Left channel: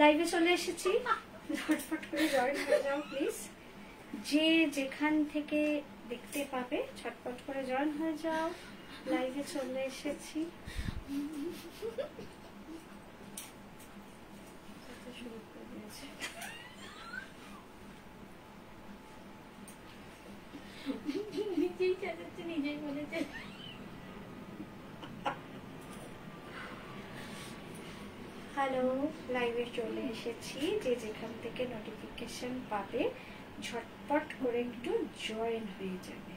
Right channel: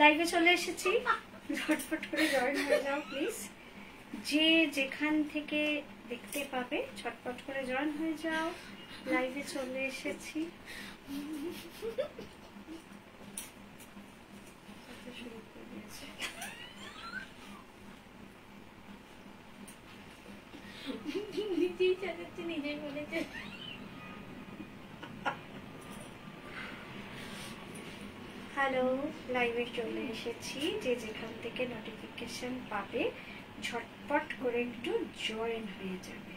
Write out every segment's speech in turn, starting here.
লাইভে চলে এসেছি, ঝটফট করে জয়েন হয়ে যাও প্লিজ। যে যেখান থেকে দেখতে পাবে ঝটফট করে জয়েন হয়ে যাও। লাইভে চলে এসেছি। নিজেই বলেছে হ্যালো, লাইভে চলে এসেছি। যে যেখান থেকে নোটিফিকেশন পাবে ঝটপট করে একটু জয়েন হয়ে যাবে।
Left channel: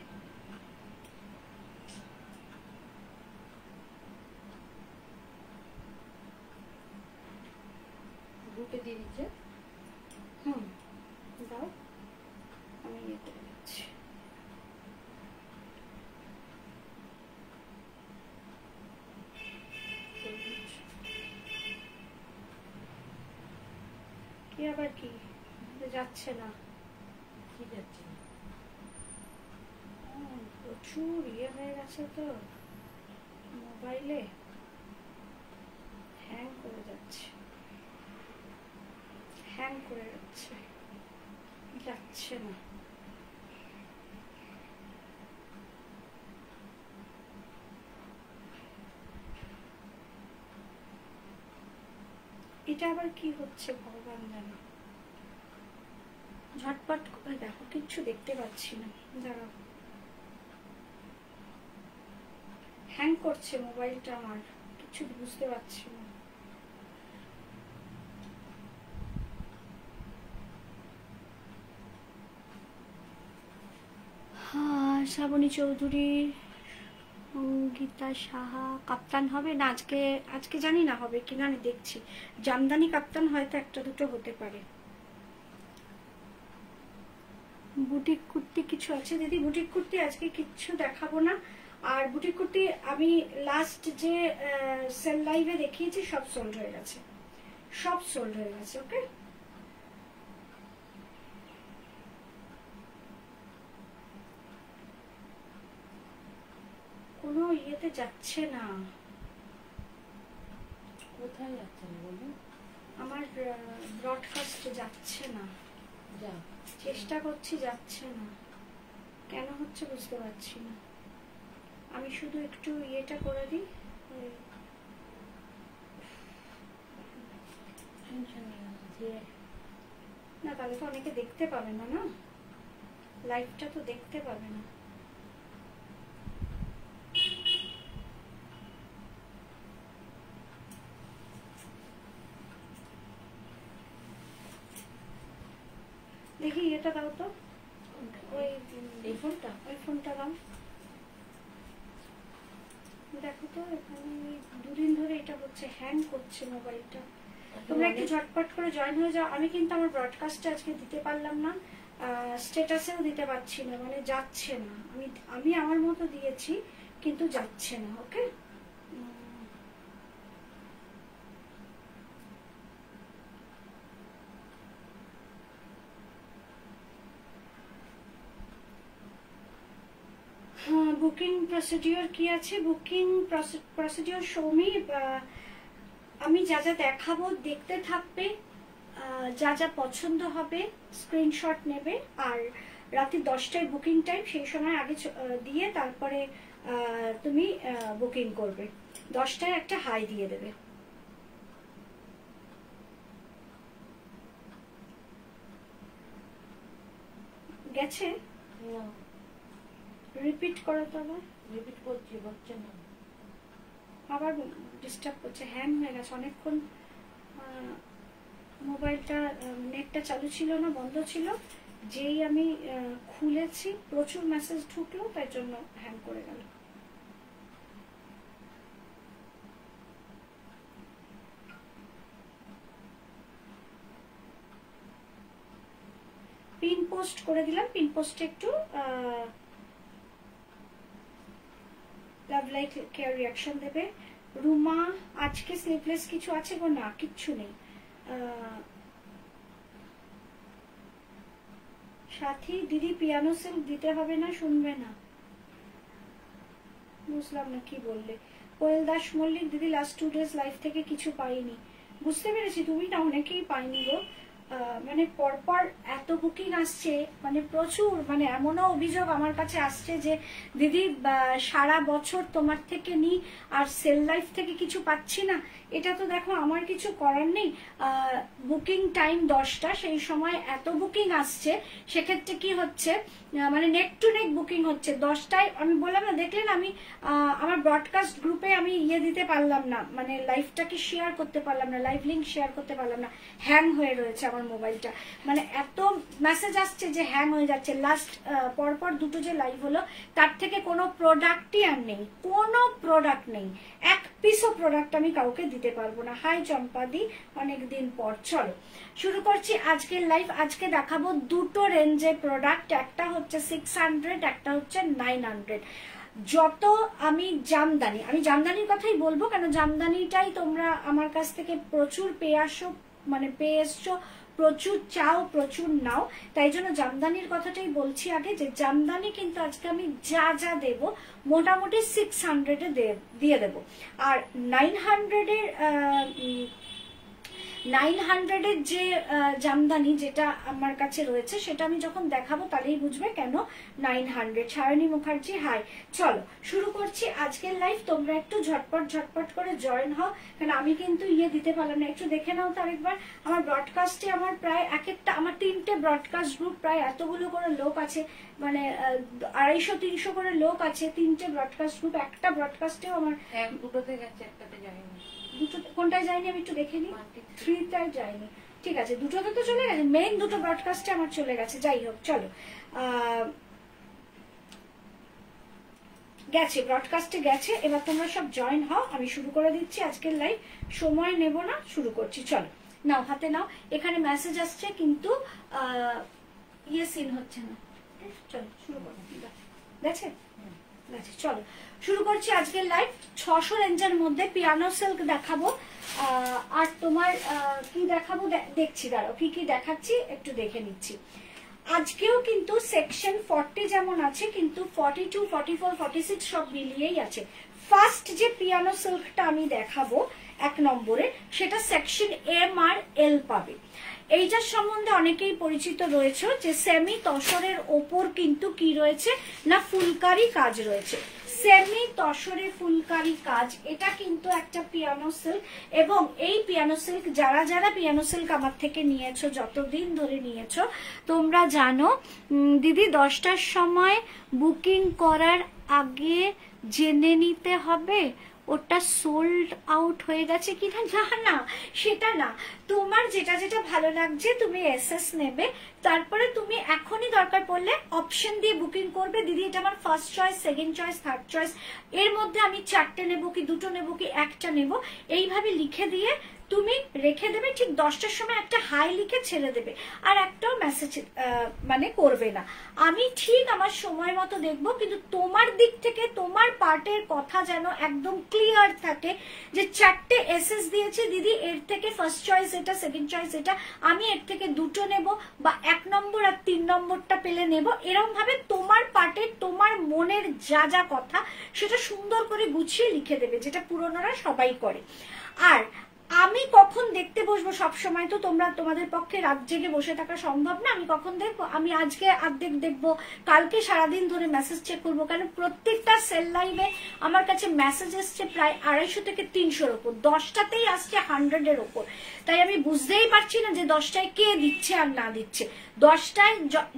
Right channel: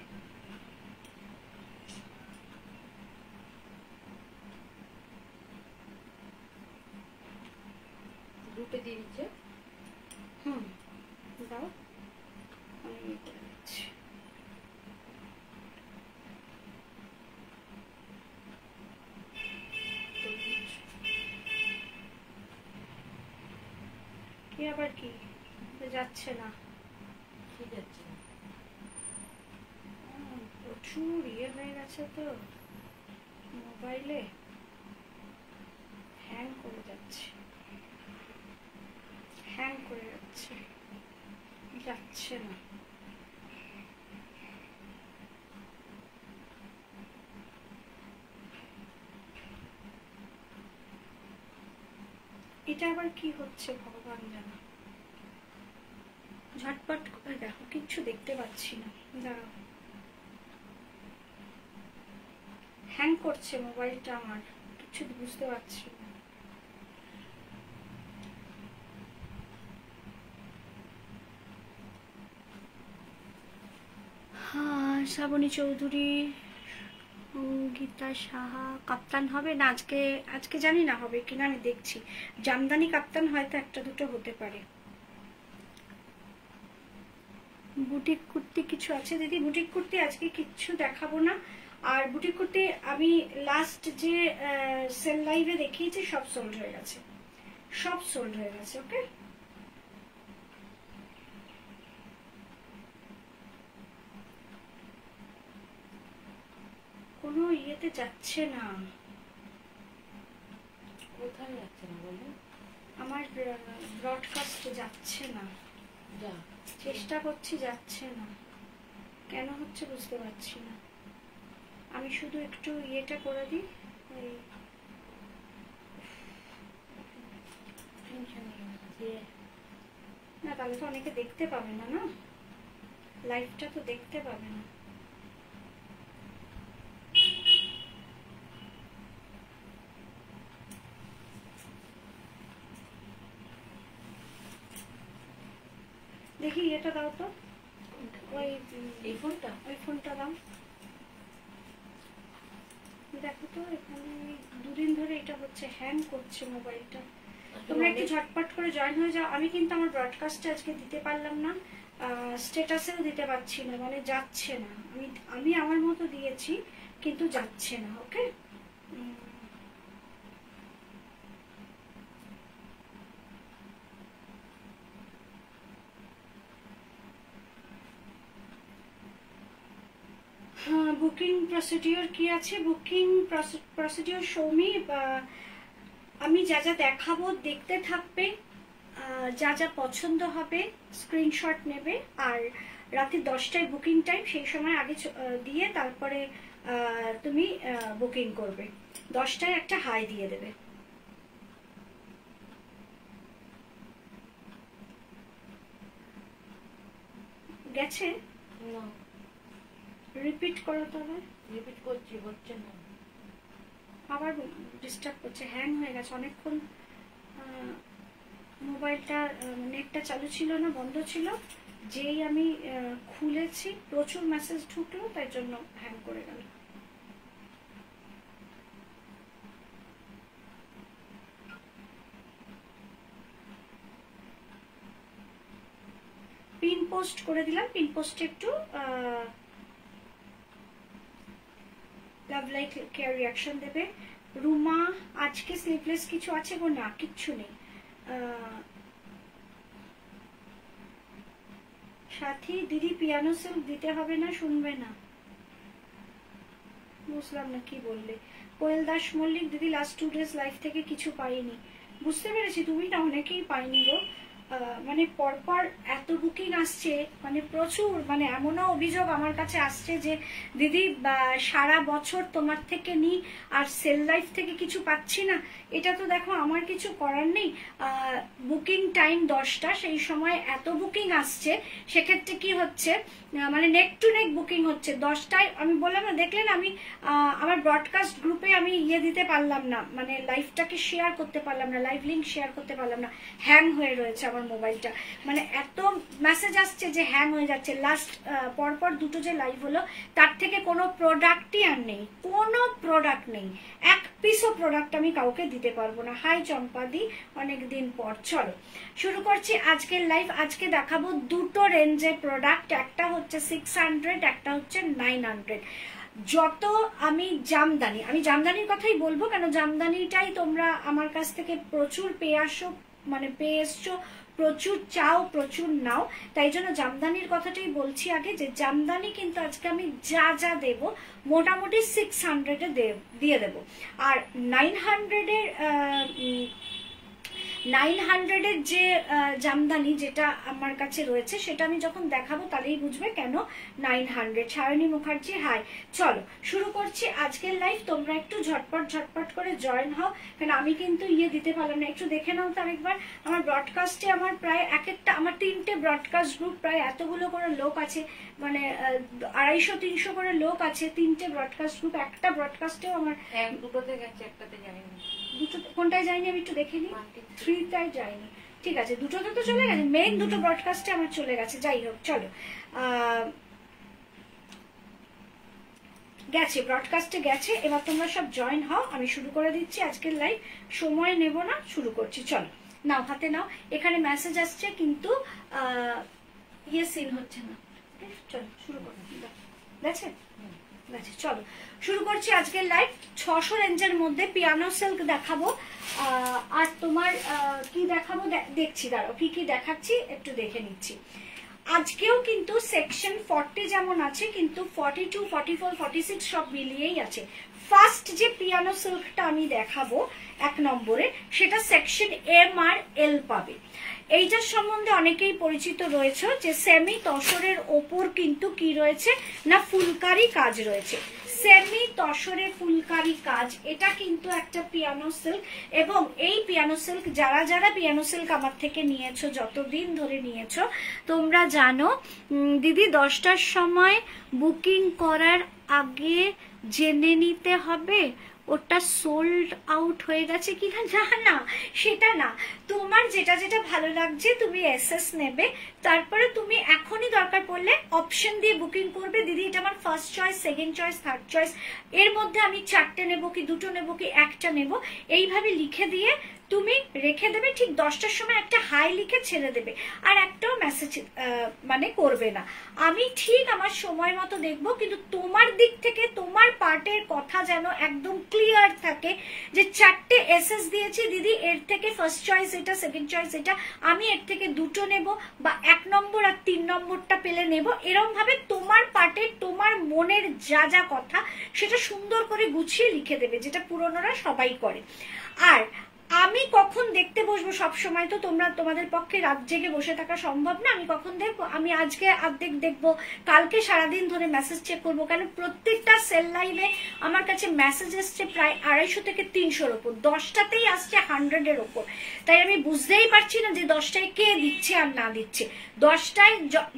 গ্রুপে দিয়ে দিচ্ছে। দাও, আমি দিচ্ছি। কি আবার কি যাচ্ছে না? কি যাচ্ছে না? প্রচুর ইয়ে হয়ে গেছে তো মোবাইলে, হ্যাং করে যাচ্ছে, হ্যাং করে যাচ্ছে, যাচ্ছে না। এটা আবার কি হচ্ছে ভগবান জানো। ঝটপট করে দেখো, কিচ্ছু দেখতে পাচ্ছি না। দাঁড়াও, হ্যাং করছে মোবাইলটা আমার, কিছু বুঝতে পারছি না। শ্রাবণী চৌধুরী, গীতা সাহা কাপ্তান হবে না আজকে? আজকে জানি না হবে কিনা, আমি দেখছি। জামদানি কাপ্তান হয়তো একটা দুটো হতে পারে। বুটিক কুর্তি কিছু আছে দিদি? বুটিক কুর্তি আজকে কিচ্ছু দেখাবো না। আর বুটিক কুর্তি আমি লাস্ট যে সেল লাইভে দেখিয়েছি সব সোল্ড হয়ে গেছে, সব সোল্ড হয়ে গেছে। ওকে, কোনো ইয়েতে যাচ্ছে না। কোথায় যাচ্ছে না বলো? আমার ব্রডকাস্ট যাচ্ছে না। যা চেষ্টা করছি, যাচ্ছে না। কেন হচ্ছে বুঝতে পারছি না। আমি শুধু একটু ইয়েটা করে দিই। না তাহলে তো অনেকে দেখতে পাবে না, না লাইভটা তো দেখতে পাবে না। দেখি এটা দাও তো, ওই এই ফোনটা, ওই ফোনটা দাও। দেখো তো এখানে দুদিন ধরে এটা হচ্ছে, হ্যাং করছে মোবাইলটা। তোমরা একটু ঝটপট করে জয়েন হয়ে যাও। আমি কিন্তু আমার ব্রডকাস্টে আজকে দিতে পারলাম না, স্ট্যাটাসেও দিতে পারছি না, মানে যাচ্ছে না। আমি আমার মতো দিয়েছি কিন্তু যাচ্ছে না। ওকে, বুকিং প্রসিডিওর কি আছে? বুকিং প্রসিডিওর সৌমি, আমি যা যা দেখাবো দেখতে থাকবে, যা যা পছন্দ হবে স্ক্রিনশট নেবে। আর রাতে 10টায় বুকিং টাইম, সেই সময় আগে দিয়ে তারপরে তুমি বুকিং করবে। 10টায় একটা হাই দিয়ে দেবে। গেছে? রিপিট করো তবে। রিপিট করছি, হচ্ছে না, আবার ডিস্টার্ব করছে, হ্যাং হয়ে গেছে অনেকক্ষণ। মোবাইলটা নেটটা চালু ছিল না, বন্ধ ছিল। যেই আমি খুলেছি প্রচুর মেসেজ ঢুকলো, তাই জন্য হ্যাং করে গেল। পিন পোস্ট করে দিলাম, পিন পোস্টে একটু লাভ লাইট কেয়ার রিয়াকশন দেবে। রুমা, আজকে স্লিপলেস কিছু আছে গো? না, কিচ্ছু নেই। সাথী দিদি, পিয়ানো সিল্ক দিতে হবে না? শুনবে না? বুঝলাম না কি বললে। কোয়েল দাস মল্লিক, দিদি লাস্ট 2 days লাইফ থেকে কিছু পাইনি। বুঝতে পেরেছি, তুমি না অনেকেই পাইনি গো। মানে পরপর এত বুকিং আসছে, মানে প্রচুর, মানে এমনও অভিযোগ আমার কাছে আসছে যে দিদি সারা বছর তোমার থেকে নি আর সেল লাইফ থেকে কিছু পাচ্ছি না। এটা তো দেখো আমার কিছু করার নেই। বুকিং টাইম 10টা, সেই সময় এত বুকিং আসছে, সেক্ষেত্রে কি হচ্ছে মানে নেক টু নেক বুকিং হচ্ছে। 10টায় আমি বললাম না, দেখলেন আমি আমার ব্রডকাস্ট গ্রুপে আমি দিতে পারলাম না, মানে লাইভটাকে শেয়ার করতে পারলাম না, লাইভ লিঙ্ক শেয়ার করতে পারলাম না, হ্যাং হয়ে রয়েছে আমার মোবাইলটা। মানে এত মেসেজ আসছে যে হ্যাং হয়ে যাচ্ছে। লাস্ট পরপর 2টো যে লাইভ হলো, তার থেকে কোনো প্রোডাক্টই আর নেই, কোনো প্রোডাক্ট নেই, এক পিসও প্রোডাক্ট আমি কাউকে দিতে পারবো না। হাই চম্পাদি, অনেকদিন পর। চলো শুরু করছি আজকের লাইভ। আজকে দেখাবো 2টো রেঞ্জের প্রোডাক্ট, একটা হচ্ছে 600, একটা হচ্ছে 900। যত আমি জামদানির কথাই বলবো, কেন জামদানিটাই তোমরা আমার কাছ থেকে প্রচুর পেয়ে এসছো, প্রচুর চাও, প্রচুর নাও, তাই জন্য জামদানির কথাটাই বলছি আগে, যে জামদানি কিন্তু আজকে আমি যা যা দেব মোটামুটি 600 দিয়ে দেব। আর 900 যে জামদানি যেটা আমার কাছে রয়েছে, সেটা আমি যখন দেখাবো তাহলেই বুঝবে কেন 900। সায়নী মুখার্জি হাই। চলো শুরু করছি আজকের লাইভ। তোমরা একটু ঝটপট করে জয়েন হও, কারণ আমি কিন্তু দিতে পারলাম না। একটু দেখে নাও তার একবার আমার ব্রডকাস্টে, আমার প্রায় আমার 3টে ব্রডকাস্ট গ্রুপ, প্রায় এতগুলো করে লোক আছে, মানে 250-300 করে লোক আছে, 3টে ব্রডকাস্ট গ্রুপ। একটা ব্রডকাস্টেও আমার দুটোতে গেছে, একটাতে যায়নি। দুটো কোনটায় যায়নি আমি একটু দেখে নিই। 3টায় যায়নি, ঠিক আছে, দুটোতে তো চলে গেছে, মেইন 2টো ব্রডকাস্টে আমার চলে গেছে। যাই হোক, চলো গেছে, ব্রডকাস্টে গেছে। এবার তোমরা সব জয়েন হও, আমি শুরু করে দিচ্ছি আজকের লাইভ, সময় নেব না, শুরু করছি। চলো নাও, হাতে নাও। এখানে মেসেজ আসছে কিন্তু সিন হচ্ছে না। চলো শুরু করো, গেছে। চলো শুরু করছি আজকের লাইভ। 600 রেঞ্জের মধ্যে পিয়ানো সিল্ক দেখাবো। আর তোমার কি দেখাবো দেখছি, দাঁড়াও কি কি দেখাচ্ছি একটু দেখে নিচ্ছি। আজকেও কিন্তু সেকশন 40 যেমন আছে, কিন্তু 42, 44, 46 সব মিলিয়েই আছে। ফার্স্ট যে পিয়ানো সিল্কটা আমি দেখাবো 1 নম্বরে, সেটা সেকশন এম আর এল পাবে। এইটার সম্বন্ধে অনেকেই পরিচিত রয়েছে যে সেমি তসরের ওপর কিন্তু কি রয়েছে না ফুলকারি কাজ রয়েছে। সেমি তসরে ফুলকারি কাজ, এটা কিন্তু একটা পিয়ানো সিল্ক। এবং এই পিয়ানো সিল্ক যারা পিয়ানো সিল্ক আমার থেকে নিয়েছো, যতদিন ধরে নিয়েছো, তোমরা জানো দিদি 10টার সময় বুকিং করার আগে জেনে নিতে হবে ওটা সোল্ড আউট হয়ে গেছে কিনা। না, সেটা না, তোমার যেটা ভালো লাগছে তুমি এসএস নেবে, তারপরে তুমি এখনই দরকার পড়লে অপশন দিয়ে বুকিং করবে। দিদি এটা আমার first choice, second choice, third choice, এর মধ্যে আমি 4টে নেবো কি 2টো নেবো কি 1টা নেবো, এইভাবে লিখে দিয়ে তুমি রেখে দেবে। ঠিক 10টার সময় একটা হাই লিখে ছেড়ে দেবে, আর একটাও মেসেজ মানে করবে না। আমি ঠিক আমার সময় মতো দেখবো, কিন্তু তোমার দিক থেকে তোমার পার্টের কথা যেন একদম ক্লিয়ার থাকে যে 4টে এসএস দিয়েছি দিদি, এর থেকে ফার্স্ট চয়েস এটা, সেকেন্ড চয়েস এটা, আমি এর থেকে 2টো নেব, বা 1 নম্বর আর 3 নম্বরটা পেলে নেব। এরকম ভাবে তোমার পার্টের, তোমার মনের যা কথা সেটা সুন্দর করে গুছিয়ে লিখে দেবে, যেটা পুরনোরা সবাই করে। আর আমি কখন দেখতে বসবো, সবসময় তো তোমাদের পক্ষে রাত জেগে বসে থাকা সম্ভব না। আমি কখন দেখবো, আমি আজকে অর্ধেক দেখবো, কালকে সারাদিন ধরে মেসেজ চেক করবো, কেন প্রত্যেকটা সেল লাইভে আমার কাছে মেসেজ এসছে প্রায় 250 থেকে 300-র ওপর, 10টাতেই আসছে 100-এর ওপর। তাই আমি বুঝতেই পারছি না যে 10টায় কে দিচ্ছে আর না দিচ্ছে। 10টায়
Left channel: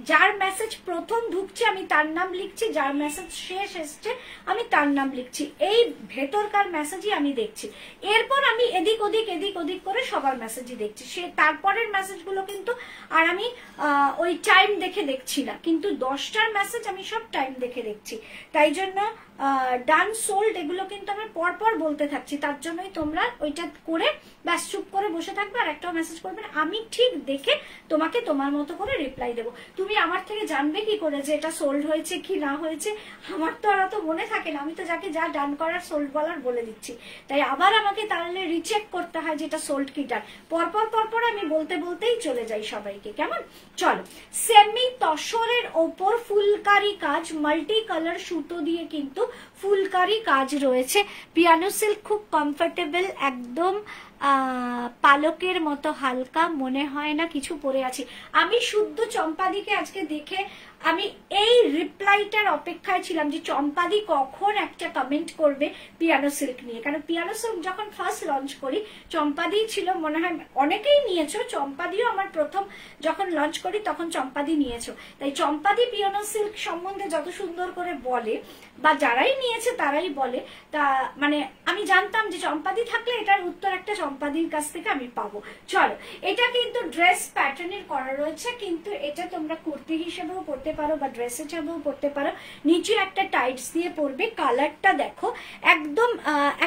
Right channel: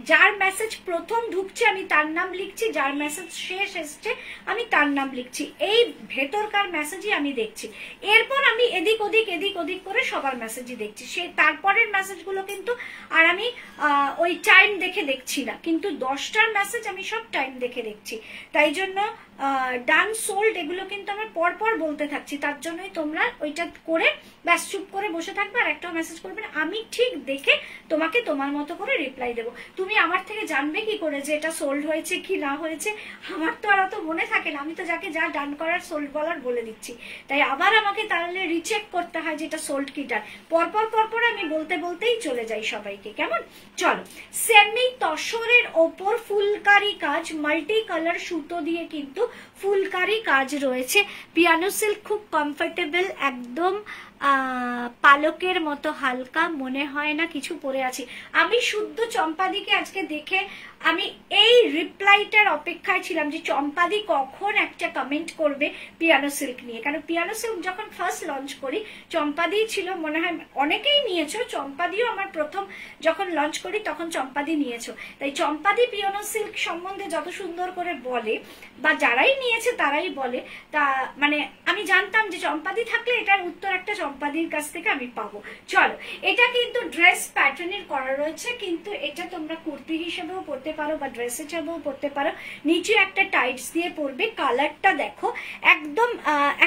যার মেসেজ প্রথম ঢুকছে আমি তার নাম লিখছি, যার মেসেজ শেষ এসছে আমি তার নাম লিখছি, এই ভেতরকার মেসেজই আমি দেখছি। এরপর আমি এদিক ওদিক করে সবার মেসেজই দেখছি, সে তারপরের মেসেজগুলো কিন্তু আর আমি ওই টাইম দেখে দেখছি না, কিন্তু 10টার মেসেজ আমি সব টাইম দেখে দেখছি। তাই জন্য ডান সোল্ড এগুলো কিন্তু আমার পরপর বলতে থাকছি, তার জন্যই তোমরা ওইটা করে ব্যাস চুপ করে বসে থাকবে, আর একটাও মেসেজ করবে না। আমি ঠিক দেখে তোমাকে তোমার মতো করে রিপ্লাই দেবো। তুমি আমার থেকে জানবে কি করে যে এটা সোল্ড হয়েছে কি না হয়েছে? আমার তো আর অত মনে থাকে না, আমি তো যাকে যা ডান করার সোল্ড বলার বলে দিচ্ছি। তাই আবার আমাকে তাহলে রিচেক করতে হয় যে এটা সোল্ড কি ডান। পরপর আমি বলতেই চলে যাই সবাইকে, কেমন? চলো, সেমি তসরের ওপর ফুলকারি কাজ, মাল্টি কালার সুতো দিয়ে কিন্তু ফুলকারি কাজ রয়েছে। পিয়ানো সিল্ক খুব কমফোর্টেবল, একদম পালকের মতো হালকা, মনে হয় না কিছু পরে আছি। আমি শুদ্ধ চম্পাদিকে আজকে দেখে আমি এই রিপ্লাইটার অপেক্ষায় ছিলাম যে চম্পাদি কখন একটা কমেন্ট করবে পিয়ানো সিল্ক নিয়ে। কারণ পিয়ানো সিল্ক যখন ফার্স্ট লঞ্চ করি চম্পাদি ছিল, মনে হয় অনেকেই নিয়েছো, চম্পাদিও আমার প্রথম যখন লঞ্চ করি তখন চম্পাদি নিয়েছো। তাই চম্পাদি পিয়ানো সিল্ক সম্বন্ধে যত সুন্দর করে বলে বা যারাই নিয়েছে তারাই বলে, তা মানে আমি জানতাম যে চম্পাদি থাকলে এটার উত্তর একটা চম্পাদির কাছ থেকে আমি পাবো। চলো, এটা কিন্তু ড্রেস প্যাটার্নের করা রয়েছে, কিন্তু এটা তোমরা কুর্তি হিসেবেও পরতে পারো বা ড্রেস হিসেবেও পরতে পারো। নিচে একটা টাইটস দিয়ে পরবে। কালারটা দেখো একদম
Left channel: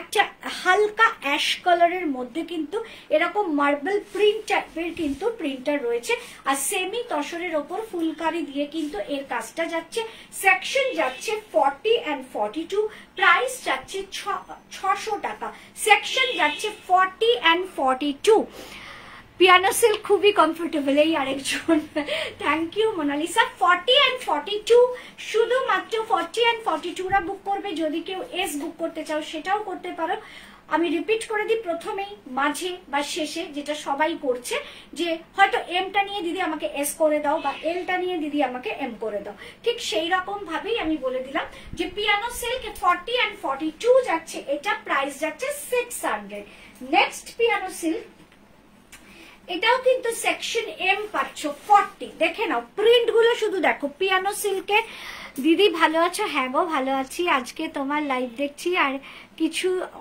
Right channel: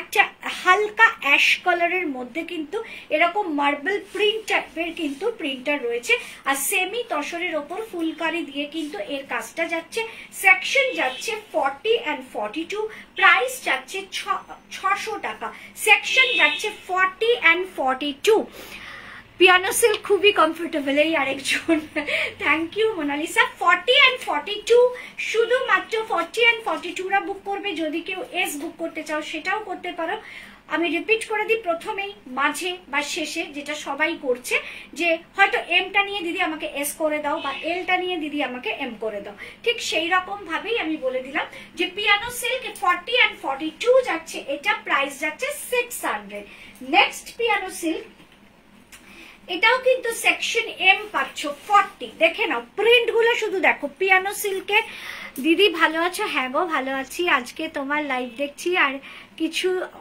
একটা হালকা অ্যাশ কালারের মধ্যে কিন্তু এরকম মার্বেল প্রিন্ট টাইপের কিন্তু প্রিন্টার রয়েছে, আর সেমি তসরের ওপর ফুলকারি দিয়ে কিন্তু এর কাজটা যাচ্ছে। সেকশন যাচ্ছে 40 and 42, প্রাইস যাচ্ছে 600 টাকা। সেকশন যাচ্ছে 40 and 42। পিয়ানো সিল্ক খুবই কমফোর্টেবল। এই আরেকজন, থ্যাংক ইউ মোনালিসা। 40 and 42, শুধুমাত্র 40 and 42 রা বুক করবে। যদি কেউ এস বুক করতে চাও সেটাও করতে পারো। আমি রিপিট করে দিই প্রথমেই, মাঝে বা শেষে, যেটা সবাই করছে, যে হয়তো এমটা নিয়ে দিদি আমাকে এস করে দাও বা এলটা নিয়ে দিদি আমাকে এম করে দাও, ঠিক সেই রকম ভাবেই আমি বলে দিলাম যে পিয়ানো সিল্ক 40 and 42 যাচ্ছে, এটা প্রাইস যাচ্ছে 600। নেক্সট পিয়ানো সিল্ক, এটাও কিন্তু সেকশন এম পাচ্ছ 40। দেখে নাও প্রিন্ট গুলো, শুধু দেখো পিয়ানো সিল্কের। দিদি ভালো আছো? হ্যাঁ গো ভালো আছি, আজকে তোমার লাইভ দেখছি আর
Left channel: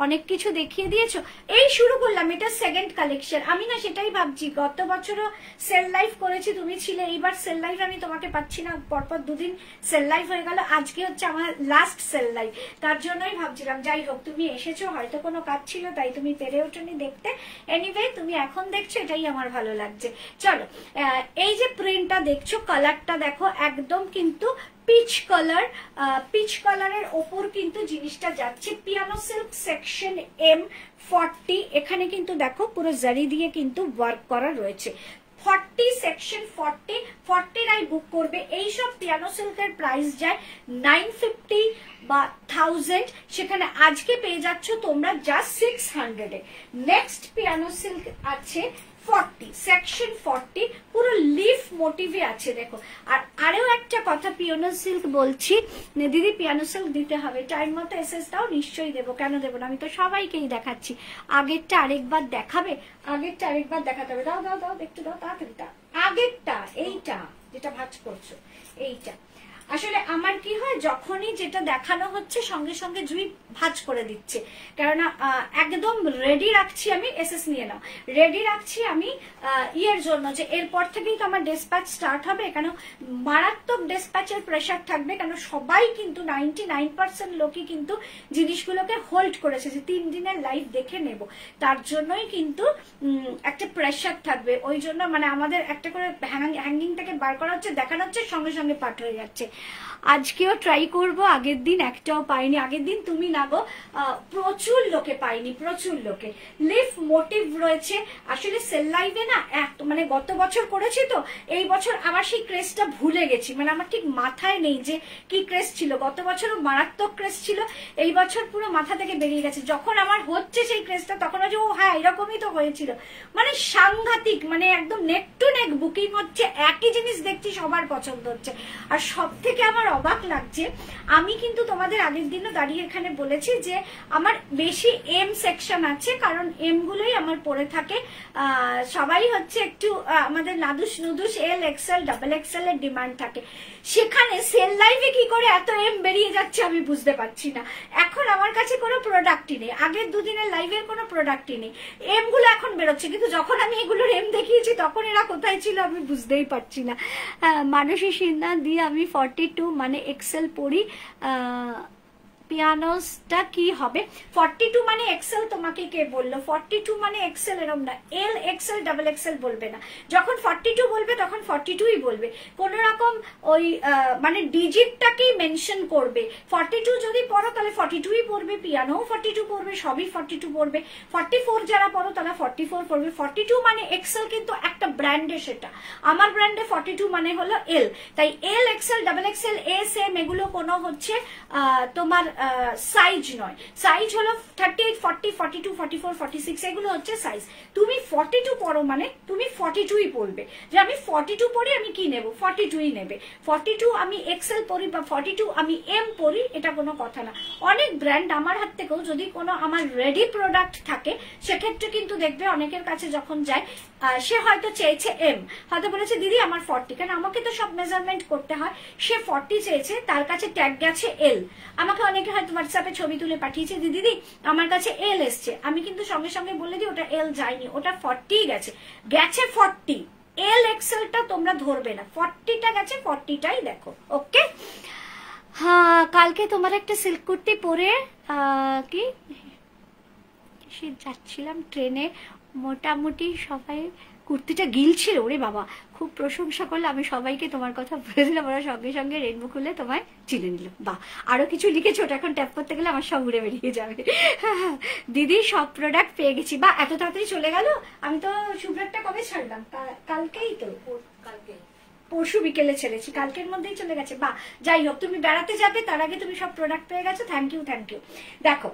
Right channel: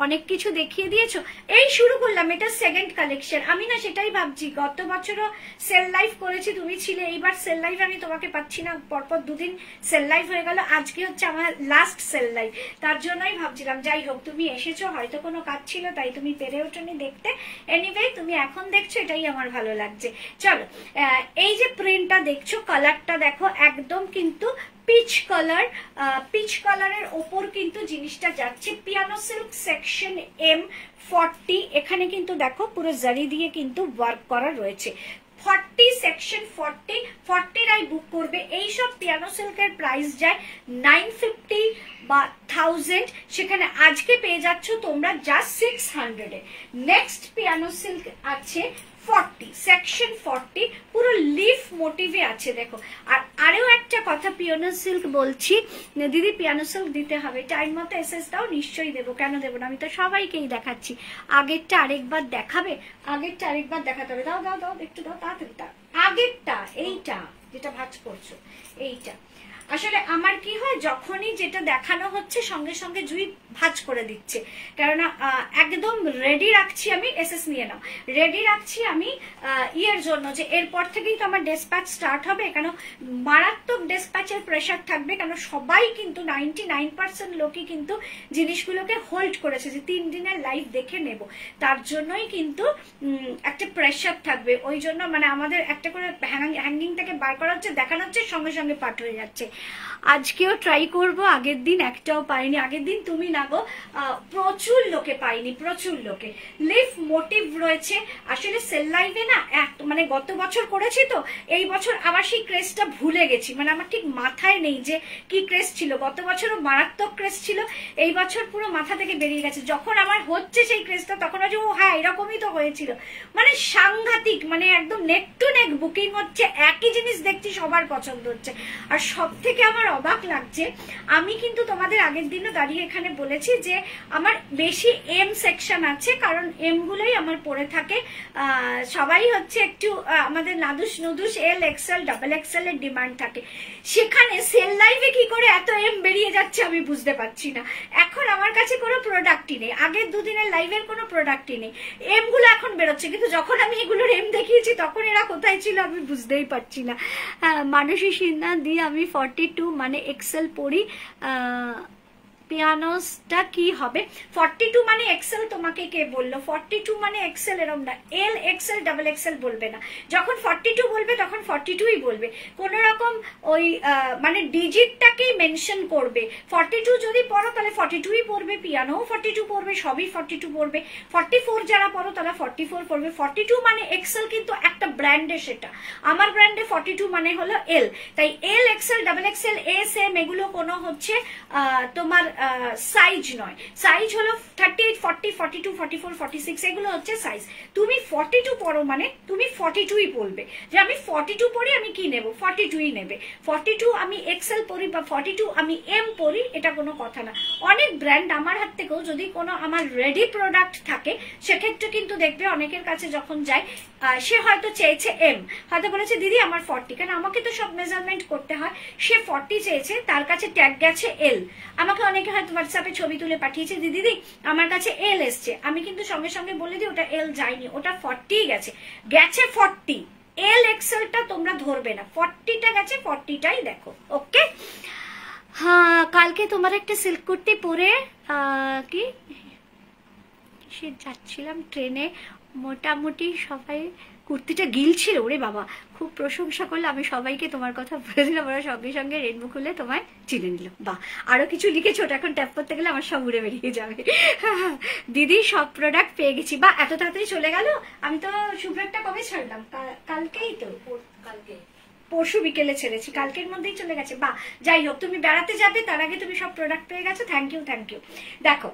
অনেক কিছু দেখিয়ে দিয়েছো। এই শুরু করলাম, এটা সেকেন্ড কালেকশন। আমি না সেটাই ভাবছি, গত বছরও সেল লাইভ করেছি, তুমি ছিলে, এইবার সেল লাইভ আমি তোমাকে পাচ্ছি না, পরপর দুদিন সেল লাইভ হয়ে গেল, আজকে হচ্ছে আমার লাস্ট সেল লাইভ। তার জন্যই ভাবছিলাম, যাই হোক তুমি এসেছো, হয়তো কোনো কাজ ছিল তাই তুমি পেরে ওঠেনি দেখতে। এনিওয়ে তুমি এখন দেখছো, এটাই আমার ভালো লাগছে। চলো, এই যে প্রিন্টটা দেখছো, কালারটা দেখো একদম কিন্তু পিচ কালার, পিচ কালারের ওপর কিন্তু জিনিসটা যাচ্ছে। পিয়ানো সিল্ক সেকশন এম 40, এখানে কিন্তু দেখো পুরো জারি দিয়ে কিন্তু ওয়ার্ক করা রয়েছে। 40 সেকশন 40 রাই বুক করবে। এইসব পিয়ানো সিল্কের প্রাইস যায় 950 বা 1000, সেখানে আজকে পেয়ে যাচ্ছ তোমরা জাস্ট 600 এ। নেক্সট পিয়ানো সিল্ক আছে 40 সেকশন 40, পুরো লিফ মোটিভে আছে দেখো। আর আরো একটা কথা পিয়ানো সিল্ক বলছি, দিদি পিয়ানো সিল্ক দিতে হবে, টাইম মতো এসএস দাও, নিশ্চয়ই দেবো, কেন দেবো না, আমি তো সবাইকেই দেখাচ্ছি। আগেরটা আরেকবার দেখাবে, আগেরটা আরেকবার দেখাতে হবে, দাও দাও দাও একটু দাও তাড়াতাড়ি। আগেরটা এইটা যেটা ভাঁজ করছো, এইটা আসলে আমার কি হয়, যখনই যেটা দেখানো হচ্ছে সঙ্গে সঙ্গে জুই ভাঁজ করে দিচ্ছে, কেননা একদম রেডি রাখছি আমি। এসএস নিয়ে নাও, রেডি রাখছি আমি ইয়ের জন্য, যে এরপর থেকেই তো আমার ডেসপ্যাচ স্টার্ট হবে, কেন মারাত্মক ডেসপ্যাচের প্রেশার থাকবে, কেন সবাই কিন্তু 99% লোকই কিন্তু জিনিসগুলোকে হোল্ড করেছে যে 3 দিনের লাইভ দেখে নেব, তার জন্যই কিন্তু একটা প্রেশার থাকবে। ওই জন্য মানে আমাদের একটা করে হ্যাঙ্গিং থেকে বার করা হচ্ছে, দেখানো হচ্ছে, সঙ্গে সঙ্গে পাঠ হয়ে যাচ্ছে। আজকেও ট্রাই করব, আগের দিন একটাও পাইনি, আগের দিন তুমি না গো প্রচুর লোকে পাইনি, প্রচুর লোকে। লিফ মোটিভ রয়েছে। আসলে সেল লাইভে না মানে গত বছর করেছি তো, এই বছর আবার সেই ক্রেজটা ভুলে গেছি, মানে আমার ঠিক মাথায় নেই যে কি ক্রেজ ছিল। গত বছরও মারাত্মক ক্রেজ ছিল, এই বছর পুরো মাথা থেকে বেরিয়ে গেছে। যখন আমার হচ্ছে সেই ক্রেজটা তখন হচ্ছে ও হ্যাঁ এরকমই তো হয়েছিল, মানে সাংঘাতিক, মানে একদম নেক টু নেক বুকিং হচ্ছে, একই জিনিস দেখছি, সবার পছন্দ হচ্ছে। আর সব থেকে আমার অবাক লাগছে, আমি কিন্তু তোমাদের আগের দিনে দাঁড়িয়ে এখানে বলেছি যে আমার বেশি এম সেকশন আছে, কারণ এম গুলোই আমার পরে থাকে। সবাই হচ্ছে একটু আমাদের নাদুস নুদুস এল এক্সেল ডাবল এক্সেল এর ডিমান্ড থাকে, সেখানে সেল লাইভে কি করে এত এম বেরিয়ে যাচ্ছে আমি বুঝতে পারছি না। এখন আমার কাছে কোনো প্রোডাক্টই নেই, আগের দুদিনের লাইভের কোনো প্রোডাক্টই নেই, এম গুলো এখন বেরোচ্ছে, কিন্তু যখন আমি এগুলোর এম দেখিয়েছি তখন এরা কোথায় ছিল আমি বুঝতেই পারছি না। মানুষের সিন্না দিয়ে আমি 42 মানে এক্সেল পড়ি, পিয়ানোসটা কি হবে? 42 মানে এক্সেল তোমাকে কে বললো? 42 মানে এক্সেল এরম না, এল এক্সেল ডাবল এক্সেল বলবে না, যখন 42 বলবে তখন 42ই বলবে, কোন রকম ওই মানে ডিজিটটাকেই মেনশন করবে। 42 যদি পড়ো তাহলে 42ই পড়বে, পিয়ানো 42 পড়বে, সবই 42 পড়বে। 44 যারা পড়ো তারা 44 পড়বে। 42 মানে এক্সেল কিন্তু একটা ব্র্যান্ডে, সেটা আমার ব্র্যান্ডে 42 মানে হলো এল, তাই L XL double XL S M এগুলো কোনো হচ্ছে তোমার সাইজ নয়, সাইজ হলো 38, 40, 42, 44, 46 এগুলো হচ্ছে সাইজ। তুমি 42 পরো মানে তুমি 42ই পরবে, যে আমি 42 পরি আমি কি নেব, 42ই নেবে। 42 আমি এক্সেল পরি বা 42 আমি এম পরি, এটা কোনো কথা না। অনেক ব্র্যান্ড আমার হাত থেকেও যদি কোনো আমার রেডি প্রোডাক্ট থাকে সেক্ষেত্রে কিন্তু দেখবে অনেকের কাছে যখন যায় সে হয়তো চেয়েছে এম, হয়তো বলেছে দিদি আমার 40, কারণ আমাকে তো সব মেজারমেন্ট করতে হয়। সে 40 চেয়েছে, তার কাছে ট্যাগ গেছে এল। আমাকে অনেকে হয়তো হোয়াটসঅ্যাপে ছবি তুলে পাঠিয়েছে, দিদি আমার কাছে এল এসছে, আমি কিন্তু সঙ্গে সঙ্গে বলে দিই ওটা এল যায়নি, ওটা 40 গেছে 40। এল এক্সেলটা তোমরা ধরবে না, 40টা গেছে, 40টাই দেখো। ওকে, হ্যাঁ কালকে তোমার একটা সিল্ক কুর্তি পরে কি সে যাচ্ছিলাম ট্রেনে, মোটামুটি সবাই কুর্তিটা গিলছিল, ওরে বাবা খুব প্রশংসা করলে, আমি সবাইকে তোমার কথা বলেছিলাম, ওরা সঙ্গে সঙ্গে রেনবো খুলে তোমায় চিনে নিল। বাহ, আরো কিছু লিখেছো, ওটা এখন ট্যাপ করতে গেলে আমার সব উড়ে বেরিয়ে যাবে। দিদি সব প্রোডাক্ট পেয়ে গেছি। বা এত তাড়াতাড়ি চলে গেল, আমি তো শুভ্রাটটা কবে ছাড়লাম, কালকেই তো, কালকে পরশু বিকেলে ছেড়েছি, কালকের মধ্যেই চলে গেছে। বা যাই হোক, তুমি বেড়াতে যাবে তার আগে তুমি সব প্রোডাক্ট পেয়ে গেছো, থ্যাংক ইউ থ্যাংক ইউ। দেখো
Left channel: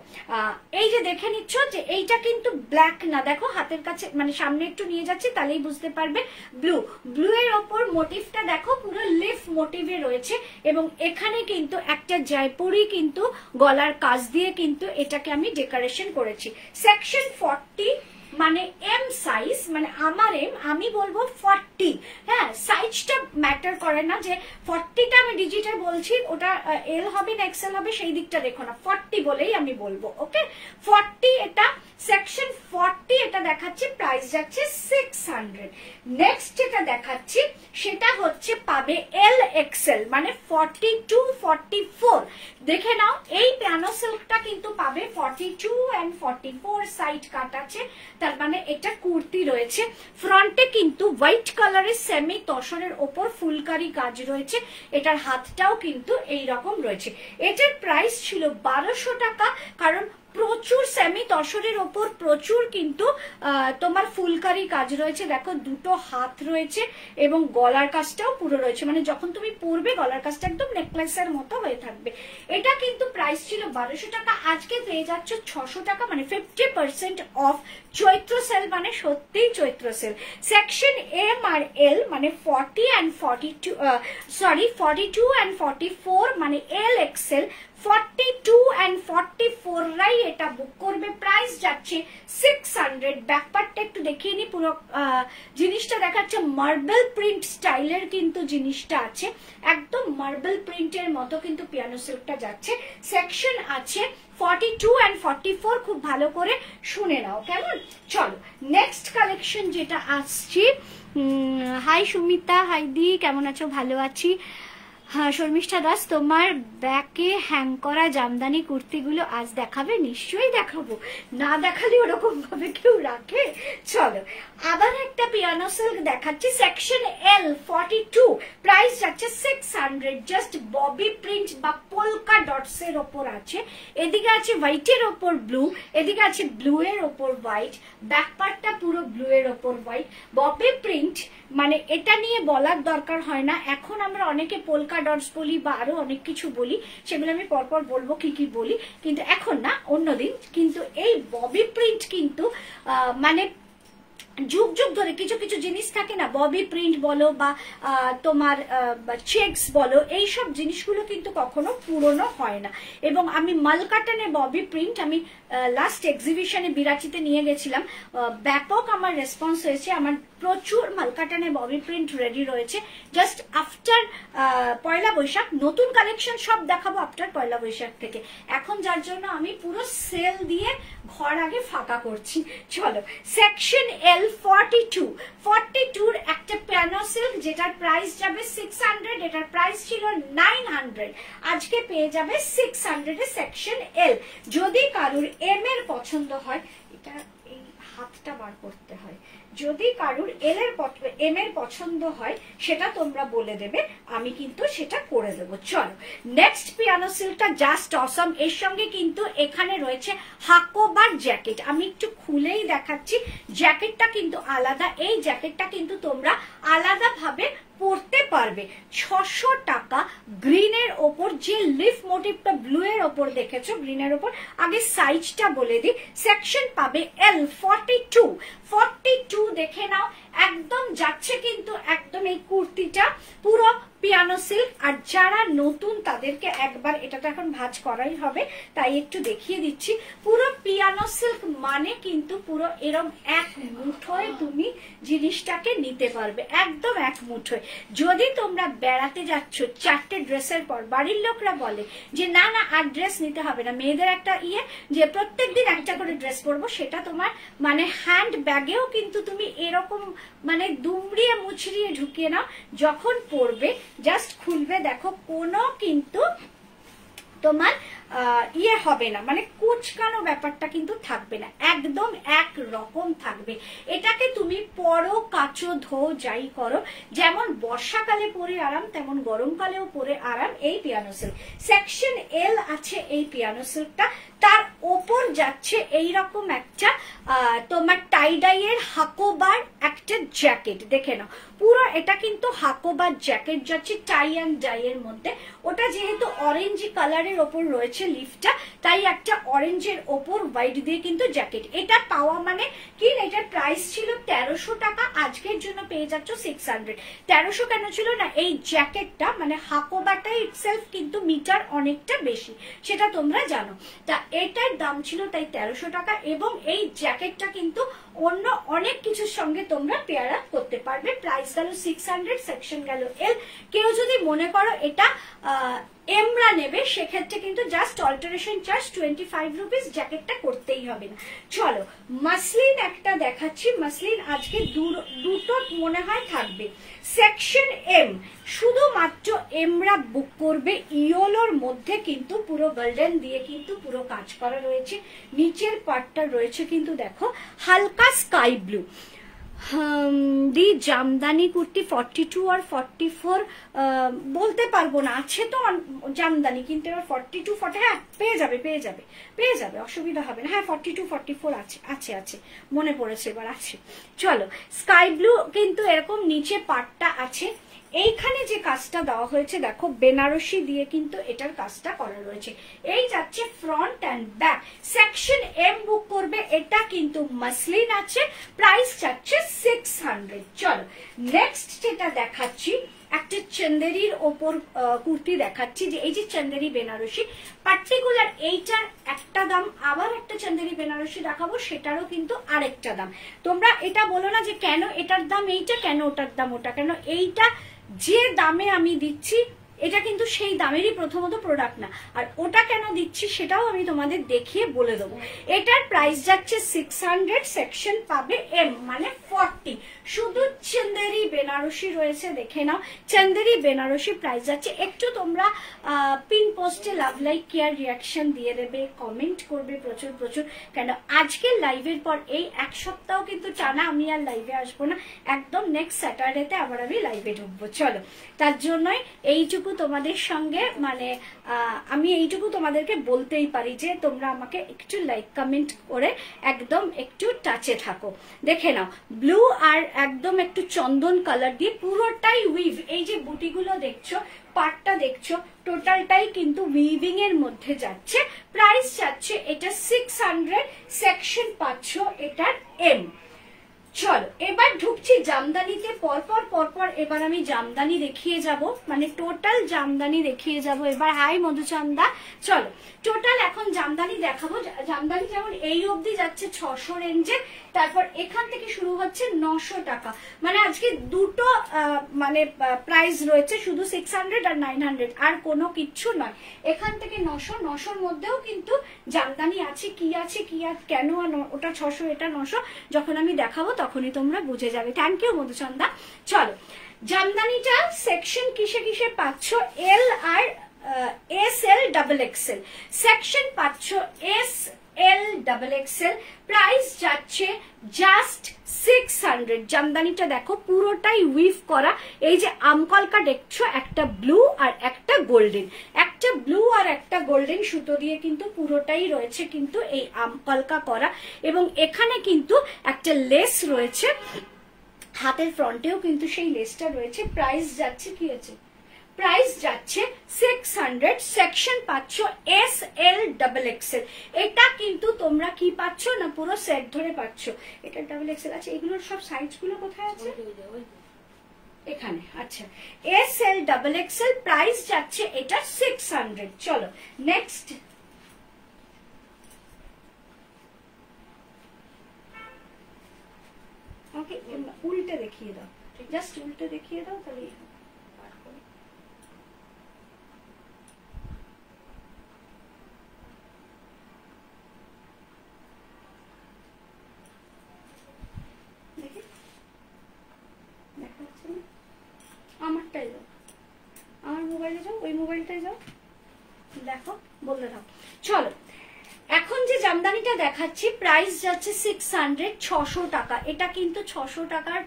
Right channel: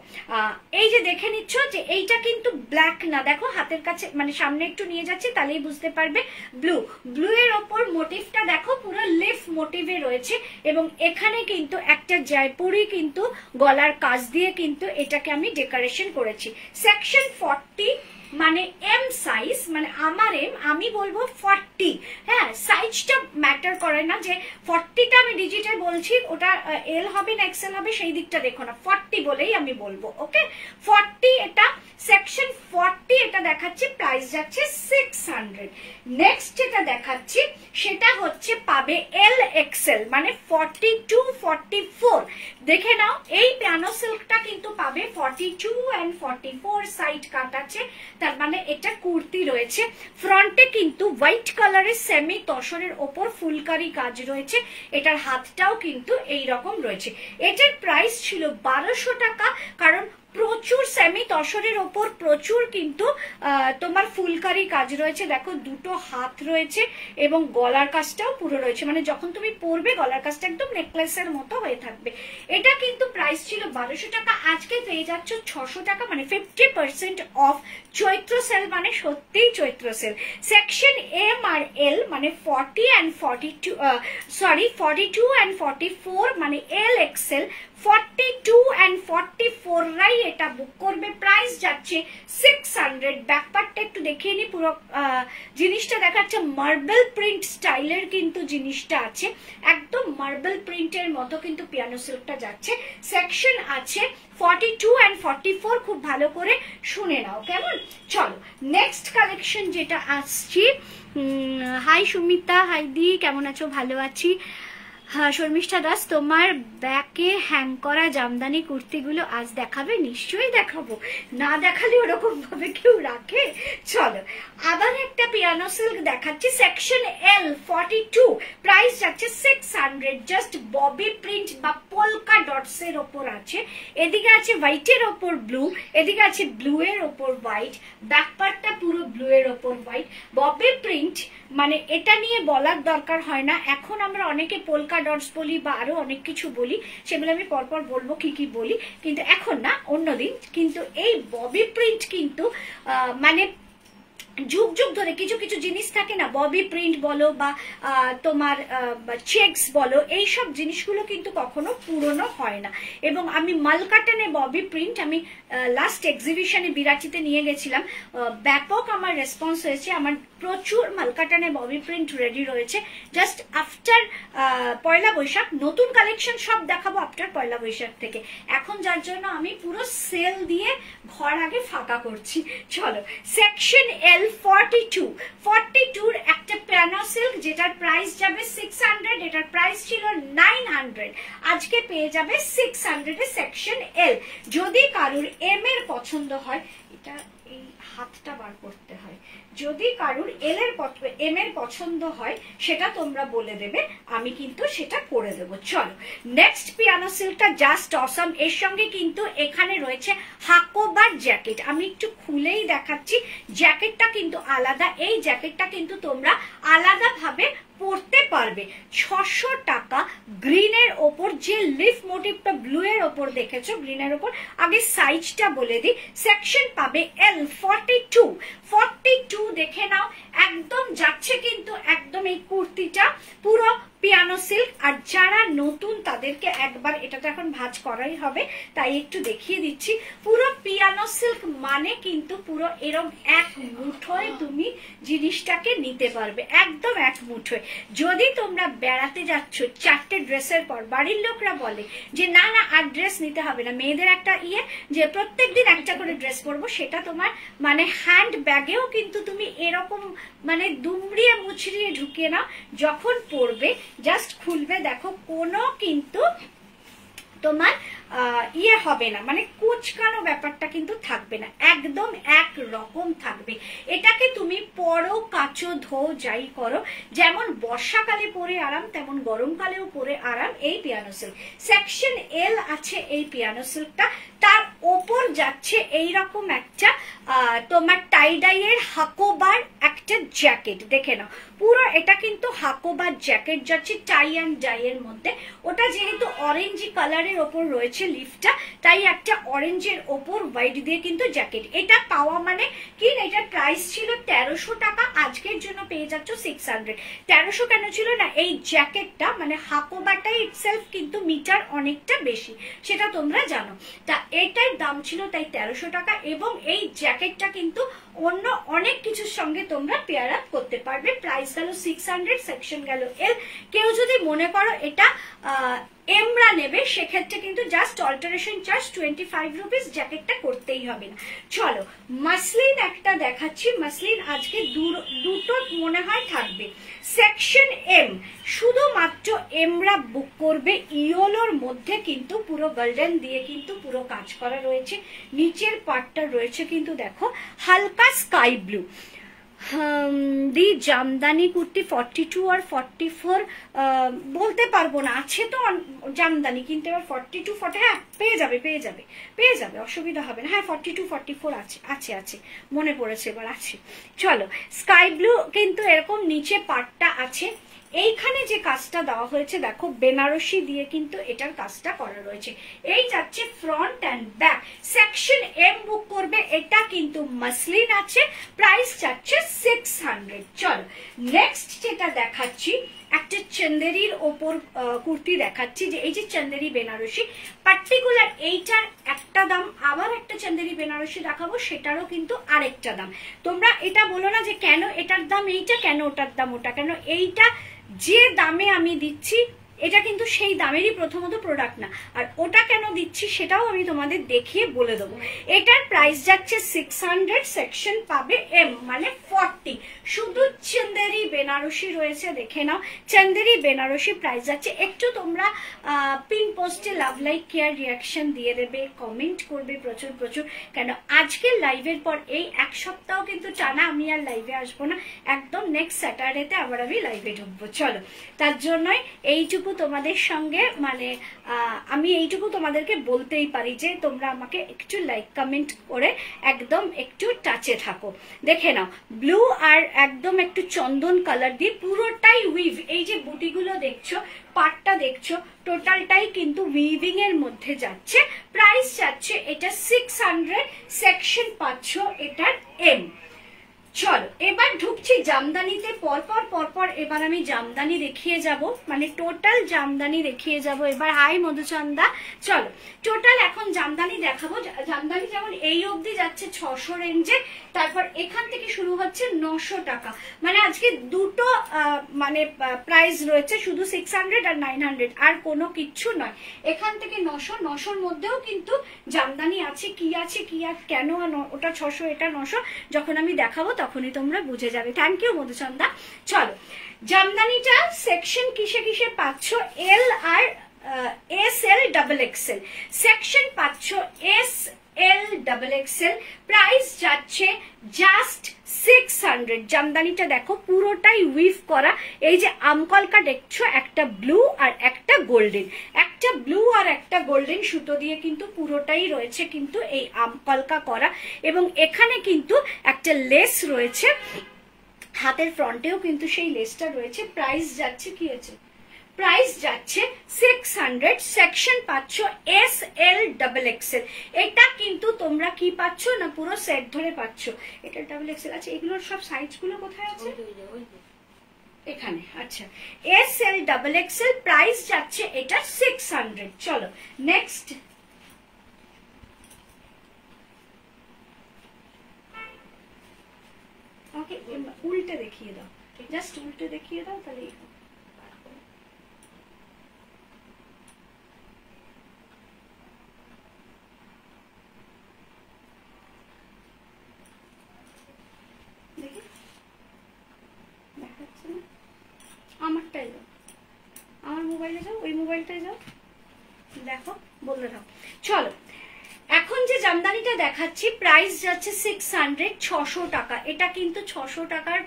এই যে দেখে নিচ্ছ যে এইটা কিন্তু ব্ল্যাক না, দেখো হাতের কাছে মানে সামনে একটু নিয়ে যাচ্ছি তাহলেই বুঝতে পারবে। ব্লু, ব্লু এর ওপর মোটিভটা দেখো পুরো লিফ মোটিভে রয়েছে, এবং এখানে কিন্তু একটা জয়পুরি কিন্তু গলার কাজ দিয়ে কিন্তু এটাকে আমি ডেকোরেশন করেছি। সেকশন 40 মানে এম সাইজ, মানে আমার এম, আমি বলবো 40। হ্যাঁ, সাইজটা ম্যাটার করে না, যে 40টা আমি ডিজিটে বলছি ওটা এল হবে না এক্সেল হবে সেই দিকটা দেখো না, 40 বলেই আমি বলবো। ওকে, 40 এটা সেকশন 40, এটা দেখাচ্ছি প্রাইস যাচ্ছে 600। নেক্সট যেটা দেখাচ্ছি সেটা হচ্ছে পাবে এল এক্সেল, মানে 42, 44। দেখে নাও এই পিয়ানো সিল্কটা কিন্তু পাবে 42 and 44 সাইড কাট আছে, তার মানে এটা কুর্তি রয়েছে। ফ্রন্টে কিন্তু হোয়াইট কালারের সেমি তসরের ওপর ফুলকারি কাজ রয়েছে, এটার হাতটাও কিন্তু এই রকম রয়েছে। এটার প্রাইস ছিল 1200 টাকা, কারণ প্রচুর সেমি তসরের ওপর প্রচুর কিন্তু তোমার ফুলকারি কাজ রয়েছে। দেখো দুটো হাত রয়েছে এবং গলার কাজটাও পুরো রয়েছে, মানে যখন তুমি পরবে গলার কাজটা একদম নেকলেসের মতো হয়ে থাকবে। এটা কিন্তু প্রাইস ছিল 1200 টাকা, আজকে পেয়ে যাচ্ছ 600 টাকা, মানে 50% অফ। চৈত্র সেল মানে সত্যিই চৈত্র সেল। সেকশন এম আর এল মানে 40 and 42, সরি 42 and 44 মানে এল এক্সেল। 42 and 44 রাই এটা বুক করবে, প্রাইস যাচ্ছে 600। ব্যাকপার্টটা একটু দেখিয়ে নি, পুরো জিনিসটা দেখাচ্ছে মার্বেল প্রিন্ট স্টাইলের কিন্তু জিনিসটা আছে, একদম মার্বেল প্রিন্টের মতো কিন্তু পিয়ানো সিল্কটা যাচ্ছে। সেকশন আছে 42 and 44, খুব ভালো করে শুনে নাও কেমন। চলো নেক্সট কালেকশন যেটা আসছি। হাই সুমিতা, হাই দি, কেমন আছো? ভালো আছি। হ্যাঁ শর্মিষ্ঠা দাস, তোমার ব্যাকে হ্যাং করা জামদানি কুর্তিগুলো আজ দেখাবে? নিশ্চয়ই দেখাবো, না দেখালে ওরকম ভাবে কেউ রাখে? চলো আবার একটা পিয়ানো সিল্ক দেখাচ্ছি, সেকশন এল 42, প্রাইস যাচ্ছে 600। জাস্ট ববি প্রিন্ট বা পোলকা ডটস এর ওপর আছে, এদিকে আছে হোয়াইটের ওপর ব্লু, এদিকে আছে ব্লু এর ওপর হোয়াইট, ব্যাকপার্টটা পুরো ব্লু এর ওপর হোয়াইট। ববি প্রিন্ট মানে এটা নিয়ে বলার দরকার হয় না, এখন আমরা অনেকে পোলকা ডটস বলি বা আরো অনেক কিছু বলি, সেগুলো আমি পরপর বলবো কি কি বলি, কিন্তু এখন না, অন্যদিন। কিন্তু এই ববি প্রিন্ট কিন্তু মানে যুগ যুগ ধরে কিছু কিছু জিনিস থাকে না, ববি প্রিন্ট বলো বা তোমার চেকস বলো, এইসব জিনিসগুলো কিন্তু কখনো পুরনো হয় না। এবং আমি মালকাটানে ববি প্রিন্ট আমি লাস্ট এক্সিবিশনে বিরাটিতে নিয়ে গেছিলাম, ব্যাপক আমার রেসপন্স হয়েছে। আমার প্রচুর মালকাটানে ববি প্রিন্ট রেডি রয়েছে। জাস্ট আফটার পয়লা বৈশাখ নতুন কালেকশন সব দেখাবো আফটার পয়লা বৈশাখ থেকে, এখন যার জন্য আমি পুরো সেল দিয়ে ঘর আগে ফাঁকা করছি। চলো সেকশন এল 42 একটা পিয়ানো সিল্ক, যেটার প্রাইস যাবে 600, এটার প্রাইস ছিল 900, আজকে পেয়ে যাবে 600 এ। সেকশন এল। যদি কারুর এম এর পছন্দ হয়, এটা এই হাতটা বার করতে হয়, যদি কারুর এম এর পছন্দ হয় সেটা তোমরা বলে দেবে, আমি কিন্তু সেটা করে দেবো। চলো নেক্সট পিয়ানো সিল্কটা জাস্ট অসম, এর সঙ্গে কিন্তু এখানে রয়েছে হাকোবার জ্যাকেট, আমি একটু খুলেই দেখাচ্ছি। জ্যাকেটটা কিন্তু আলাদা, এই জ্যাকেটটা কিন্তু তোমরা আলাদা ভাবে পরতে পারবে। 600 টাকা গ্রিনের ওপর, যে লিফ মোটিভটা ব্লু এর ওপর দেখেছো গ্রিনের ওপর। আগে সাইজটা বলে দিই, সেকশন পাবে L 42 দেখে নাও, একদম যাচ্ছে কিন্তু একদম এই কুর্তিটা পুরো পিয়ানো সিল্ক। আর যারা নতুন তাদেরকে একবার, এটা তো এখন ভাঁজ করাই হবে তাই একটু দেখিয়ে দিচ্ছি, পুরো পিয়ানো সিল্ক মানে কিন্তু পুরো এরম এক মুঠোয় তুমি জিনিসটাকে নিতে পারবে, একদম এক মুঠোয়। যদি তোমরা বেড়াতে যাচ্ছ 4টে ড্রেসের পর, বাড়ির লোকরা বলে যে না না আর ড্রেস নিতে হবে না, মেয়েদের একটা যে প্রত্যেকদিন একটা করে ড্রেস পরবো, সেটা তোমার মানে হ্যান্ড ব্যাগেও কিন্তু তুমি এরকম মানে দুমড়িয়ে মুচড়িয়ে ঢুকিয়ে নাও, যখন পরবে জাস্ট খুলবে দেখো কোনো কিন্তু তোমার হবে না, মানে কুচকানো ব্যাপারটা কিন্তু থাকবে না, একদম এক রকম থাকবে। এটাকে তুমি পরো কাচো ধো যাই করো, যেমন বর্ষাকালে পরে আরাম তেমন গরমকালেও পরে আরাম এই পিয়ানো সিল্ক। সেকশন L আছে এই পিয়ানো সিল্কটা, তার ওপর যাচ্ছে এইরকম একটা তোমার টাইডাইয়ের হাকোবার একটা জ্যাকেট, দেখে নাও পুরো এটা কিন্তু হাকোবার জ্যাকেট যাচ্ছে টাই অ্যান্ড ডাই এর মধ্যে। ওটা যেহেতু অরেঞ্জ কালারের ওপর রয়েছে লিফটা, তাই একটা অরেঞ্জের ওপর হোয়াইট দিয়ে কিন্তু জ্যাকেট। এটা পাওয়া মানে কি, এটার প্রাইস ছিল 1300 টাকা, আজকের জন্য পেয়ে যাচ্ছ 600। 1300 কেন ছিল না, এই জ্যাকেটটা মানে হাকোবাটা ইটসেলফ কিন্তু মিটার অনেকটা বেশি, সেটা তোমরা জানো। তা এটার দাম ছিল তাই 1300 টাকা, এবং এই জ্যাকেটটা কিন্তু অন্য অনেক কিছুর সঙ্গে তোমরা পেয়ার আপ করতে পারবে। প্রাইস গেল 600, সেকশন গেল L। কেউ যদি মনে করো এটা এমরা নেবে, সেক্ষেত্রে কিন্তু জাস্ট অল্টারেশন চার্জ 25 রুপিস, জ্যাকেটটা করতেই হবে না। চলো মাসলিন একটা দেখাচ্ছি, মাসলিন আজকে দুটো মনে হয় থাকবে। সেকশন M, শুধুমাত্র এমরা বুক করবে, ইয়োলোর মধ্যে কিন্তু পুরো গোল্ডেন দিয়ে কিন্তু পুরো কাজ করা রয়েছে, নিচের পার্টটা রয়েছে কিন্তু দেখো হালকা স্কাই ব্লু। দি জামদানি কুর্তি 42 আর 44 বলতে পারবো না, আছে তো জামদানি, কিন্তু এবার 42 40 হ্যাঁ পেয়ে যাবে অসুবিধা হবে না। হ্যাঁ 42 44 আছে মনে পড়েছে এবার, আছে। চলো স্কাই ব্লু কিন্তু এরকম নিচে পাটটা আছে। এইখানে যে কাজটা দেওয়া হয়েছে দেখো বেনারসি দিয়ে কিন্তু এটার কাজটা করা রয়েছে। এই যাচ্ছে front and back. Section M বুক করবে, এটা কিন্তু মাসলিন আছে, প্রাইস যাচ্ছে 600। চলো নেক্সট যেটা দেখাচ্ছি, একটা চন্দেরির ওপর কুর্তি দেখাচ্ছি, যে এই যে চন্দেরি বেনারসি, পার্টিকুলার এইটার একটা দাম, আবার একটা চন্দেরি বেনারসি দেখাবো সেটারও কিন্তু আরেকটা দাম। তোমরা এটা বলো না যে কেন এটার দাম এইটা, কেন ওটার দাম ওটা, কেন এইটা যে দামে আমি দিচ্ছি এটা কিন্তু সেই দামেরই প্রথমত প্রোডাক্ট না, আর ওটা কেন দিচ্ছি সেটাও আমি তোমাদের দেখিয়ে বলে দেবো। এটার প্রাইস যাচ্ছে 600, সেকশন পাবে M মানে 40। শুধু চন্দেরি বেনারসি রয়েছে, দেখে নাও চন্দেরি বেনারসি প্রাইস যাচ্ছে। একটু তোমরা পিন পোস্টে লাভ লাইক কেয়ার রিয়াকশন দিয়ে দেবে, কমেন্ট করবে প্রচুর, কেন আজকের লাইভের পর এই এক সপ্তাহ কিন্তু টানা আমি আর লাইভে আসবো না, একদম নেক্সট স্যাটারডেতে আবার আমি লাইভে ঢুকবো। চলো তার জন্যই এইটুকু তোমাদের সঙ্গে মানে আমি এইটুকু তোমাদেরকে বলতেই পারি যে তোমরা আমাকে একটু লাইক কমেন্ট করে একদম একটু টাচে থাকো। দেখে নাও ব্লু আর একদম একটু চন্দন কালার দিয়ে পুরোটাই উইভ, এই যে বুটিগুলো দেখছো, পাটটা দেখছো, টোটালটাই কিন্তু উইভিং এর মধ্যে যাচ্ছে। প্রাইস যাচ্ছে এটা 600, সেকশন পাচ্ছ এটার M। চলো এবার ঢুকছি জামদানিতে, পরপর এবার আমি জামদানি দেখিয়ে যাব, মানে টোটাল জামদানি দেখিয়ে যাব এবার। হাই মধুচন্দা, চলো টোটাল এখন জামদানি দেখাবো। জামদানি যেমন এই অবধি যাচ্ছে 600 রেঞ্জে, তারপর এখান থেকে শুরু হচ্ছে 900 টাকা, মানে আজকে দুটো মানে প্রাইস রয়েছে, শুধু 600 আর 900, আর কোনো কিচ্ছু নয়। এখান থেকে 900 মধ্যেও কিন্তু জামদানি আছে, কি কেন ওটা 600 এটা 900, যখন আমি দেখাবো তখনই তোমরা বুঝে যাবে। Thank you Madhuchanda. চলো জামদানিটা সেকশন কিসে পাচ্ছ, L আর SL ডাবল XL, সেকশন পাচ্ছ SL ডাবল XL, প্রাইস যাচ্ছে জাস্ট 600। জামদানিটা দেখো পুরোটাই উইভ করা, এই যে আমকলকা দেখছো একটা ব্লু আর একটা গোল্ডেন, একটা ব্লু আর একটা গোল্ডেন সুতো দিয়ে কিন্তু পুরোটাই রয়েছে কিন্তু এই আমকলকা করা, এবং এখানে কিন্তু একটা লেস রয়েছে হাতের ফ্রন্টেও কিন্তু সেই লেসটা রয়েছে। প্রাইস যাচ্ছে কি আছে, প্রাইস যাচ্ছে 600। সেকশন পাচ্ছ SL XXL। এটা কিন্তু তোমরা কি পাচ্ছ না, পুরো সেট ধরে পাচ্ছ। এটা XXL আছে। এগুলোর সব সাইজ গুলো কোথায় আছে, এখানে। আচ্ছা, SL XXL প্রাইস যাচ্ছে এটা 600। চলো নেক্সট। ওকে, উল্টে দেখিয়ে দাও, জাস্ট উল্টে দেখিয়ে দাও, তাহলে আমারটাই যাও, আমার মোবাইলে যাও, ওই মোবাইলটাই যাও, দেখো বললে দাও। চলো, এখন যে জামদানিটা দেখাচ্ছি প্রাইস যাচ্ছে 600, 600 টাকা। এটা কিন্তু 600 টাকার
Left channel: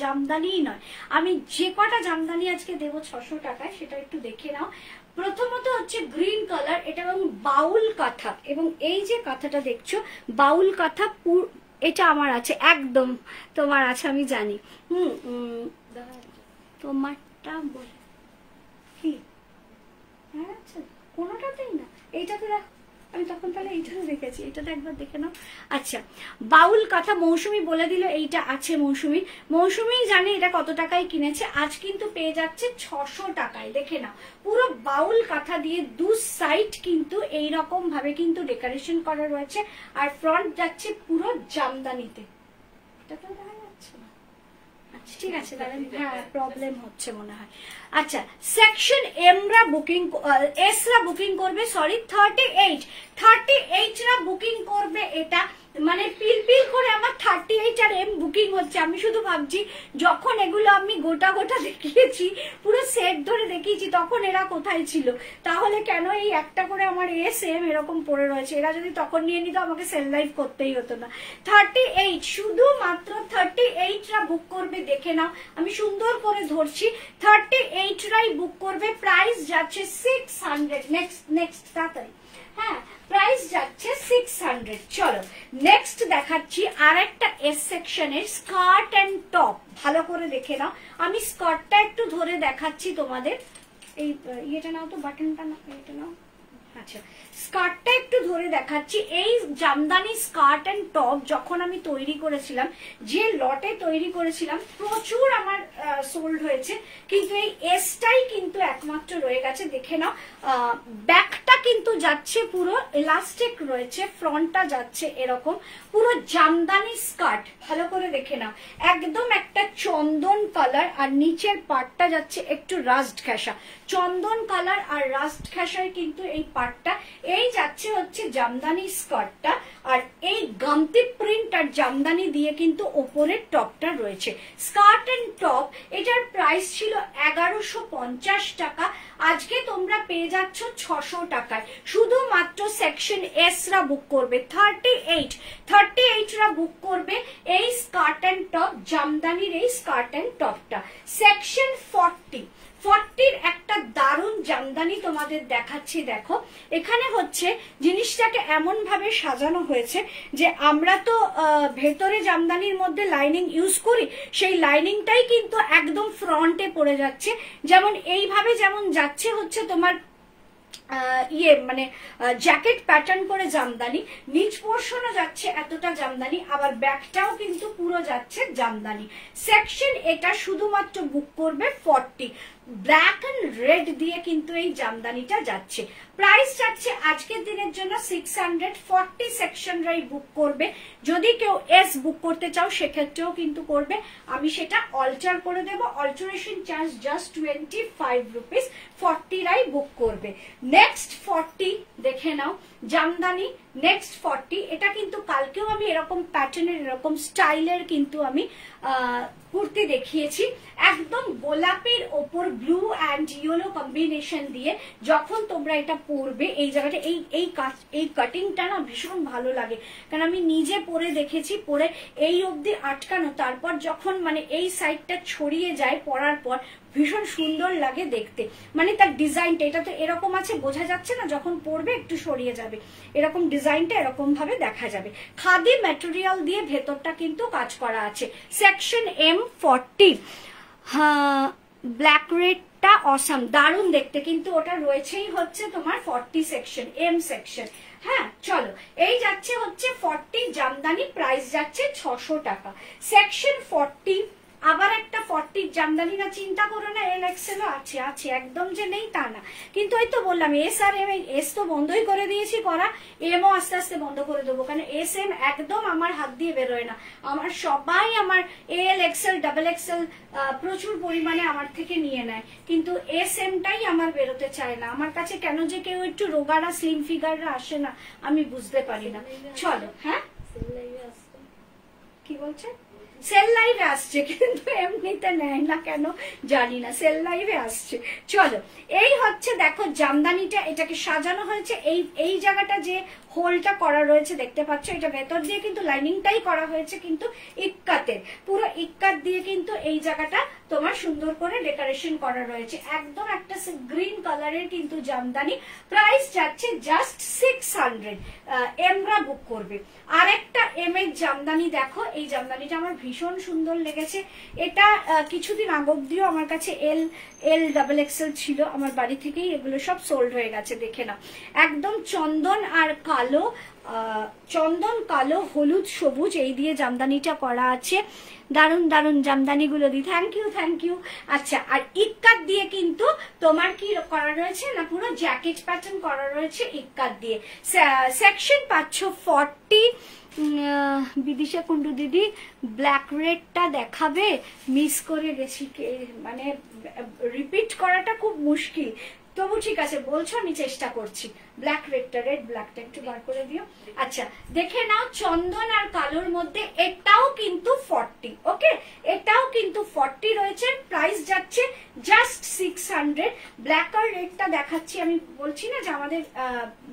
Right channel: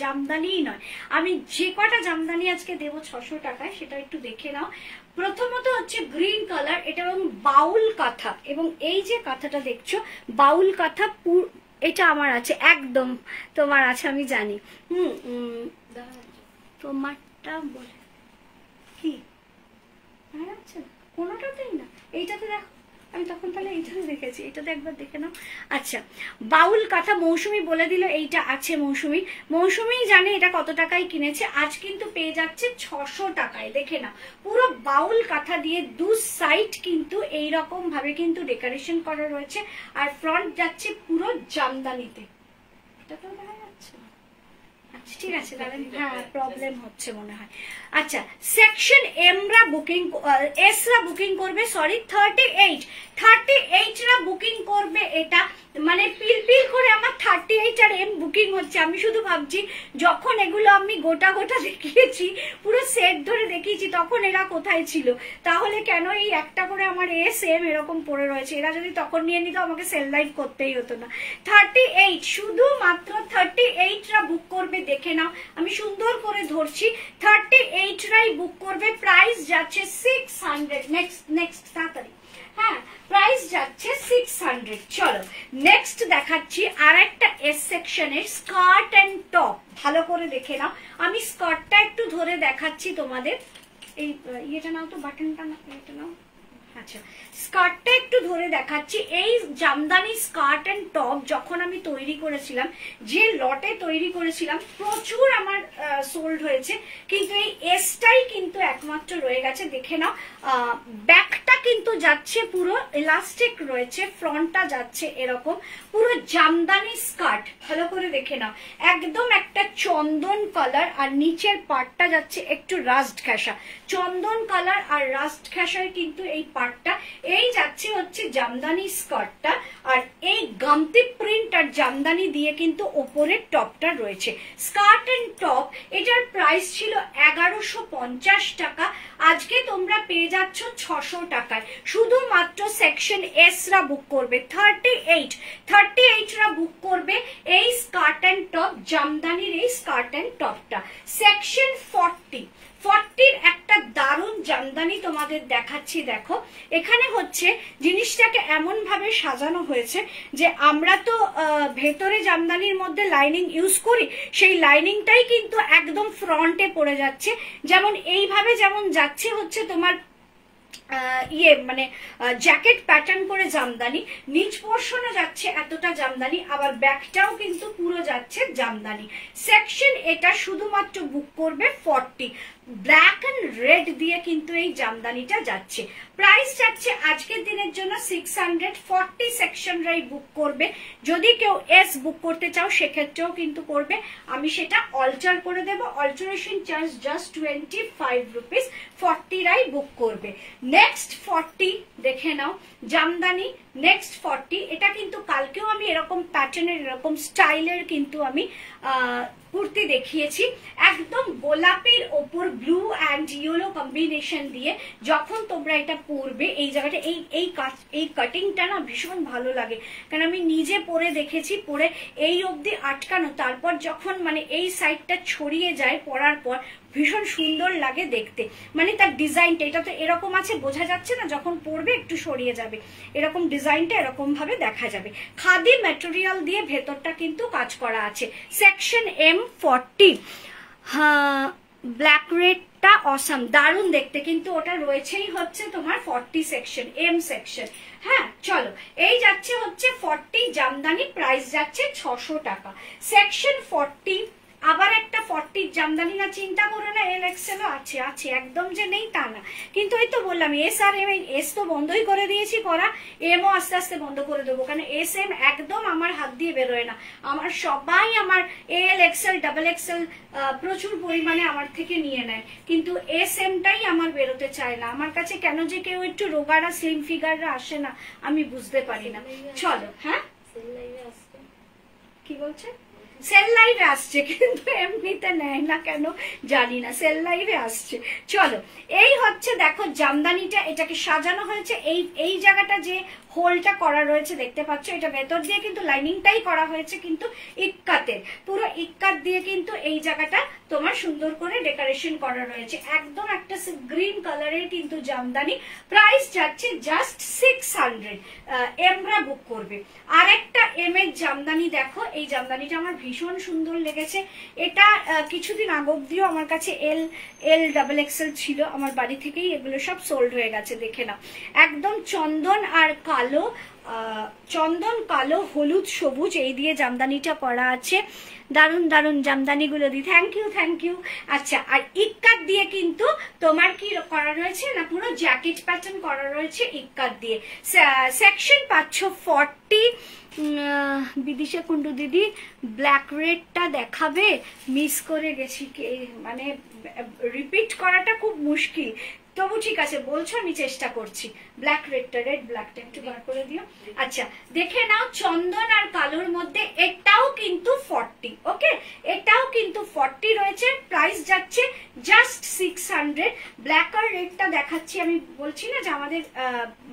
জামদানি নয়। আমি যে কটা জামদানি আজকে দেবো 600 টাকায় সেটা একটু দেখে নাও। প্রথমত হচ্ছে গ্রিন কালার, এটা এবং বাউল কাঁথা, এবং এই যে কাঁথাটা দেখছো বাউল কাঁথা, এটা আমার আছে, একদম তোমার আছে আমি জানি। তোমারটা বলে কি, আচ্ছা কোনোটাতেই না, এইটাতে দেখো, আমি তখন তাহলে এইটাতে দেখেছি, এটাতে একবার দেখে নাও। আচ্ছা, বাউল কাঁথা মৌসুমি বলে দিল এইটা আছে মৌসুমি। মৌসুমি জানে এটা কত টাকায় কিনেছে, আজ কিন্তু পেয়ে যাচ্ছে 600 টাকায়। দেখে নাও, পুরো বাউল কাঁথা দিয়ে দু সাইড কিন্তু এইরকম ভাবে কিন্তু ডেকোরেশন করা রয়েছে, আর ফ্রন্ট যাচ্ছে পুরো জামদানিতে। এটা তো দেখা যাচ্ছে না, আচ্ছা ঠিক আছে তাহলে, হ্যাঁ প্রবলেম হচ্ছে মনে হয়। আচ্ছা, সেকশন এমরা বুকিং, এসরা বুকিং করবে, সরি 38 রা বুকিং করবে। এটা মানে পিল করে আমার 38 আর এম বুকিং হচ্ছে। আমি শুধু ভাবছি যখন এগুলো আমি গোটা গোটা দেখিয়েছি, পুরো সেট ধরে দেখিয়েছি, তখন এরা কোথায় ছিল, তাহলে কেন এই একটা করে আমার এস এম এরকম পড়ে রয়েছে। এরা যদি তখন নিয়ে নিত আমাকে সেল লাইভ করতেই হতো না। 38, শুধুমাত্র 38 রা বুক করবে। দেখে নাও, আমি সুন্দর করে ধরছি, 38 রাই বুক করবে। প্রাইস যাচ্ছে 600। নেক্সট তাড়াতাড়ি, হ্যাঁ প্রাইস যাচ্ছে 600। চলো নেক্সট দেখাচ্ছি আর একটা এস সেকশনের স্কার্ট এন্ড টপ। ভালো করে দেখে নাও, আমি স্কার্টটা একটু ধরে দেখাচ্ছি তোমাদের। এই ইয়েটা নাও তো, বাটনটা না, এটা নাও। আচ্ছা, স্কার্টটা একটু ধরে দেখাচ্ছি। এই জামদানি স্কার্ট এন্ড টপ যখন আমি তৈরি করেছিলাম, যে লটে তৈরি করেছিলাম, প্রচুর আমার সোল্ড হয়েছে, কিন্তু এই এসটাই কিন্তু একমাত্র রয়ে গেছে। দেখে নাও, ব্যাকটা কিন্তু যাচ্ছে পুরো ইলাস্টিক রয়েছে, ফ্রন্টটা যাচ্ছে এরকম পুরো জামদানি স্কার্ট। ভালো করে দেখে নাও, একদম একটা চন্দন কালার, আর নিচের পার্টটা যাচ্ছে একটু রাস্ট ঘেঁষা। চন্দন কালার আর রাস্ট ঘেঁষায় কিন্তু এই পার্টটা, এই যাচ্ছে হচ্ছে জামদানি স্কার্টটা, আর এই গামতি প্রিন্ট আর জামদানি দিয়ে কিন্তু ওপরের টপটা রয়েছে। স্কার্ট এন্ড টপ, এটার প্রাইস ছিল 1150 টাকা, আজকে তোমরা পেয়ে যাচ্ছ 600 টাকায়। শুধুমাত্র সেকশন এস রা বুক করবে, 38 রা বুক করবে এই স্কার্ট এন্ড টপ, জামদানির এই স্কার্ট এন্ড টপটা। সেকশন 40 একটা দারুণ জামদানি তোমাদের দেখাচ্ছি। দেখো, এখানে হচ্ছে জিনিসটাকে এমন ভাবে সাজানো হয়েছে যে আমরা তো ভেতরে জামদানির মধ্যে লাইনিং ইউজ করি, সেই লাইনিংটাই কিন্তু একদম ফ্রন্টে পড়ে যাচ্ছে। যেমন এইভাবে যেমন যাচ্ছে হচ্ছে তোমার মানে জ্যাকেট প্যাটার্ন করে জামদানি, নিচ পোর্শনে যাচ্ছে এতটা জামদানি, আবার ব্যাকটাও কিন্তু পুরো যাচ্ছে জামদানি। সেকশন এটা শুধুমাত্র বুক করবে 40। ব্ল্যাক এন্ড রেড দিয়ে কিন্তু এই জামদানিটা যাচ্ছে। প্রাইস যাচ্ছে আজকের দিনের জন্য 600। 40 সেকশনরাই বুক করবে। যদি কেউ এস বুক করতে চাও সেক্ষেত্রেও কিন্তু করবে, আমি সেটা অল্টার করে দেবো। Alteration charge just 25 rupees. 40 রাই বুক করবে। নেক্সট 40 দেখে নাও, জামদানি নেক্সট 40। এটা কিন্তু কালকেও আমি এরকম প্যাটার্নের এরকম স্টাইলের কিন্তু আমি কুর্তি দেখিয়েছি, একদম গোলাপির ওপর ব্লু অ্যান্ড ইয়েলো কম্বিনেশন দিয়ে। যখন তোমরা এটা পরবে, এই জায়গাটা এই কাটিংটা না ভীষণ ভালো লাগে, কারণ আমি নিজে পরে দেখেছি, পরে এই অবধি আটকানো, তারপর যখন মানে এই সাইডটা ছড়িয়ে যায় পরার পর ভীষণ সুন্দর লাগে দেখতে, মানে তার ডিজাইনটা, এটা তো এরকম আছে বোঝা যাচ্ছে না, যখন পরবে একটু সরিয়ে যাবে, এরকম ডিজাইনটা এরকম ভাবে দেখা যাবে। খাদি ম্যাটেরিয়াল দিয়ে ভেতরটা কিন্তু কাজ করা আছে। সেকশন M40, হ্যাঁ ব্ল্যাক রেডটা অসাম, দারুণ দেখতে, কিন্তু ওটা রয়েছেই হচ্ছে তোমার 40 সেকশন, M সেকশন। হ্যাঁ চলো, এই যাচ্ছে হচ্ছে 40 জামদানি, প্রাইস যাচ্ছে 600 টাকা। সেকশন 40, আবার একটা 40 জামদানি, না চিন্তা করো না, এল এক্সেল আছে, আছে একদম যে নেই তা না, কিন্তু ওই তো বললাম এস আর এম, এস তো বন্ধই করে দিয়েছি করা, এমও আস্তে আস্তে বন্ধ করে দেবো, কারণ এস এম একদম আমার হাত দিয়ে বেরোয় না, আমার সবাই আমার এল এক্সেল ডাবল এক্সেল প্রচুর পরিমাণে আমার থেকে নিয়ে নেয়, কিন্তু এস এমটাই আমার বেরোতে চায় না, আমার কাছে কেন যে কেউ একটু রোগারা স্লিম ফিগাররা আসে না আমি বুঝতে পারি না। চলো, হ্যাঁ কি বলছে, সেল লাইভে আসছে, কিন্তু এমনিতে নেয় না কেন জানি না, সেল লাইভে আসছে। চলো, এই হচ্ছে দেখো জামদানিটা, এটাকে সাজানো হয়েছে, এই জায়গাটা যে হোলটা করা রয়েছে দেখতে পাচ্ছ, এটা ভেতর দিয়ে কিন্তু লাইনিংটাই করা হয়েছে, কিন্তু ইক্কাতের, পুরো ইক্কাত দিয়ে কিন্তু এই জায়গাটা তোমার সুন্দর করে ডেকোরেশন করা রয়েছে, একদম একটা গ্রিন কালারের কিন্তু জামদানি, প্রাইস যাচ্ছে জাস্ট 600। এমরা বুক করবে। আরেকটা এম এর জামদানি দেখো, এই জামদানিটা আমার ভীষণ সুন্দর লেগেছে, এটা কিছুদিন আগ অব্দিও আমার কাছে এল ডাবল এক্সেল ছিল, আমার বাড়ি থেকেই এগুলো সব সোল্ড হয়ে গেছে, দেখে না, একদম চন্দন আর কালো, চন্দন কালো হলুদ সবুজ এই দিয়ে জামদানিটা করা আছে, দারুন দারুন জামদানিগুলো দি, থ্যাংক ইউ থ্যাংক ইউ। আচ্ছা, আর ইক্কাত দিয়ে কিন্তু তোমার কি করা রয়েছে না, পুরো জ্যাকেট প্যাটার্ন করা রয়েছে ইক্কাত দিয়ে। সেকশন পাচ্ছ 40। বিদিশা কুন্ডু দিদি ব্ল্যাক রেডটা দেখাবে, মিস করে গেছি, মানে রিপিট করাটা খুব মুশকিল, তবু ঠিক আছে বলছো, আমি চেষ্টা করছি। ব্ল্যাক রেডটা, রেড ব্ল্যাকটা একটু বার করে দিও। আচ্ছা দেখে নাও, চন্দন আর কালোর মধ্যে, এটাও কিন্তু 40, ওকে, এটাও কিন্তু 40 রয়েছে, প্রাইস যাচ্ছে জাস্ট 600। ব্ল্যাক আর রেডটা দেখাচ্ছি, আমি বলছি না যে আমাদের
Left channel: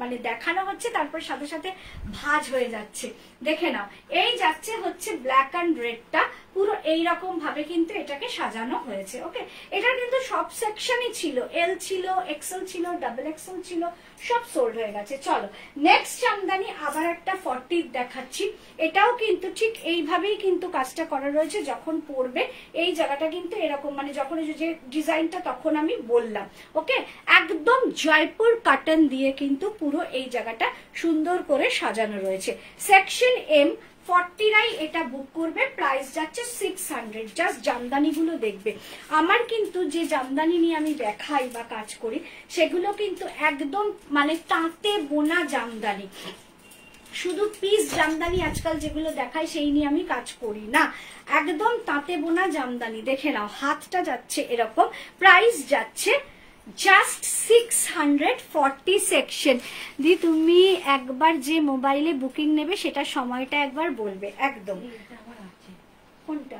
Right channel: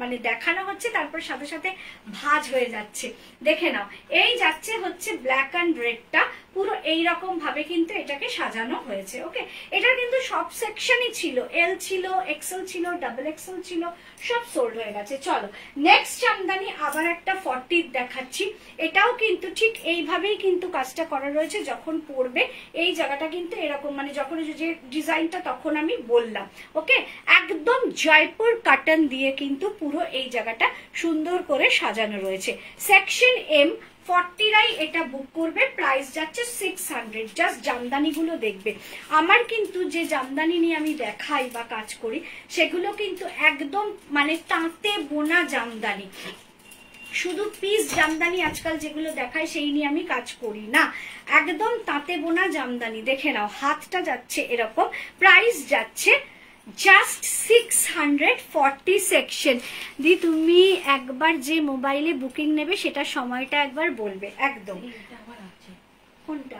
মানে দেখানো হচ্ছে তারপর সাথে সাথে ভাঁজ হয়ে যাচ্ছে, দেখে নাও, এই যাচ্ছে হচ্ছে ব্ল্যাক অ্যান্ড রেডটা, পুরো এইরকম ভাবে কিন্তু এটাকে সাজানো হয়েছে, ওকে। এটার কিন্তু সব সেকশনই ছিল, এল ছিল, এক্সেল ছিল, ডাবল এক্সেল ছিল, সব সোল্ড হয়ে গেছে। চলো নেক্সট জামদানি আবার একটা 40 দেখাচ্ছি, এটাও কিন্তু ঠিক এইভাবেই কিন্তু কাজটা করা রয়েছে, যখন পরবে এই জায়গাটা কিন্তু এরকম, মানে যখন যে ডিজাইনটা তখন আমি বললাম, ওকে, একদম জয়পুর কাটন দিয়ে কিন্তু পুরো এই জায়গাটা সুন্দর করে সাজানো রয়েছে। সেকশন এম 40 এটা বুক করবে, প্রাইস যাচ্ছে 600। জাস্ট জামদানিগুলো দেখবে, আমার কিন্তু যে জামদানি নিয়ে আমি দেখাই বা কাজ করি সেগুলো কিন্তু একদম মানে তাঁতে বোনা জামদানি, শুধু পিস জামদানি আজকাল যেগুলো দেখায় সেই নিয়ে আমি কাজ করি না, একদম তাঁতে বোনা জামদানি। দেখে নাও, হাতটা যাচ্ছে এরকম, প্রাইস যাচ্ছে জাস্ট 640 সেকশন। দি তুমি একবার যে মোবাইলে বুকিং নেবে সেটা সময়টা একবার বলবে, একদম। কোনটা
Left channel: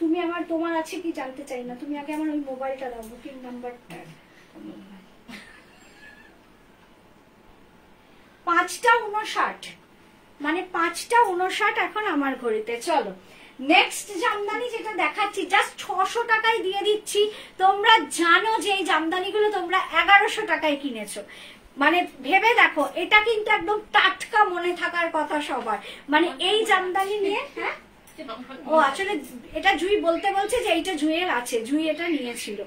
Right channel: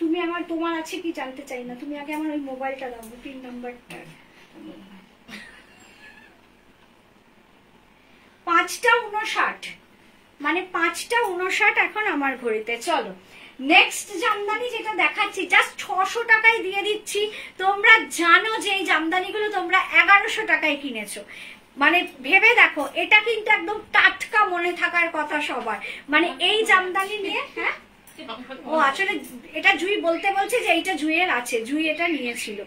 তুমি আমার, তোমার আছে কি জানতে চাই না, তুমি আগে আমার ওই মোবাইলটা দাও, বুকিং নাম্বারটা। 5:59, মানে 5:59 এখন আমার ঘড়িতে। চলো নেক্সট জামদানি যেটা দেখাচ্ছি, জাস্ট 600 টাকায় দিয়ে দিচ্ছি। তোমরা জানো যে এই জামদানিগুলো তোমরা 1100 টাকায় কিনেছো, মানে ভেবে দেখো, এটা কিন্তু একদম টাটকা মনে থাকার কথা সবার, মানে এই জামদানি নিয়ে। হ্যাঁ ও আসলে এটা জুই বলতে বলছে যে এইটা জুইয়ের আছে, জুই এটা নিয়েছিল।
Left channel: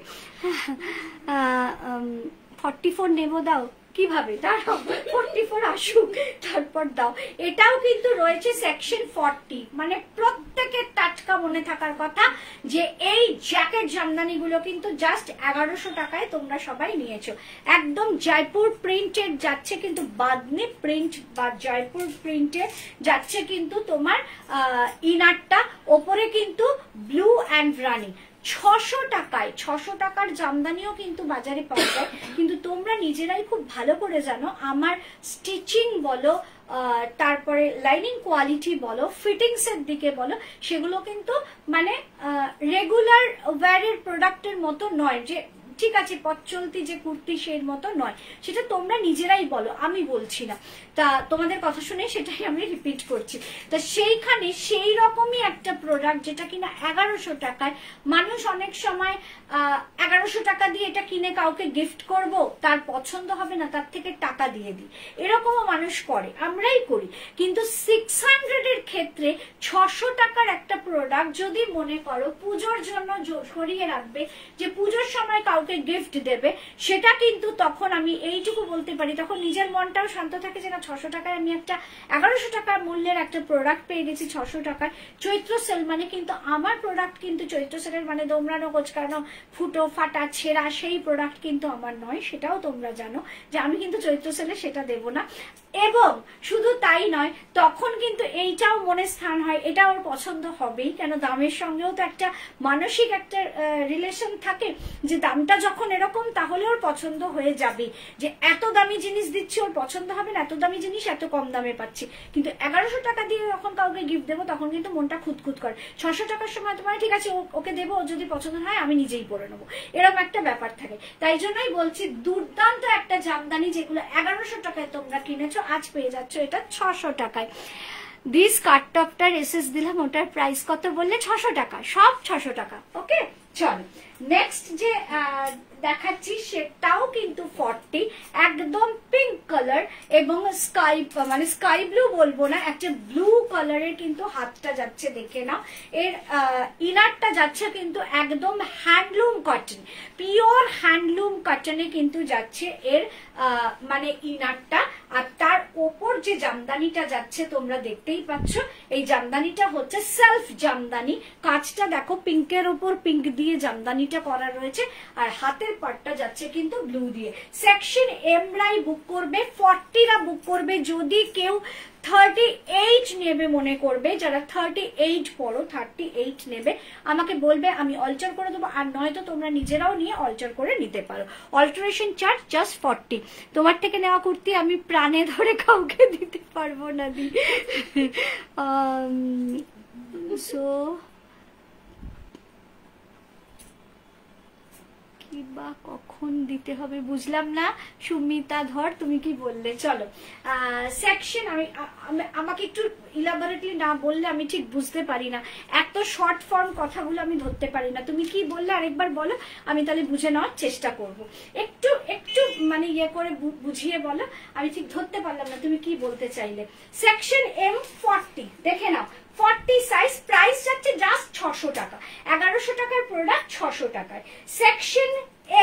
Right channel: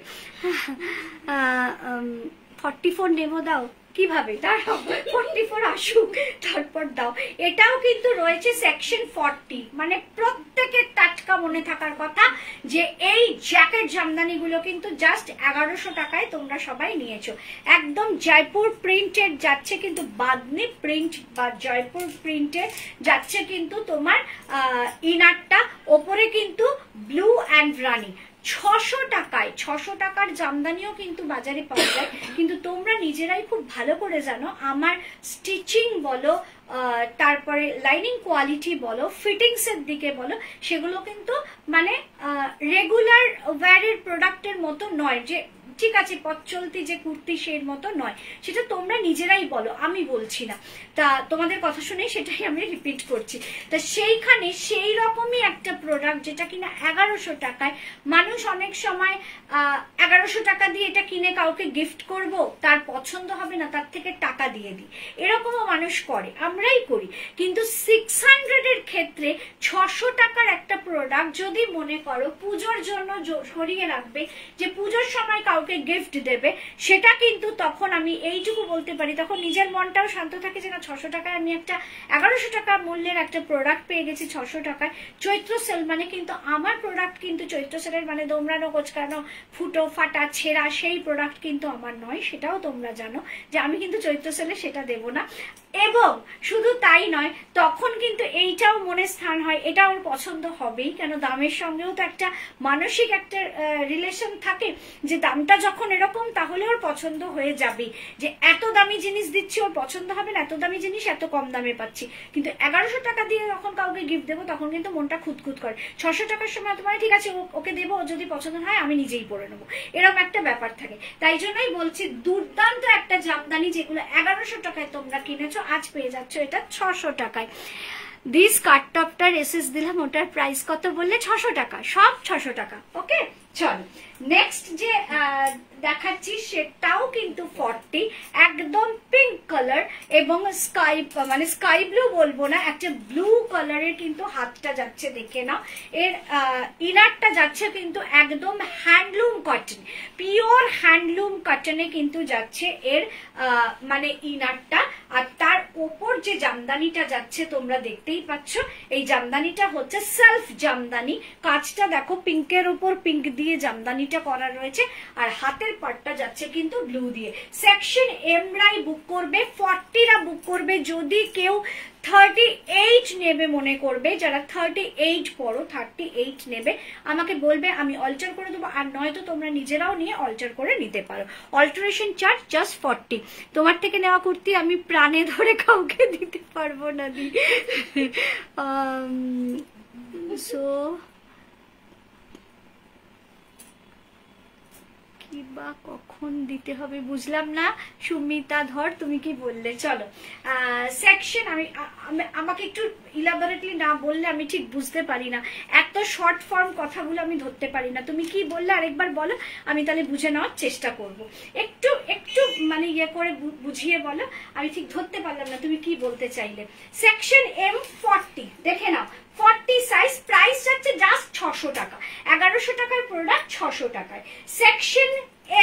44 নেবো, দাও কিভাবে, দাঁড়াও 44 আসুক তারপর দাও। এটাও কিন্তু রয়েছে সেকশন 40, মানে প্রত্যেকের টাটকা মনে থাকার কথা যে এই জ্যাকেট জামদানি গুলো কিন্তু জাস্ট 1100 টাকায় তোমরা সবাই নিয়েছো। একদম জয়পুর প্রিন্টেড যাচ্ছে, কিন্তু বাদনি প্রিন্ট বা জয়পুর প্রিন্টে যাচ্ছে কিন্তু তোমার ইনারটা, ওপরে কিন্তু ব্লু অ্যান্ড রানি। 600 টাকায়, 600 টাকার জামদানিও কিন্তু বাজারে পাওয়া যায়, কিন্তু তোমরা নিজেরাই খুব ভালো করে জানো আমার স্টিচিং বলো, তারপরে লাইনিং কোয়ালিটি বলো, ফিটিংস এর দিকে বলো, সেগুলো কিন্তু মানে রেগুলার ওয়্যারের প্রোডাক্টের মতো নয়, যে ঠিক আছে পথ চলতি যে কুর্তি সেই মতো নয়, সেটা তোমরা নিজেরাই বলো, আমি বলছি না। তা তোমাদের কথা শুনে সেটাই আমি রিপিট করছি। তা সেইখানে সেই রকমই একটা প্রোডাক্ট যেটা কিনা 1100 টাকায়, মানুষ অনেক সময় 1100 টাকা দিয়ে এটা কিনে কাউকে গিফট করব, তার পছন্দ হবে না, তার থেকে টাকা দিয়ে দিই, এরকমও মানুষ করে, আমরাই করি। কিন্তু 600 এর ক্ষেত্রে 600 টাকার একটা প্রোডাক্ট যদি মনে করো পুজোর জন্য সরিয়ে রাখবে, যে পুজোর সময় কাউকে গিফট দেবে, সেটা কিন্তু তখন আমি এইটুকু বলতে পারি, তখন নিজের মনটাও শান্ত থাকে যে না 600 টাকায় আমি একটা 1100 টাকা মূল্যের একটা প্রোডাক্ট পেয়ে গেছি 600 টাকায়। চৈত্র সেল মানে কিন্তু আমার প্রোডাক্ট কিন্তু চৈত্র সেলের মানে দোমড়ানো কোচকানো ফুটো ফাটা ছেঁড়া সেই প্রোডাক্ট কিন্তু আমার নয়, সেটাও তোমরা জানো যে আমি কিন্তু চৈত্র সেলে সেটা দেব না। এবং শুধু তাই নয়, তখন কিন্তু এইটাও মনে স্থান হয়, এটা ওর পছন্দ হবেই, কেন দামের সঙ্গেও তো একটা মানসিক একটা রিলেশন থাকে, যে দামটা যখন এরকম তাহলে ওর পছন্দ হয়ে যাবে, যে এত দামি জিনিস দিচ্ছি ওর পছন্দ হবে না, এত দামি জিনিস এত কম দামে পাচ্ছি। কিন্তু 1100 টাকা দিয়ে যখন কাউকে গিফট দেবো তখন কিন্তু মনটা খুঁতখুত করে। 600 টাকার সময় তোমার ঠিক আছে ওকে দেবো, যদি পছন্দ হয় আমি নিজেই পরে নেবো, এরকম একটা ব্যাপার থাকে। তাই জন্যই বলছি দুর্দান্ত একটা জামদানি, যেগুলো 1100 টাকায় তোমরা কিনেছো, আজ পেয়ে যাচ্ছ এটা 600 টাকায়। দিস কাট টপটার এসএস দিলাম, ওটার প্রাইস কত বললে? 600 টাকা, সব 600 টাকা। ওকে, চলো নেক্সট যে দেখাচ্ছি সেটাও কিন্তু 40, একদম পিঙ্ক কালার এবং স্কাই মানে স্কাই ব্লু বলবো না, একটা ব্লু কালারের কিন্তু হাতটা যাচ্ছে, দেখে নাও। এর ইনারটা যাচ্ছে কিন্তু একদম হ্যান্ডলুম কটন, পিওর হ্যান্ডলুম কটনে কিন্তু যাচ্ছে এর মানে ইনারটা। আর তার ওপর যে জামদানিটা যাচ্ছে তোমরা দেখতেই পাচ্ছ, এই জামদানিটা হচ্ছে সেলফ জামদানি, কাজটা দেখো পিঙ্কের ওপর পিঙ্ক দিয়ে জামদানিটা করা রয়েছে, আর হাতের পাটটা যাচ্ছে কিন্তু ব্লু দিয়ে। সেকশন এম রাই বুক করবে, 40রা বুক করবে। যদি কেউ 38 নেবে মনে করবে, যারা 38 পড়ো 38 নেবে, আমাকে বলবে, আমি অল্টার করে দেবো, আর নয়তো তোমরা নিজেরাও নিয়ে অল্টার করে নিতে পারো। Alteration charge just 40। তোমার থেকে নেওয়া কুর্তি আমি প্রাণে ধরে কাউকে দিতে পারবো না দি। সো বা কখন দিতে হবে বুঝলাম না। সুমিতা ধর, তুমি কি বললে? চলো সেকশন, আমাকে একটু ইলাবোরেটলি না বললে আমি ঠিক বুঝতে পারি না, এত শর্ট ফর্ম কথাগুলো আমি ধরতে পারি না। তুমি কি বললে আরেকবার বলো, আমি তাহলে বুঝে নেওয়ার চেষ্টা করব। একটু একটু মানে ইয়ে করে বুঝিয়ে বলো, আমি ঠিক ধরতে পারলাম না তুমি কি বলতে চাইলে। সেকশন এম 40 দেখে নাও, 40 সাইজ, প্রাইস যাচ্ছে জাস্ট 600 টাকা। 1100 টাকার প্রোডাক্ট 600 টাকায়। সেকশন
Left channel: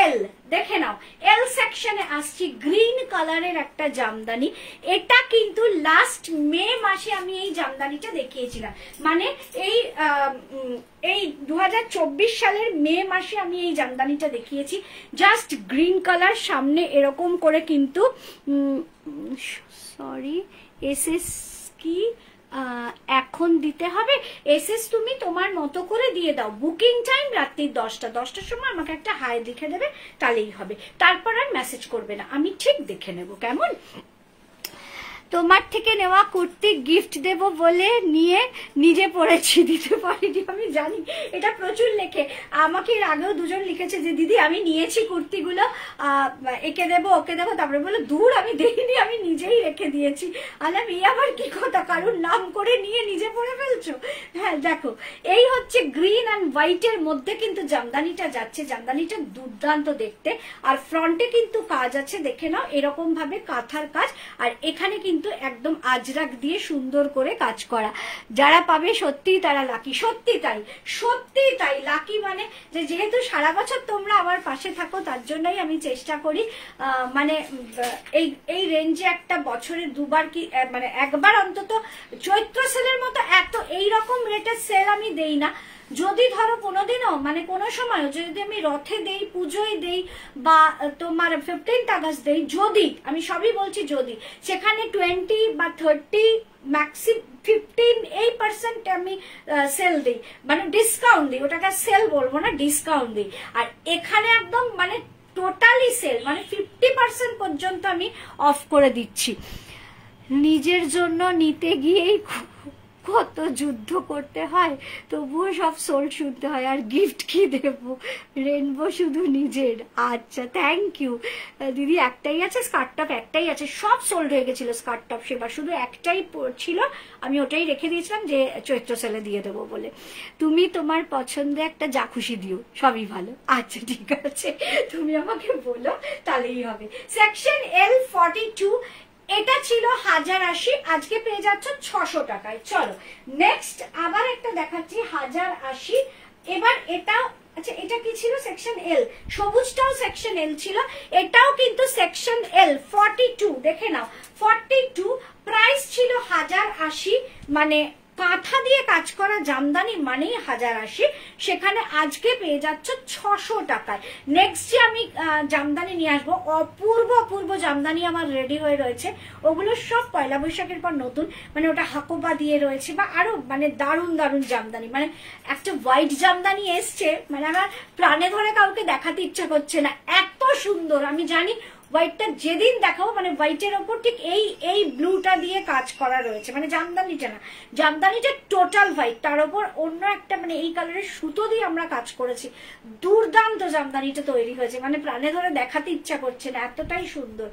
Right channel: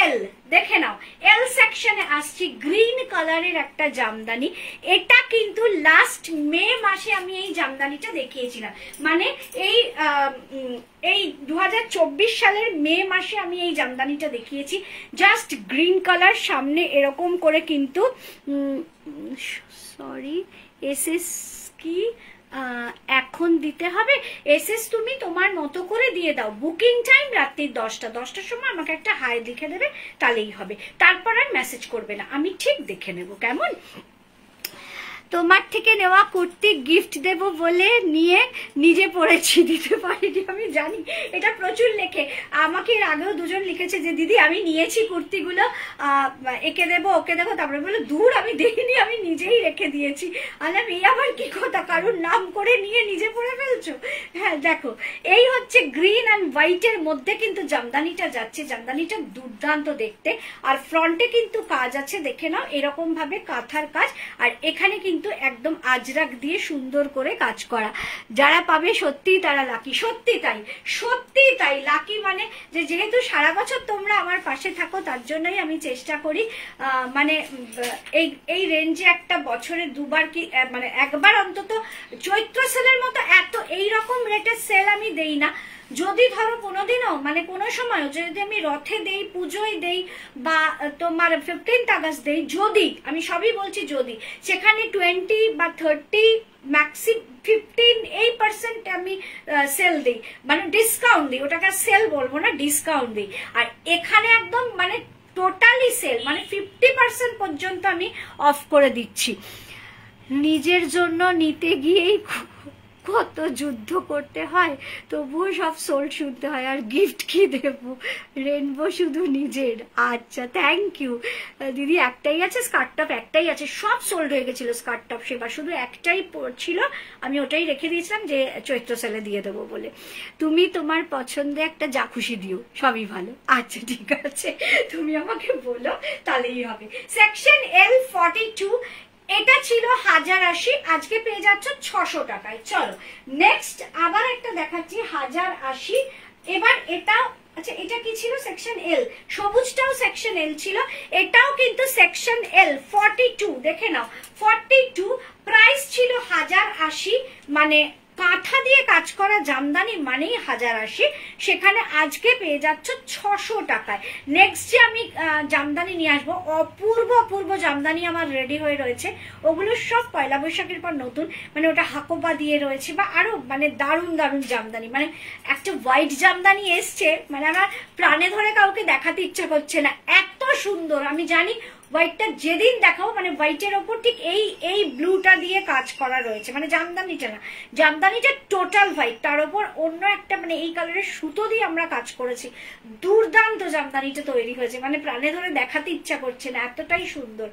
এল দেখে নাও, এল সেকশনে আসছি, গ্রিন কালারের একটা জামদানি। এটা কিন্তু লাস্ট মে মাসে আমি এই জামদানিটা দেখিয়েছিলাম, মানে এই 2024 সালের মে মাসে আমি এই জামদানিটা দেখিয়েছি। জাস্ট গ্রিন কালার, সামনে এরকম করে কিন্তু সরি এসএস কি এখন দিতে হবে? এসএস তুমি তোমার মতো করে দিয়ে দাও। বুকিং টাইম রাত্রি 10টার সময় আমাকে একটা হাই লিখে দেবে, তাহলেই হবে। তারপর আর মেসেজ করবে না, আমি ঠিক দেখে নেব। কেমন? তোমার থেকে নেওয়া কুর্তি গিফট দেব বলে নিয়ে নিজে পড়েছি, দিতে পারিনি। আমি জানি এটা প্রচুর লেখে, আমাকে এর আগেও দুজন লিখেছে যে দিদি আমি নিয়েছি কুর্তিগুলো, একে দেবো ওকে দেবো, তারপরে বলে দূর আমি দেখিনি, আমি নিজেই রেখে দিয়েছি। আলাম এই আবার কি কথা, কারুর নাম করে নিয়ে নিজে পড়ে ফেলছো? হ্যাঁ দেখো, এই হচ্ছে গ্রিন অ্যান্ড হোয়াইটের মধ্যে কিন্তু জামদানিটা যাচ্ছে। জামদানিটা দুর্দান্ত দেখতে, আর ফ্রন্টে কিন্তু কাজ আছে, দেখে নাও এরকম ভাবে কাঁথার কাজ, আর এখানে কিন্তু একদম আজরাক দিয়ে সুন্দর করে কাজ করা। যারা পাবে সত্যি তারা লাকি, সত্যি তাই, সত্যি তাই লাকি। মানে যে যেহেতু সারা বছর তোমরা আমার পাশে থাকো, তার জন্যই আমি চেষ্টা করি মানে এই রেঞ্জে একটা বছরে দুবার কি মানে একবার অন্তত চৈত্র সেলের মতো এত এইরকম রেটের সেল আমি দেই না। যদি ধরো কোনোদিনও মানে কোনো সময় যদি আমি রথে দেই, পুজোয় দেই, বা তোমার 15th আগস্ট দেই, যদি আমি সবই বলছি যদি, সেখানে 20 বা 30 ম্যাক্সি 15% আমি সেল দিই, মানে ডিসকাউন্ট দিই, ওটাকে সেল বলবো না, ডিসকাউন্ট দিই। আর এখানে একদম মানে টোটালি সেল, মানে 50% পর্যন্ত আমি অফ করে দিচ্ছি। নিজের জন্য নিতে গিয়েই কত যুদ্ধ করতে হয়, তবুও সব সোল্ড শুনতে হয়। আর গিফট কি দেবো, রেনবো শুধু নিজের। আচ্ছা, থ্যাংক ইউ দিদি। একটাই আছে স্কার্ট টপ, একটাই আছে, সব সোল্ড হয়ে গেছিল স্কার্ট টপ সেবার, শুধু একটাই ছিল, আমি ওটাই রেখে দিয়েছিলাম যে চৈত্র সেলে দিয়ে দেবো বলে। তুমি তোমার পছন্দে একটা যা খুশি দিও, সবই ভালো। আচ্ছা ঠিক আছে, তুমি আমাকে বলো তাহলেই হবে। সেকশন L 42, এটা ছিল 1080, আজকে পেয়ে যাচ্ছ 600 টাকায়। চলো নেক্সট আবার একটা দেখাচ্ছি 1080। এবার এটা, আচ্ছা এটা কি ছিল, সেকশন L, সবুজটাও সেকশন L ছিল, এটাও কিন্তু সেকশন L 42, দেখে নাও 42, প্রাইস ছিল 1080, মানে কাঁথা দিয়ে কাজ করা জামদানি মানেই 1080, সেখানে আজকে পেয়ে যাচ্ছ 600 টাকায়। নেক্সট যে আমি জামদানি নিয়ে আসবো, অপূর্ব অপূর্ব জামদানি আমার রেডি হয়ে রয়েছে, ওগুলো সব পয়লা বৈশাখের পর নতুন, মানে ওটা হাকোবা দিয়ে রয়েছে, বা আরো মানে দারুণ দারুণ জামদানি, মানে একটা হোয়াইট জামদানি এসছে, মানে আমার প্রাণে ধরে কাউকে দেখাতে ইচ্ছা করছে না, এত সুন্দর। আমি জানি হোয়াইটটা যেদিন দেখাবো, মানে হোয়াইটের ওপর ঠিক এই ব্লুটা দিয়ে কাজ করা রয়েছে, মানে জামদানিটা না, জামদানিটা টোটাল হোয়াইট, তার উপর অন্য একটা মানে এই কালারের সুতো দিয়ে আমরা কাজ করেছি, দুর্দান্ত জামদানিটা তৈরি হয়েছে, মানে প্রাণে ধরে দেখাতে ইচ্ছা করছে না, এতটাই সুন্দর।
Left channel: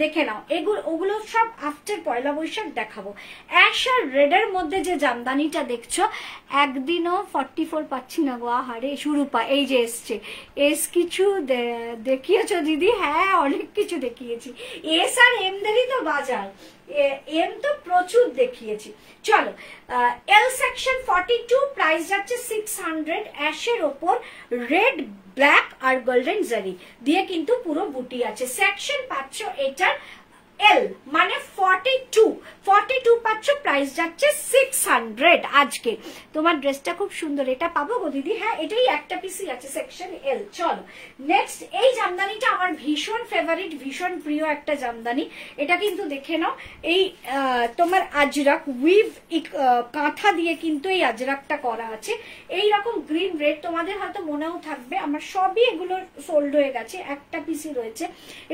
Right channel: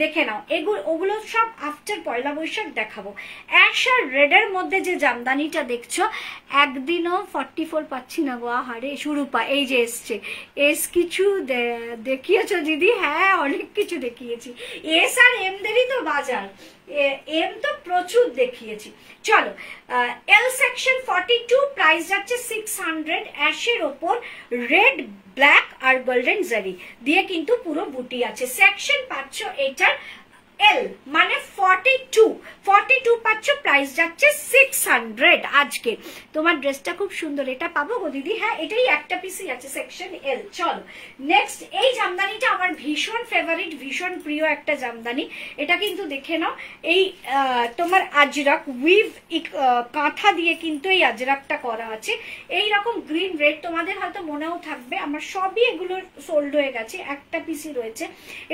দেখে নাও, ওগুলো সব আফটার পয়লা বৈশাখ দেখাবো। অ্যাশ আর রেডের মধ্যে যে জামদানিটা দেখছো, একদিনও 44 পাচ্ছি না গো, আহারে শুরুপা এই যে এসছে। এস কিছু দেখিয়েছো দিদি? হ্যাঁ অনেক কিছু দেখিয়েছি, এস আর এম দেরই তো বাজার, এম তো প্রচুর দেখিয়েছি। চলো এল সেকশন 42, প্রাইস যাচ্ছে 600, অ্যাশের ওপর রেড ব্ল্যাক আর গোল্ডেন জারি দিয়ে কিন্তু পুরো বুটি আছে। সেকশন পাচ্ছ এটার এল মানে 42 পাচ্ছ, প্রাইস যাচ্ছে 600 আজকে। তোমার ড্রেসটা খুব সুন্দর, এটা পাবো গো দিদি? হ্যাঁ এটাই একটা পিসই আছে সেকশন এল। চলো নেক্সট, এই জামদানিটা আমার ভীষণ ফেভারিট, ভীষণ প্রিয় একটা জামদানি, এটা কিন্তু দেখে নাও, এই তোমার আজরাক উইভ কাঁথা দিয়ে কিন্তু এই আজরাকটা করা আছে, এই রকম গ্রিন রেড, তোমাদের হয়তো মনেও থাকবে আমার সবই এগুলো সোল্ড হয়ে গেছে, একটা পিসি রয়েছে।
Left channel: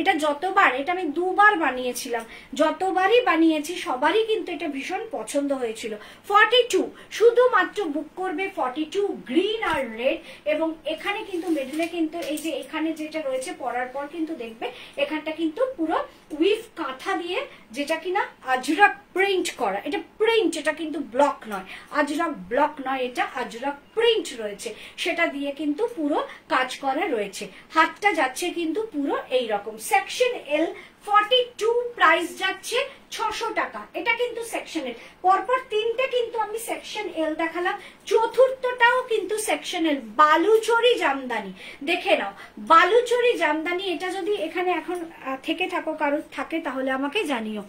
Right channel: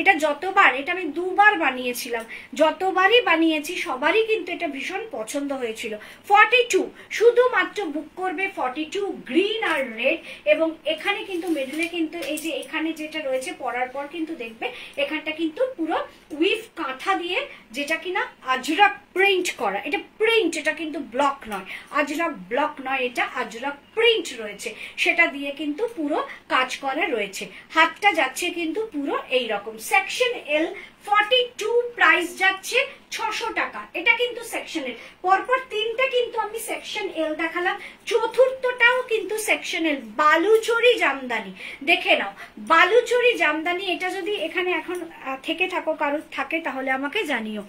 এটা যতবার, এটা আমি দুবার বানিয়েছিলাম, যতবারই বানিয়েছি সবারই কিন্তু এটা ভীষণ পছন্দ হয়েছিল। 42 শুধুমাত্র বুক করবে, 42 গ্রিন আর রেড, এবং এখানে কিন্তু মিডলে কিন্তু এই যে এখানে যেটা রয়েছে পরার পর কিন্তু দেখবে এখানটা কিন্তু পুরো উইভ কাঁথা দিয়ে, যেটা কিনা আজরাক প্রিন্ট করা, এটা প্রিন্ট, এটা কিন্তু ব্লক নয়, আজরাক ব্লক নয়, এটা আজরাক প্রিন্ট রয়েছে, সেটা দিয়ে কিন্তু পুরো কাজ করা রয়েছে। হাতটা যাচ্ছে কিন্তু পুরো এই রকম। সেকশন এল 42, প্রাইস যাচ্ছে 600 টাকা। এটা কিন্তু সেকশন এল, পরপর তিনটে কিন্তু আমি সেকশন এল দেখালাম, চতুর্থটাও কিন্তু সেকশন এল, বালুচরি জামদানি। দেখে নাও বালুচরি জামদানি, এটা যদি এখানে এখন থেকে থাকো কারোর থাকে তাহলে আমাকে জানিও।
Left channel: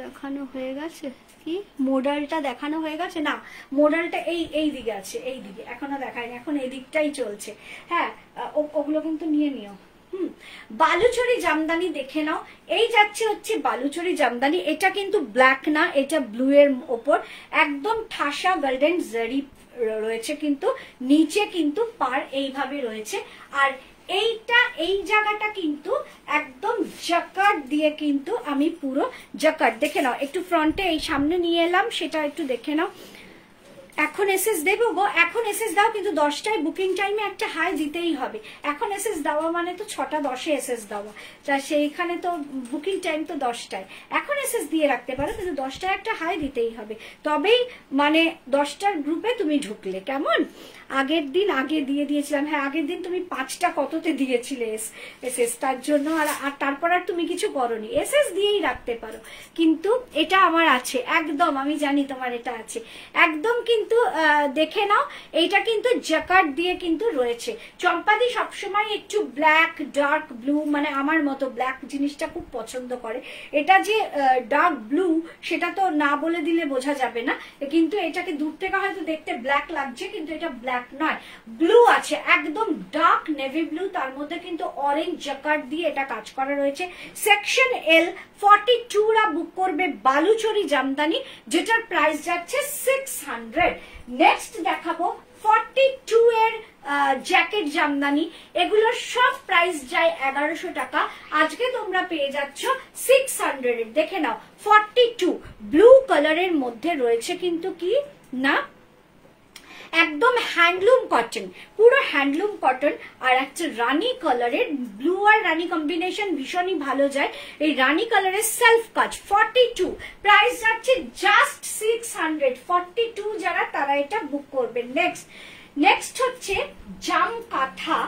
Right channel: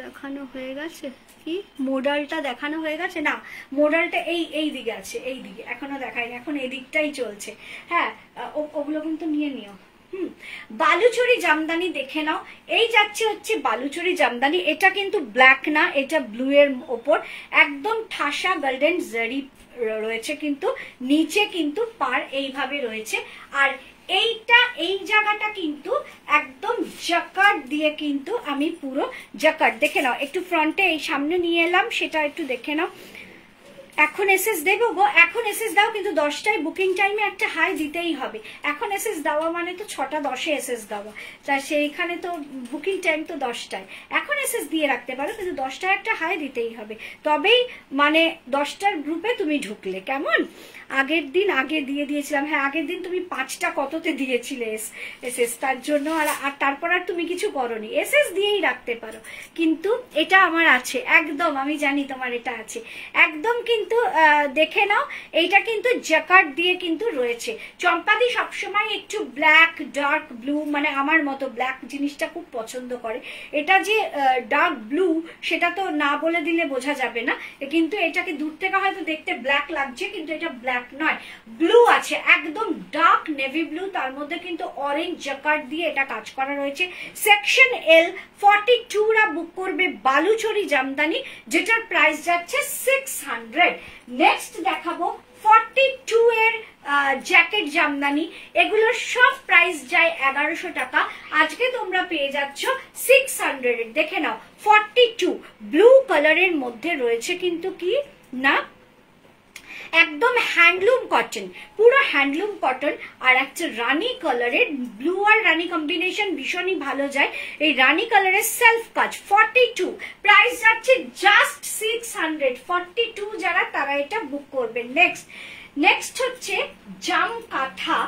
দেখানো হয়ে গেছে কি, মডেলটা দেখানো হয়ে গেছে? না, মডেলটা এই দিকে আছে, এই দিকে এখনো দেখায়নি, এখন এই দিকটাই চলছে। হ্যাঁ ওগুলো কিন্তু নিয়ে নিও। বালুচরি জামদানি দেখে নাও, এই যাচ্ছে হচ্ছে বালুচরি জামদানি, এটা কিন্তু ব্ল্যাক না, এটা ব্লু এর ওপর একদম ঠাসা গোল্ডেন জারি রয়েছে, কিন্তু নিচে কিন্তু পার এইভাবে রয়েছে, আর এইটা এই জায়গাটা কিন্তু একদম জাকার্ড দিয়ে কিন্তু আমি পুরো জাকার্ড, দেখে নাও একটু ফ্রন্টে এই সামনে নিয়ে এলাম, সেটা একটু দেখে নাও। এখন এসএস দেবো গো, এখন এসএস দাও, কিন্তু 10টায় বুকিং টাইমে একটা হাই দিতেই হবে। এখন এসএস দেওয়া মানে তো 6টা 10-এ এসএস দেওয়া, তা সেইখানে তো বুকিং টাইম তো 10টায়, এখন এসএস দিয়ে রাখতে পারো, কিন্তু 10টায় একটা হাই দিতেই হবে, তবেই মানে 10টার গ্রুপে তুমি ঢুকলে। কেমন? আগের দিন আগে দিয়ে দিয়েছিলাম, হ্যাঁ আগের দিন তুমি 5টা কততে দিয়েছিলে এসএস, তার জন্য আর তারপর আর তুমি কিছু করনি, এসএস দিয়েই রাখতে পারো। কিন্তু এটা আমার আছে একদম, আমি জানি তোমার এটা আছে একদম, কিন্তু দেখে নাও এইটা কিন্তু জ্যাকার্ড দিয়ে কিন্তু রয়েছে। চম্পাদি সবসময় একটু ব্ল্যাক ডার্ক ব্লু, মানে আমার মতো ব্ল্যাক জিনিসটা খুব পছন্দ করে, এটা যে ডার্ক ব্লু সেটা তো না বলে দিলে বোঝা যাবে না, কিন্তু এটাকে দূর থেকে হয়তো দেখতে ব্ল্যাক লাগছে, কিন্তু এটা ব্ল্যাক নয়, ব্লু আছে, একদম ডার্ক নেভি ব্লু, তার মধ্যে কিন্তু অরেঞ্জ জ্যাকার্ড দিয়ে এটা কাজ করা রয়েছে। সেকশন এল 42 রা বুক করবে বালুচরি জামদানি, যেটার প্রাইস যাচ্ছে 600। নেক্সট দেখাবো 42 এর জ্যাকেট জামদানি, এগুলোর সব প্রাইস যায় 1100 টাকা। আজকে তোমরা পেয়ে যাচ্ছ 600 এর। দেখে নাও 42 ব্লু কালারের মধ্যে রয়েছে কিন্তু কি না একদম হ্যান্ডলুম কটন, পুরো হ্যান্ডলুম কটন। আর একটা রানী কালারের, ব্লু আর রানী কম্বিনেশন ভীষণই ভালো যায়। এই রানী কালারের সেলফ কাজ 42, প্রাইস যাচ্ছে জাস্ট 600। 42 যারা তারা এটা বুক করবেন। নেক্সট হচ্ছে জাম কাঁথা,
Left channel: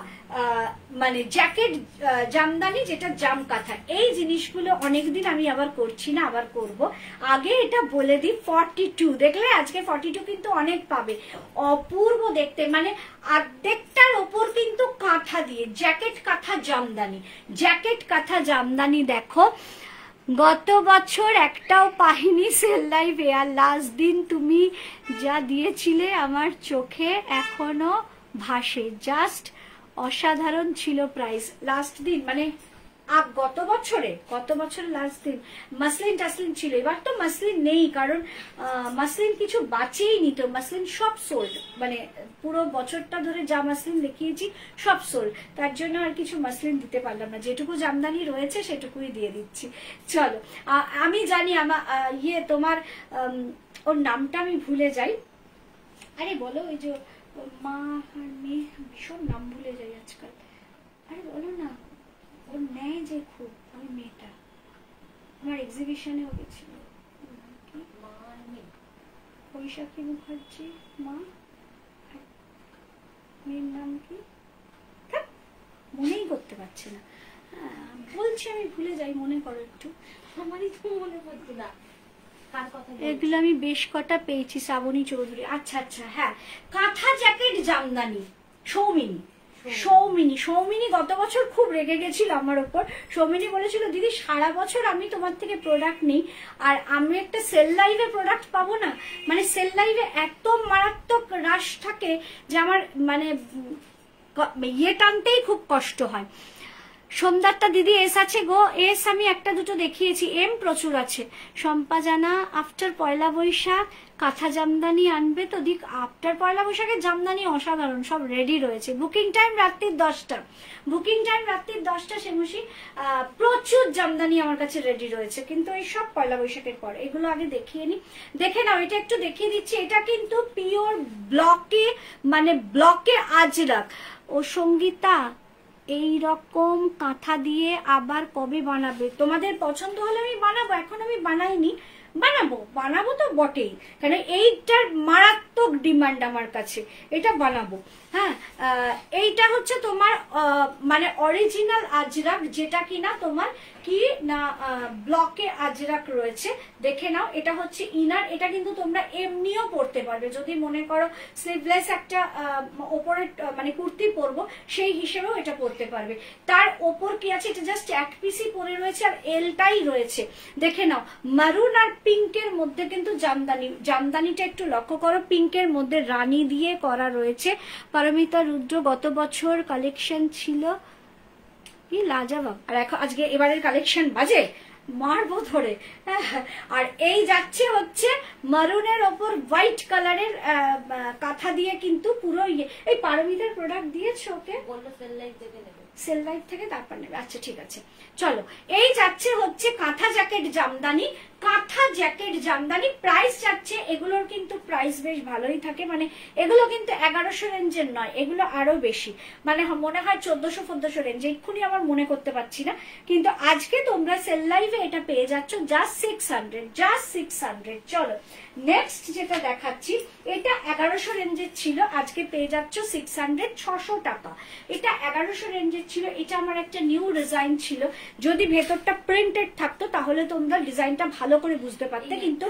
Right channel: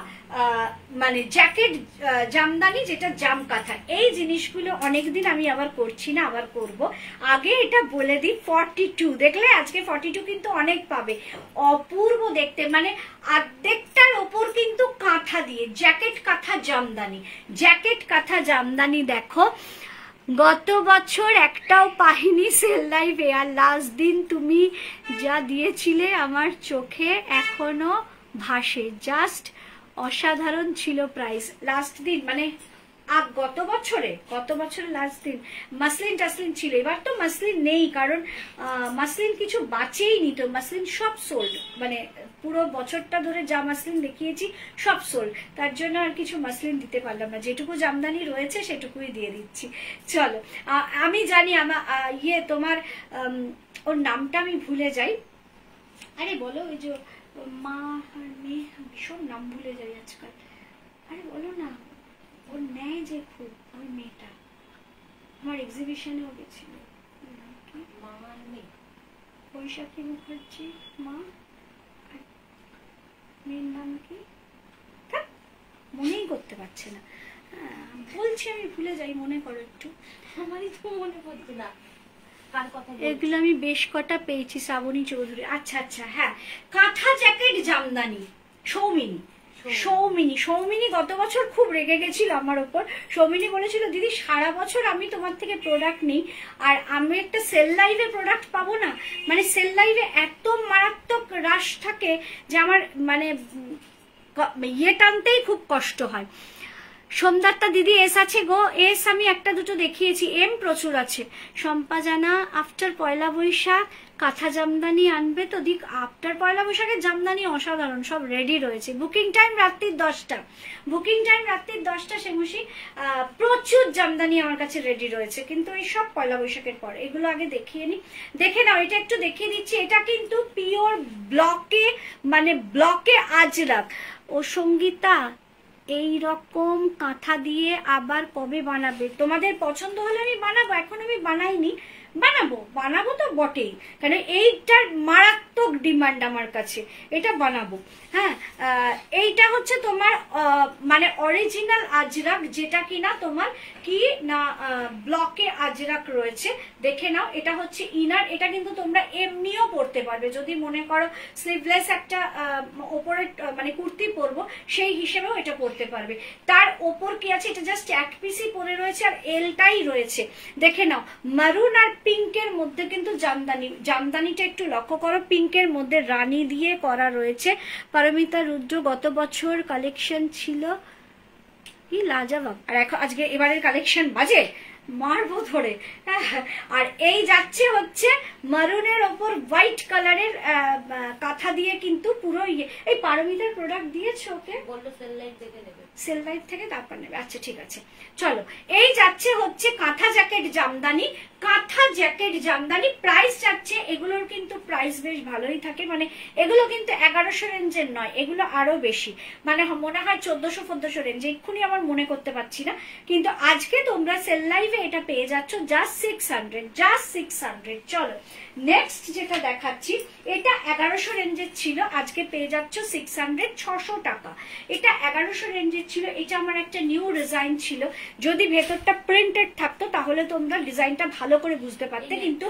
মানে জ্যাকেট জামদানি, যেটা জাম কাঁথা। এই জিনিসগুলো অনেকদিন আমি আবার করছি না, আবার করব। আগে এটা বলে দিই 42 দেখলে আজকে 42 কিন্তু অনেক পাবে, অপূর্ব দেখতে, মানে অর্ধেকটার ওপর কিন্তু কাঁথা দিয়ে জ্যাকেট কাঁথা জামদানি। জ্যাকেট কাঁথা জামদানি দেখো গত বছর একটাও পাইনি সেল লাইভে, আর লাস্ট দিন তুমি যা দিয়েছিলে আমার চোখে এখনো ভাসে, জাস্ট অসাধারণ ছিল প্রাইস লাস্ট দিন, মানে গত বছরে লাস্ট দিন মাসলিন টাসলিন ছিল। এবার তো মাসলিন নেই, কারণ মাসলিন কিছু বাঁচেই নি, তো মাসলিন সব সোল্ড, মানে পুরো বছরটা ধরে যা মাসলিন দেখিয়েছি সব সোল্ড, তার জন্য আর কিছু মাসলিন দিতে পারলাম না। যেটুকু জামদানি রয়েছে সেটুকুই দিয়ে দিচ্ছি। চলো, আমি জানি আমার তোমার ওর নামটা আমি ভুলে যাই। আরে বলো, ওই যে মা মেয়ে, ভীষণ নাম ভুলে যাই আজকাল। আরে বলো না, ওর নেয় যে খুব, ওই মেয়েটা আমার এক্সিবিশনেও গেছিল। বৈশাখী মুখার্জি মা, মেয়ের নাম কি মনেই করতে পারছে না। বলছি আমি ভুলে যাই, মনে করো একটু। আমারই তো মনে পড়ছে না কার কথা। এগুলো আমি বেশ কটা পেয়েছি, শ্রাবণী চৌধুরী। আচ্ছা আচ্ছা, হ্যাঁ, কাঁথা জ্যাকেট জামদানি সৌমিনী গত বছর খুব রেগে গেছিল আমার উপর। সৌমিনী বলেছিল দিদি সারা বছর আমি তোমার থেকে প্রোডাক্ট নিই, আর আমি একটা সেল লাইভে প্রোডাক্ট পাবো না। মানে সেল লাইভে এত মারাত্মক রাশ থাকে যে আমার মানে ইয়ে টানতেই খুব কষ্ট হয়। সোমদারটা দিদি এস আছে গো, এস আমি একটা দুটো দেখিয়েছি, এম প্রচুর আছে। শম্পা জানা আফটার পয়লা বৈশাখ কাঁথা জামদানি আনবে তো দিক। আফটার পয়লা বৈশাখের জামদানি অসাধারণ, সব রেডি রয়েছে। বুকিং টাইম রাত্রির 10টা, বুকিং টাইম রাত্রির 10টা। সেমুশি প্রচুর জামদানি আমার কাছে রেডি রয়েছে, কিন্তু এই সব পয়লা বৈশাখের পর। এগুলো আগে দেখিয়ে নি, দেখে নাও। এটা একটু দেখিয়ে দিচ্ছি, এটা কিন্তু পিওর ব্লকে, মানে ব্লকে আজরাক। ও সঙ্গীতা এই রকম কাঁথা দিয়ে আবার কবে বানাবে? তোমাদের পছন্দ হলে আমি বানাবো, এখন আমি বানাইনি, বানাবো তো বটেই, কারণ এইটার মারাত্মক ডিমান্ড আমার কাছে, এটা বানাবো। হ্যাঁ, এইটা হচ্ছে তোমার মানে অরিজিনাল আজরাক, যেটা কিনা তোমার কি না ব্লকে আজরাক রয়েছে। দেখে নাও, এটা হচ্ছে ইনার। এটা কিন্তু তোমরা এমনিও পরতে পারবে, যদি মনে করো স্লিভলেস একটা ওপরে মানে কুর্তি পরবো সেই হিসেবেও এটা পরতে পারবে। তার ওপর কি আছে, এটা জাস্ট এক পিসই পরে রয়েছে আর এলটাই রয়েছে। দেখে নাও, মারুন আর পিঙ্কের মধ্যে কিন্তু জামদানিটা একটু লক্ষ্য করো, পিঙ্কের মধ্যে রানী দিয়ে করা রয়েছে। পারমিতা রুদ্র গত বছর কালেকশন ছিল লাজবাব, আর এখন আজকে এবারের কালেকশন বাজে মারবো ধরে। আর এই যাচ্ছে হচ্ছে মারুনের ওপর হোয়াইট কালারের কাঁথা দিয়ে, কিন্তু পুরো ইয়ে। এই পারমিতার প্রোডাক্ট দিয়েছে ওকে, বললো সেল লাইভ থেকে নেবে, সেল লাইভ থেকে তারপর নেবে। আচ্ছা ঠিক আছে, চলো। এই যাচ্ছে হচ্ছে কাঁথা জ্যাকেট জামদানি, কাঁথা জ্যাকেট জামদানি। প্রাইস যাচ্ছে, এগুলোর কিন্তু প্রাইস বেশ ভালোই থাকে, মানে এগুলো কিন্তু 1100 রেঞ্জের নয়, এগুলো আরো বেশি, মানে মনে হয় 1400-1400 রেঞ্জ, এক্ষুনি আমার মনে করতে পারছি না। কিন্তু আজকে তোমরা সেল লাইভে এটা পেয়ে যাচ্ছ জাস্ট 600। চলো, নেক্সট যেটা দেখাচ্ছি, এটা 1100 রেঞ্জের ছিল, আজকে পেয়ে যাচ্ছ 600, 600 টাকা। এটা 1100 রেঞ্জের ছিল, এটা আমার একটা নিউ ডিজাইন ছিল। যদি ভেতরটা প্রিন্টেড থাকতো তাহলে তোমরা ডিজাইনটা ভালো করে বুঝতে পারতে, কিন্তু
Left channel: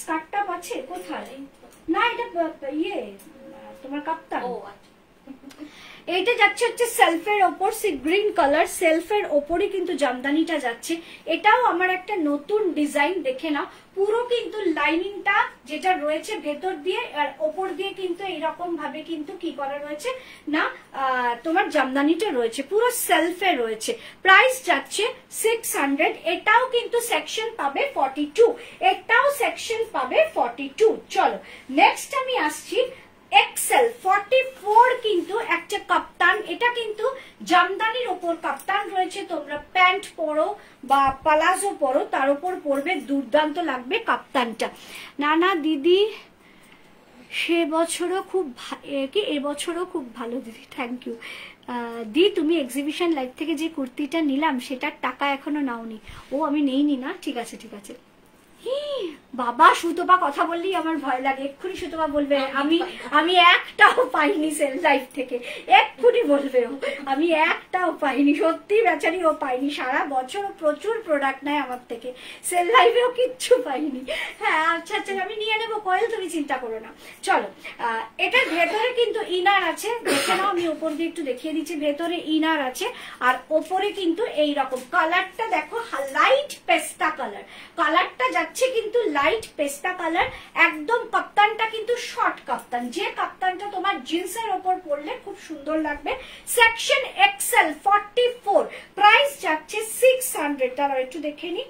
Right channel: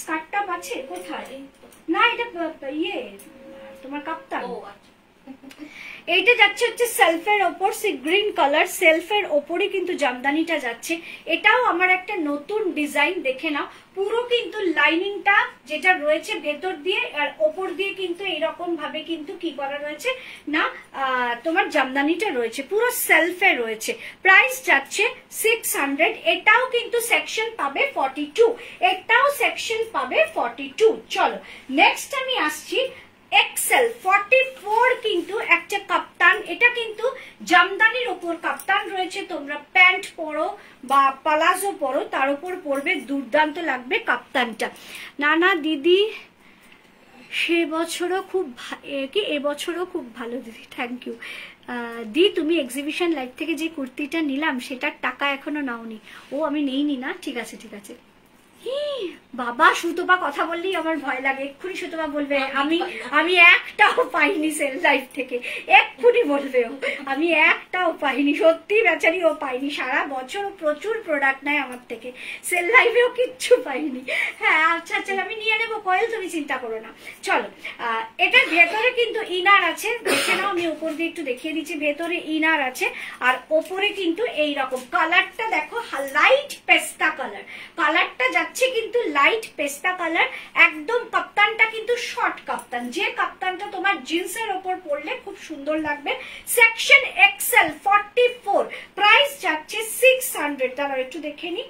স্কার্টটা আছে কোথায়? না, এটা ইয়ে তোমার কাপ্তান। এইটা যাচ্ছে হচ্ছে সেলফের ওপর, সি গ্রিন কালার সেলফের ওপরই কিন্তু জামদানিটা যাচ্ছে। এটাও আমার একটা নতুন ডিজাইন, দেখে নাও। পুরো কিন্তু লাইনিংটা যেটা রয়েছে ভেতর দিয়ে আর ওপর দিয়ে কিন্তু এইরকম ভাবে কিন্তু কি করা রয়েছে না তোমার জামদানিটা রয়েছে, পুরো সেলফে রয়েছে। প্রাইস যাচ্ছে 600। এটাও কিন্তু সেকশন পাবে 42, এটাও সেকশন পাবে 42। চলো, নেক্সট আমি আসছি এক্সেল 44 কিন্তু একটা কাপ্তান, এটা কিন্তু জামদানির ওপর কাপ্তান রয়েছে। তোমরা প্যান্ট পরো বা পালাজো পরো, তার উপর পরবে, দুর্দান্ত লাগবে কাপ্তানটা। না না দিদি সে বছরও খুব কি এবছরও খুব ভালো দিদি, থ্যাংক ইউ দি। তুমি এক্সিবিশন লাইভ থেকে যে কুর্তিটা নিলাম সেটার টাকা এখনো নাওনি? ও আমি নেইনি না, ঠিক আছে ঠিক আছে। বাবা সুতপা কথা বললেই আমার ভয় লাগে, এক্ষুনি সুতপা বলবে আমি একটাও পাইনি সেল লাইফ থেকে, এক্ষুনি বলবে ও আমি একটাও পাইনি। সত্যি বেচারি ও পাইনি, সারা বছর প্রচুর প্রোডাক্ট নেয় আমার থেকে, সেল লাইফেও কিচ্ছু পাইনি। হ্যাঁ আচ্ছা আচ্ছা আমি নিয়ে নেবো কয়েল, তুমি চিন্তা করো না। চলো এটার ভেতরে কিন্তু ইনার আছে, দেখে নাও, আমি উপর দিয়ে একটু দেখিয়ে দিচ্ছি। ভেতরে ইনার আছে আর ওপরে কিন্তু এইরকম কালারটা দেখো, লাইট পেস্তা কালার, কালারটা যাচ্ছে কিন্তু লাইট পেস্তা কালার। একদম কাপ্তানটা কিন্তু শর্ট কাপ্তান, যে কাপ্তানটা তোমার জিন্সের ওপর পরলে খুব সুন্দর লাগবে। সেকশন এক্সেল 44, প্রাইস যাচ্ছে 600। তারা একটু দেখে নি,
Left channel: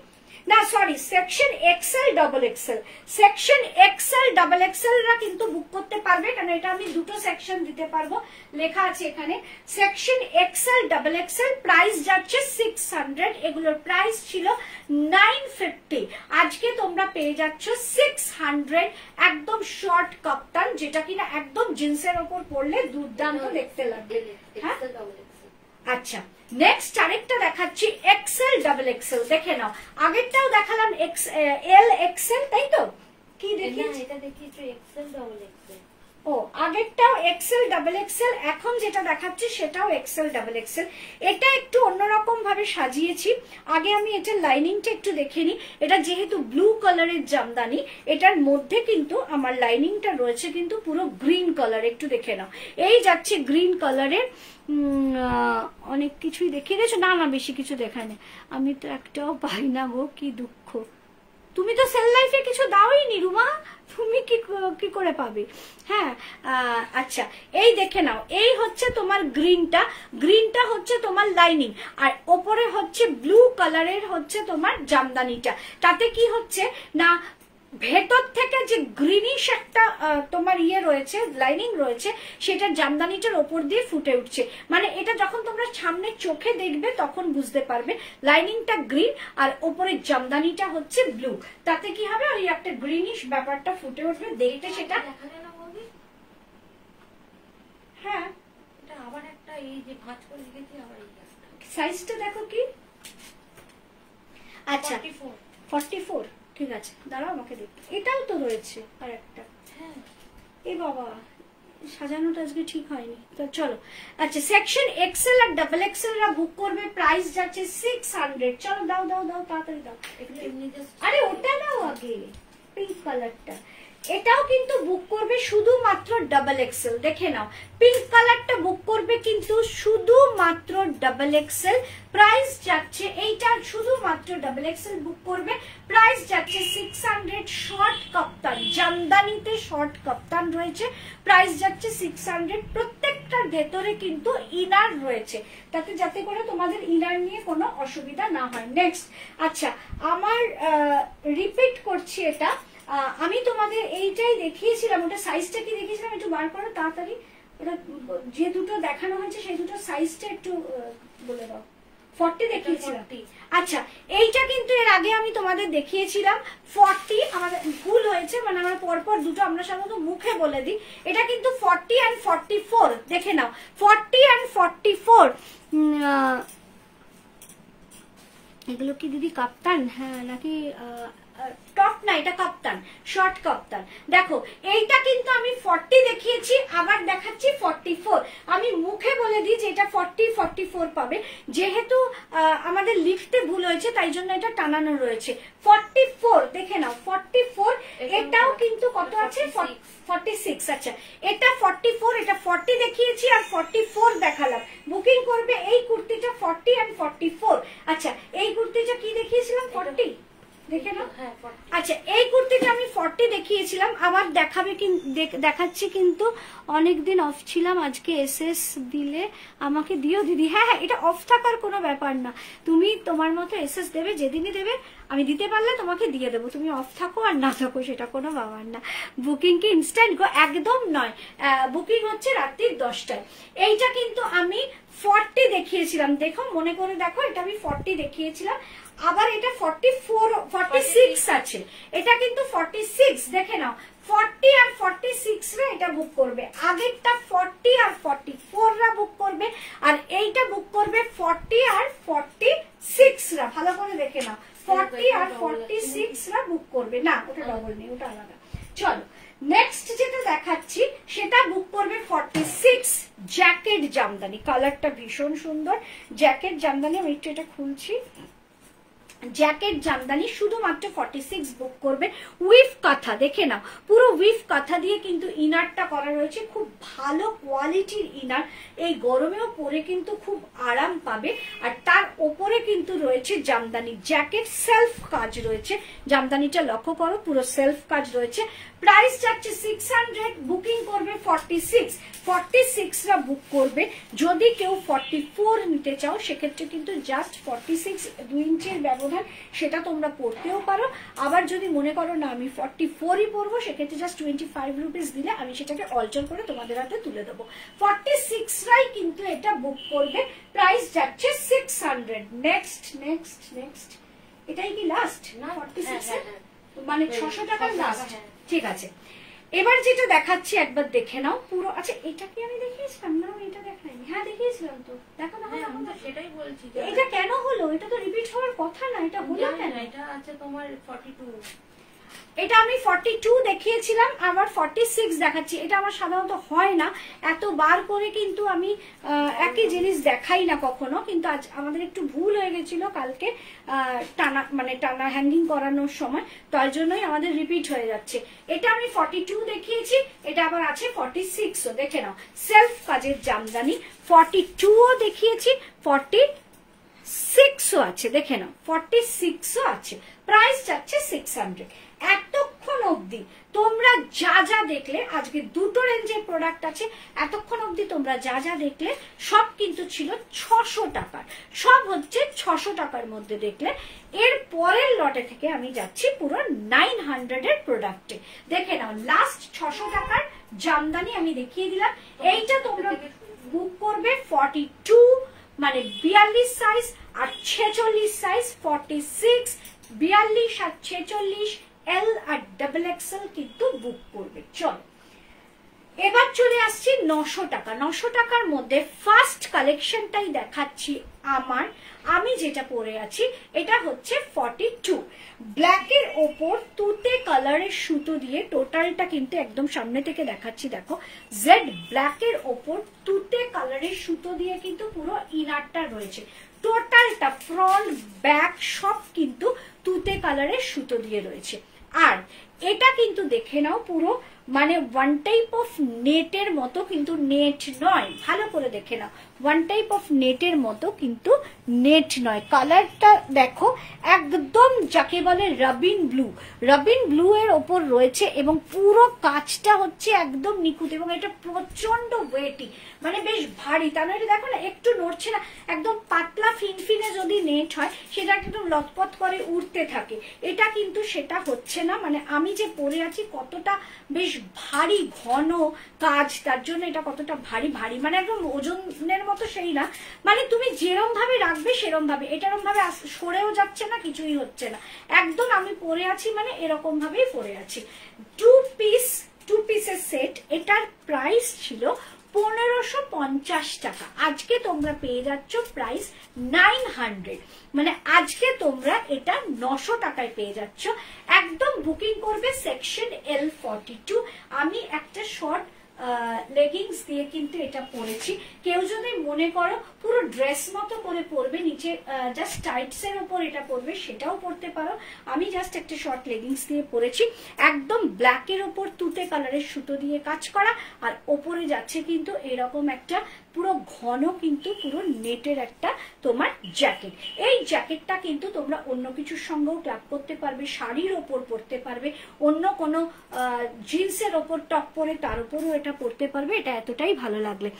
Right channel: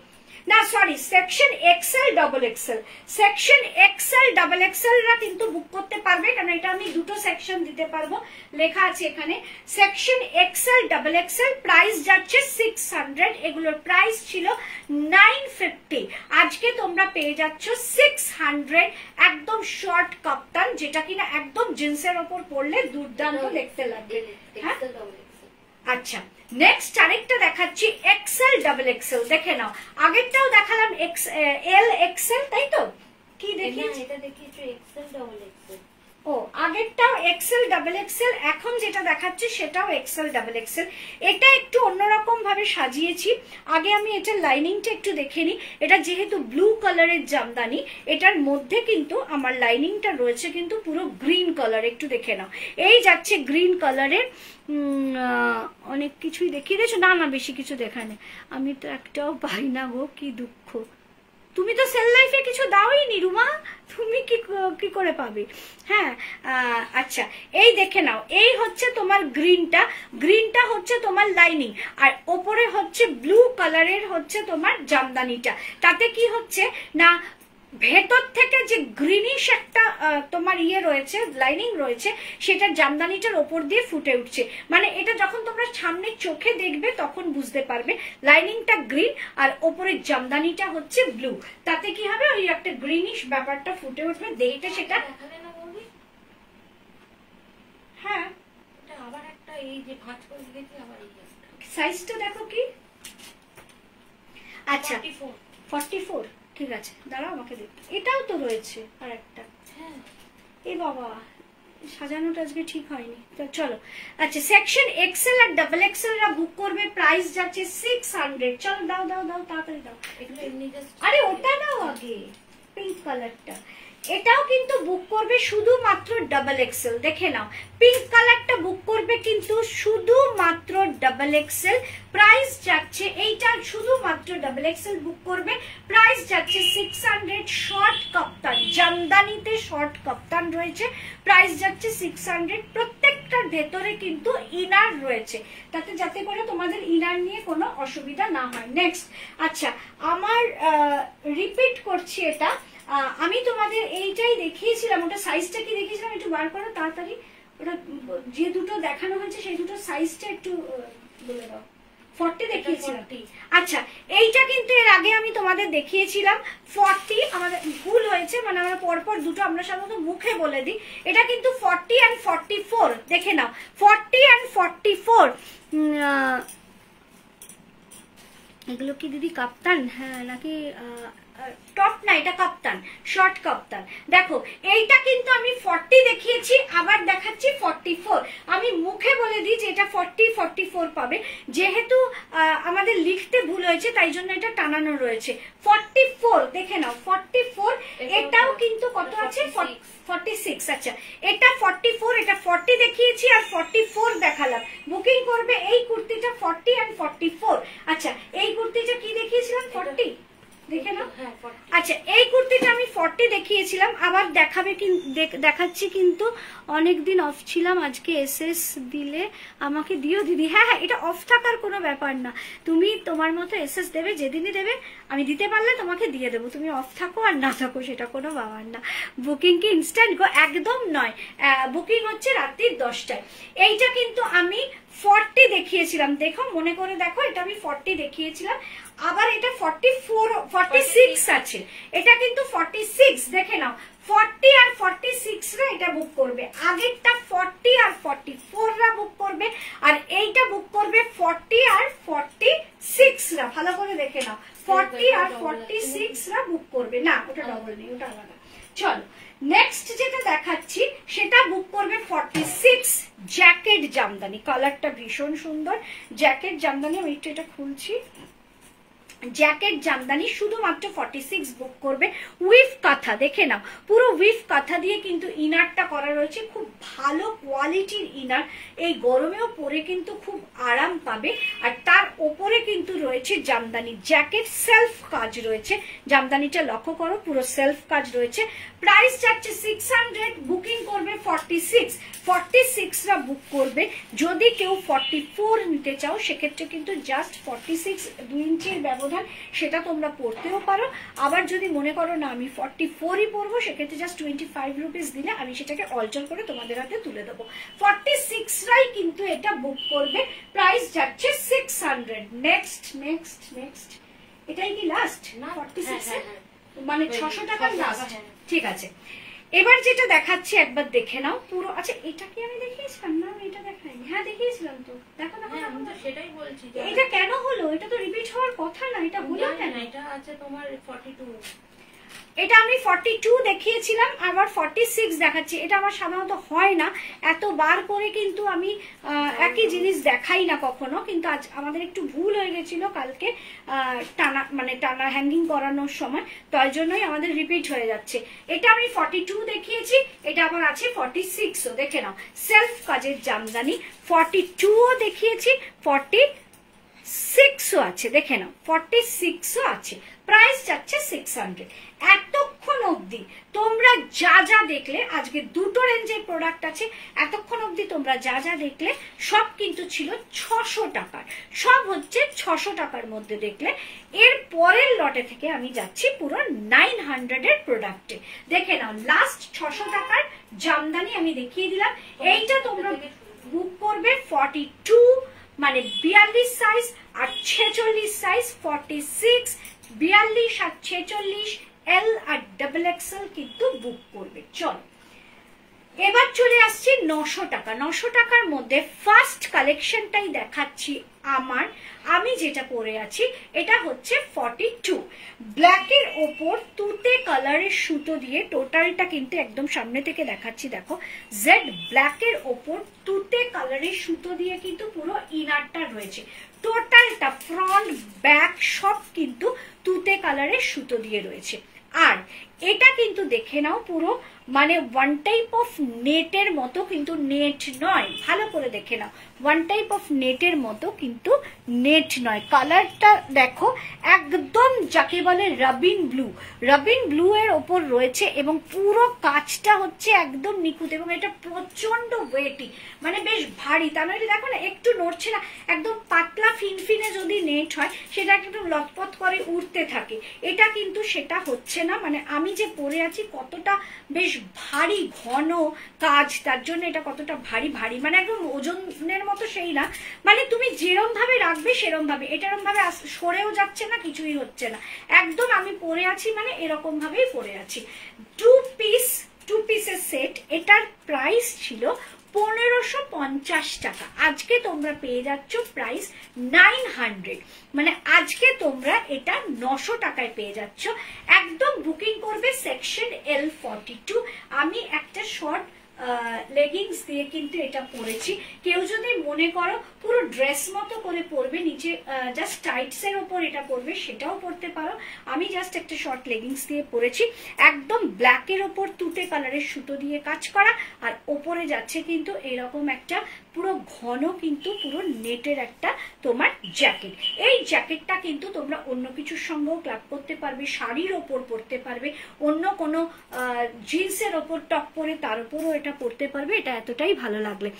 না sorry section Excel double Excel, section Excel double Excel রা কিন্তু বুক করতে পারবে, কারণ এটা আমি দুটো সেকশন দিতে পারবো, লেখা আছে এখানে section Excel double Excel, price যাচ্ছে 600। এগুলোর প্রাইস ছিল 950, আজকে তোমরা পেয়ে যাচ্ছ 600। একদম শর্ট কাপ্তান, যেটা কিনা একদম জিন্সের ওপর পরলে দুর্দান্ত দেখতে লাগবে। আচ্ছা নেক্সট আরেকটা দেখাচ্ছি এক্সেল ডাবল এক্সেল, দেখে নাও। আগেরটাও দেখালাম এল এক্সেল, তাই তো? কি দেখিয়েছি? এটা দেখিয়েছি এক্সেল ডাবল এক্সেল। ও আগেরটাও এক্সেল ডাবল এক্সেল, এখন যেটা দেখাচ্ছি সেটাও এক্সেল ডাবল এক্সেল। এটা একটু অন্যরকম ভাবে সাজিয়েছি। আগে আমি এটার লাইনিংটা একটু দেখে নিই। এটা যেহেতু ব্লু কালারের জামদানি, এটার মধ্যে কিন্তু আমার লাইনিংটা রয়েছে কিন্তু পুরো গ্রিন কালার, একটু দেখে নাও। এই যাচ্ছে গ্রিন কালারের, অনেক কিছুই দেখিয়ে দিয়েছো। না না বেশি কিছু দেখায় না, আমি তো একটাও পাই না গো, কি দুঃখ। তুমি তো সেল লাইফে কিছু দাওই নি রুমা, তুমি কি করে পাবে? হ্যাঁ আচ্ছা এই দেখে নাও, এই হচ্ছে তোমার গ্রিনটা, গ্রিনটা হচ্ছে তোমার লাইনিং, আর ওপরে হচ্ছে ব্লু কালারের হচ্ছে তোমার জামদানিটা। তাতে কি হচ্ছে না, ভেতর থেকে যে গ্রিনিশ একটা তোমার ইয়ে রয়েছে, লাইনিং রয়েছে, সেটা জামদানিটার ওপর দিয়ে ফুটে উঠছে। মানে এটা যখন তোমরা সামনে চোখে দেখবে তখন বুঝতে পারবে লাইনিংটা গ্রিন আর ওপরের জামদানিটা হচ্ছে ব্লু। তাতে কি হবে, ওই একটা গ্রিনিশ ব্যাপারটা ফুটে উঠবে। দেইটা সেটা হ্যাঁ, এটা আবার একটা এই যে ভাঁজ করে দিয়েছি, আবার এই সাইজটা দেখো কি। আচ্ছা 44, ঠিক আছে দাঁড়াও আমাকে দেখতে, এটাও তো রয়েছে আর একটা। হ্যাঁ এই বাবা সাজানোটা আজকে ঠিক হয়নি, তো চলো। আচ্ছা সেকশন এক্সেল আর ডাবল এক্সেল রা বুক করবে, প্রাইস যাচ্ছে 600। চলো দাও দাও দাও তাড়াতাড়ি দাও। আরে ওটা নাও আগে, পিঙ্ক কালারটা, এটাও কিন্তু বুক করবে শুধুমাত্র ডাবল এক্সেল। দেখে নাও পিঙ্ক কালারটা বুক করবে কিন্তু শুধুমাত্র ডাবল এক্সেল, প্রাইস যাচ্ছে এইটা শুধুমাত্র ডাবল এক্সেল বুক করবে, প্রাইস যাচ্ছে 600। শর্ট কাপ্তান, জামদানিতে শর্ট কাপ্তান রয়েছে, প্রাইস যাচ্ছে 600। প্রত্যেকটার ভেতরে কিন্তু ইনার রয়েছে, তাতে যাতে করে তোমাদের ইনার নিয়ে কোনো অসুবিধা না হয়। নেক্সট আচ্ছা আমার রিপিট করছি, এটা আমি তোমাদের এইটাই দেখিয়েছিলাম, ওটা সাইজটা কি দেখিয়েছিলাম একটু বার করো তাড়াতাড়ি। ওটা যে দুটো দেখানো হয়েছে সেই দুটো সাইজটা একটু বলে দাও। 40 দেখিয়েছিলাম। আচ্ছা এইটা কিন্তু এর আগে আমি তোমাদের দেখিয়েছিলাম 40, আমাদের ভুল হয়েছে, মানে আমরা পরপর দুটো আমরা সাধারণত মুখে বলে দিই। এটা কিন্তু 40 and 44, দেখে নাও 40 and 44। এগুলো কি দিদি কাপ্তান? হ্যাঁ নাকি টপ না, এটা কাপ্তান, শর্ট কাপ্তান। দেখো এইটা কিন্তু আমি 40 দেখিয়েছি, আবার দেখাচ্ছি 44। আমি মুখে বলে দিই যে এটা 40 44 পাবে, যেহেতু আমাদের লিখতে ভুল হয়েছে তাই জন্য এটা টানানো রয়েছে 44। দেখে নাও 44, এটাও কিন্তু কত আছে 46। আচ্ছা এটা 44, এটা 40 দেখিয়েছি আর 44 দেখালাম। বুকিং করবে এই কুর্তিটা 40 and 44। আচ্ছা এই কুর্তিটা কি দেখিয়েছিলাম 40, দেখে নাও। আচ্ছা এই কুর্তিটা আমি 40 দেখিয়েছিলাম, আবার দেখাচ্ছি, কিন্তু অনেকদিন অফ ছিলাম, আজকে এসএস দিলে আমাকে দিও দিদি। হ্যাঁ হ্যাঁ, এটা অফ থাকার কোনো ব্যাপার না, তুমি তোমার মতো এসএস দেবে, যেদিনই দেবে আমি দিতে পারলে তোমাকে দিয়ে দেবো, তুমি অফ থাকো আর না থাকো সেটা কোনো ব্যাপার না। বুকিং কি ইনস্ট্যান্ট গো? একদম নয়, বুকিং হচ্ছে রাত্রি 10টায়। এইটা কিন্তু আমি 40 দেখিয়েছিলাম, দেখো মনে করে দেখো, এটা আমি 40 দেখিয়েছিলাম, আবার এটা 46 আছে, এটা কিন্তু 46, দেখে নাও 40 আর 46 রা এটা বুক করবে, আগেরটা 40 আর 44 রা বুক করবে, আর এইটা বুক করবে 40 আর 46 রা। ভালো করে দেখে নাও, 40 আর 46 রা বুক করবে। না, ওটা ডবল নেই, ওটা আলাদা। চলো নেক্সট যেটা দেখাচ্ছি সেটা বুক করবে 46, জ্যাকেট জামদানি, কালারটা ভীষণ সুন্দর, জ্যাকেট জামদানি। আমি একটু এটা খুলছি, জ্যাকেট জামদানি শুধুমাত্র 46 বুক করবে। উইফ কাঁথা, দেখে নাও পুরো উইফ কাঁথা দিয়ে কিন্তু ইনারটা করা রয়েছে, খুব ভালো কোয়ালিটির ইনার, এই গরমেও পরে কিন্তু খুব আরাম পাবে। আর তার ওপরে কিন্তু রয়েছে জামদানি জ্যাকেট, সেলফ কাজ রয়েছে, জামদানিটা লক্ষ্য করো পুরো সেলফ কাজ রয়েছে। প্রাইস যাচ্ছে 600, বুকিং করবে 46 রা বুক করবে। যদি কেউ 44 নিতে চাও সেক্ষেত্রে কিন্তু জাস্ট 46 2 ইঞ্চির ব্যবধান, সেটা তোমরা পড়তেও পারো। আবার যদি মনে করো না আমি 44ই পরবো, সেক্ষেত্রে জাস্ট 25 রুপিস দিলে আমি সেটাকে অল্টার করে তোমাদের হাতে তুলে দেবো। 46 রাই কিন্তু এটা বুক করবে, প্রাইস যাচ্ছে 600। নেক্সট, এটাই কি লাস্ট? 46 মানে 600 টাকার লাস্ট, ঠিক আছে। এবার যেটা দেখাচ্ছি একবার দেখে নাও পুরো। আচ্ছা, এটা কি আমি দেখিয়েছিলাম না? এটা দেখাইনি। হ্যাঁ দেখিয়েছিলাম তো, দেখো না, আমি তো সেটাই বলছি। এটা কেন হলো? এটা তো রিপিট হওয়ার কথা না, এটা হলো কেন? এটা আছে তোমার 42, এটা আমি 42 দেখিয়েছিলাম, আবার 46 দেখাচ্ছি। এটা আমার সাধারণত হয় না, এতবার করে কিন্তু আমি একই জিনিস দেখাই না কখনো, কিন্তু আজ আমাদের একটু ভুল হয়ে গেছিল কালকে টানা হ্যাঙ্গিং করানোর সময়, তার জন্যই আমাদের রিপিট হয়ে যাচ্ছে। এটা আমি 42 দেখিয়েছি, এটা আবার আছে 46ও, দেখে নাও সেলফ কাজের জামদানি। 42ও দেখিয়েছি, 46ও আছে, দেখে নাও 46ও আছে। প্রাইস যাচ্ছে 600। এতক্ষণ অবধি তোমরা যা যা দেখলে, আজকে দুটো রেঞ্জের প্রোডাক্ট আছে, এতক্ষণ অবধি তোমরা যা যা দেখলে সব কিন্তু ছিল 600 টাকার, সব হচ্ছে 600 টাকার মধ্যে দেখলে। এর পরের লটে থেকে আমি যাচ্ছি পুরো 900 এর প্রোডাক্টে। দেখে নাও লাস্ট 600 টাকার জামদানি আমি দেখিয়ে দিলাম। এইটা তোমরা বুক করবে 42 মানে 42 সাইজ, আর 46 সাইজ 46, 42 আর 46 এল আর ডাবল এক্সেল কিন্তু বুক করবে। চলো এবার চলে আসছি 900 টাকা। 900 টাকার মধ্যে ফার্স্ট কালেকশনটাই দেখাচ্ছি আমি যেটা পরে আছি, এটা হচ্ছে 42 ব্ল্যাকের ওপর তুতে কালারের সুতো দিয়ে, টোটালটা কিন্তু একদম সামনে থেকে দেখাচ্ছি, দেখো জেড ব্ল্যাকের ওপর তুতে কালারের সুতো দিয়ে কিন্তু পুরো ইনারটা রয়েছে, টোটালটা ফ্রন্ট ব্যাক সব কিন্তু তুতে কালারের সুতো দিয়ে রয়েছে। আর এটা কিন্তু দেখে নাও পুরো মানে ওয়ান টাইপ অফ নেটের মতো, কিন্তু নেট নয়, ভালো করে দেখে নাও, ওয়ান টাইপ অফ নেটের মতো কিন্তু নেট নয়। কালারটা দেখো একদম যাকে বলে রাবিন ব্লু এর ওপর রয়েছে, এবং পুরো কাজটা হচ্ছে একদম নিখুঁত, এবং এটা প্রচন্ড ওয়েটি, মানে বেশ ভারী। তা নয় দেখো না একটু নড়ছে না, একদম পাতলা ফিনফিনে যদি নেট হয় সেটা একদম লটপট করে উঠতে থাকে, এটা কিন্তু সেটা হচ্ছে না। মানে আমি যে পরে আছি কতটা বেশ ভারী ঘন কাজ, তার জন্য এটা কতটা ভারী মানে একদম ওজনের মতো সেই না, মানে তুমি যেরম ভাবে রাখবে সেরম ভাবে, এটারম ভাবে সরেও যাচ্ছে না, কিছুই হচ্ছে না, একদম আমি পরে আছি মানে এরকম ভাবেই পরে আছি। টু পিসের সেট, এটার প্রাইস ছিল 1550 টাকা, আজকে তোমরা পেয়ে যাচ্ছ প্রাইস 900, মানে আজকে তোমরা এটা 900 টাকায় পেয়ে যাচ্ছ। একদম বুকিং করবে সেকশন L42। আমি একটা শর্ট লেগিংস দিয়ে কিন্তু এটা পরেছি, কেউ যদি মনে করো পুরো ড্রেস মতো করে পরবে, নিচে জাস্ট টাইটস এর উপর এটা পরবে সেটাও পরতে পারো। আমি জাস্ট একটা শর্ট লেগিংস দিয়ে পরেছি, একদম ব্ল্যাকের ওপর তুতে কালারের সুতো দিয়ে কাজ করা, আর ওপরে যাচ্ছে কিন্তু এরকম একটা পুরো ঘন কিন্তু পুরো নেটের একটা তোমার জ্যাকেট। এই জ্যাকেটটা কিন্তু তোমরা অন্য কিছুর সঙ্গেও ক্লাব করতে পারবে, শাড়ির ওপর পরতে পারবে, অন্য কোনো জিন্সের ওপর টপ পরে তার উপরও এটা পরতে পারবে। এটা এতটাই ভালো লাগলে।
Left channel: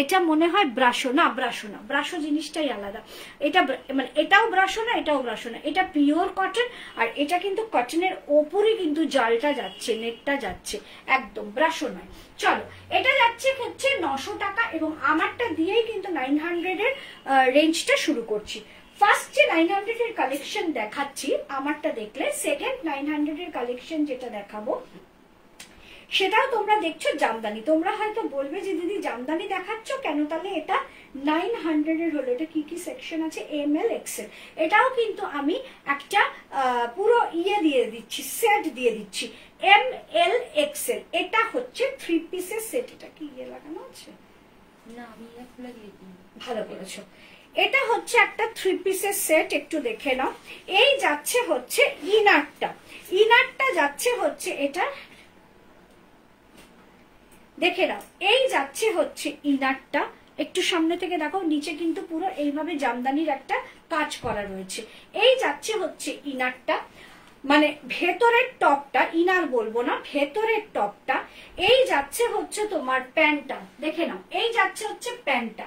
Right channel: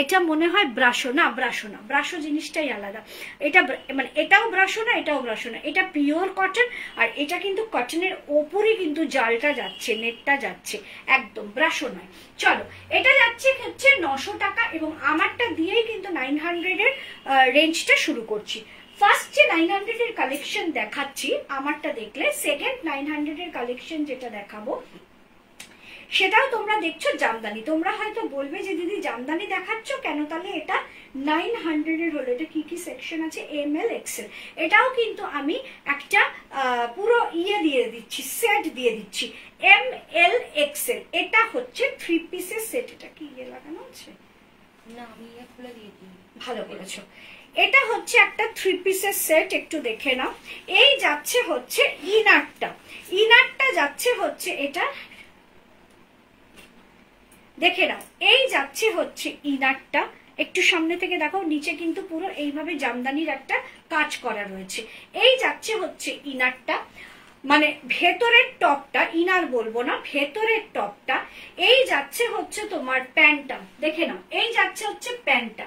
এটা মনে হয় ব্রাশো, না ব্রাশো না, ব্রাশো জিনিসটাই আলাদা। এটা মানে এটাও ব্রাশো না, এটাও ব্রাশো না, এটা পিওর কটন। আর এটা কিন্তু কটনের ওপরই কিন্তু জালটা যাচ্ছে, নেটটা যাচ্ছে, একদম ব্রাশো নয়। চলো, এটা যাচ্ছে হচ্ছে 900 টাকা এবং আমারটা দিয়েই কিন্তু 900 এর রেঞ্জটা শুরু করছি। ফার্স্ট যে 900 এর কালেকশন দেখাচ্ছি আমারটা দেখলে, সেকেন্ড 900 এর কালেকশন যেটা দেখাবো সেটাও তোমরা দেখছো জামদানি। তোমরা হয়তো বলবে যে দিদি জামদানি দেখাচ্ছ কেন, তাহলে এটা 900 এর হলো। এটা কি কি সেকশন আছে, ML XL। এটাও কিন্তু আমি একটা পুরো ইয়ে দিয়ে দিচ্ছি, সেট দিয়ে দিচ্ছি, ML XL। এটা হচ্ছে 3 পিসের সেট। এটা কি ইয়ে লাগানো আছে না, আমি ইয়ে খুলে দিয়েছি। ভালো করেছো। এটা হচ্ছে একটা 3 পিসের সেট, একটু দেখে নাও। এই যাচ্ছে হচ্ছে ইনারটা, ইনারটা যাচ্ছে হচ্ছে এটা দেখে নাও। এই যাচ্ছে হচ্ছে ইনারটা, একটু সামনে থেকে দেখো, নিচে কিন্তু পুরো এইভাবে জামদানির একটা কাজ করা রয়েছে। এই যাচ্ছে হচ্ছে ইনারটা, মানে ভেতরের টপটা, ইনার বলবো না, ভেতরের টপটা। এই যাচ্ছে হচ্ছে তোমার প্যান্টটা, দেখে নাও। এই যাচ্ছে হচ্ছে প্যান্টটা,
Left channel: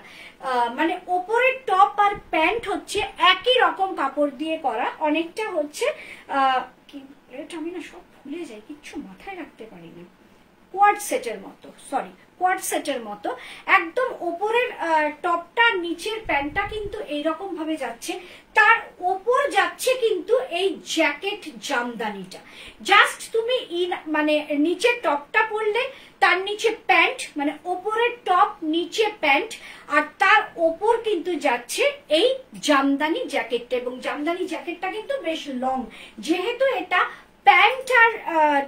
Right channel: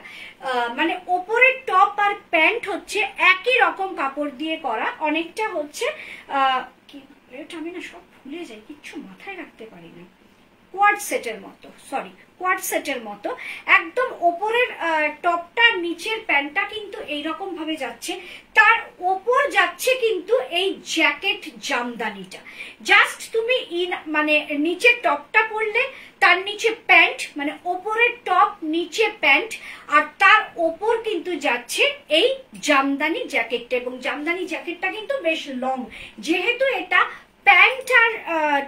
মানে ওপরের টপ আর প্যান্ট হচ্ছে একই রকম কাপড় দিয়ে করা। অনেকটা হচ্ছে এটা আমি না সব ভুলে যাই, কিচ্ছু মাথায় রাখতে পারি না। কোয়াড সেটের মতো, সরি কোয়াড সেটের মতো একদম ওপরের টপটা, নিচের প্যান্টটা কিন্তু এইরকম ভাবে যাচ্ছে। তার ওপর যাচ্ছে কিন্তু এই জ্যাকেট জামদানিটা। জাস্ট তুমি মানে নিচের টপটা পরলে, তার নিচে প্যান্ট, মানে ওপরের টপ নিচে প্যান্ট, আর তার ওপর কিন্তু যাচ্ছে এই জামদানি জ্যাকেটটা। এবং জামদানি জ্যাকেটটা কিন্তু বেশ লং, যেহেতু এটা প্যান্ট আর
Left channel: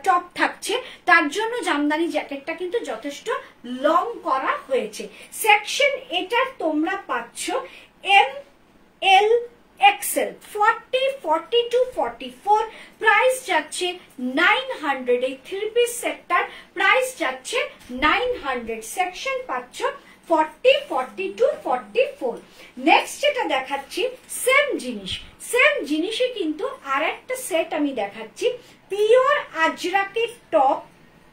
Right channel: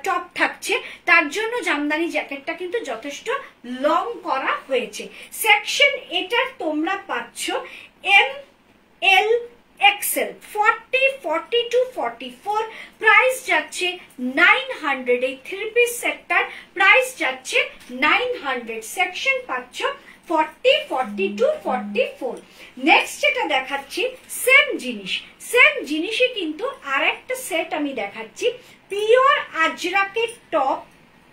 টপ থাকছে তার জন্য জামদানি জ্যাকেটটা কিন্তু যথেষ্ট লং করা হয়েছে। সেকশন এটার তোমরা পাচ্ছ ML XL 40, 42, 44। প্রাইস যাচ্ছে 900। এই 3 পিস সেটটার প্রাইস যাচ্ছে 900। সেকশন পাচ্ছ 40, 42, 44। নেক্সট যেটা দেখাচ্ছি সেম জিনিস, সেম জিনিসই কিন্তু আর একটা সেট আমি দেখাচ্ছি, পিওর আজরাকের টপ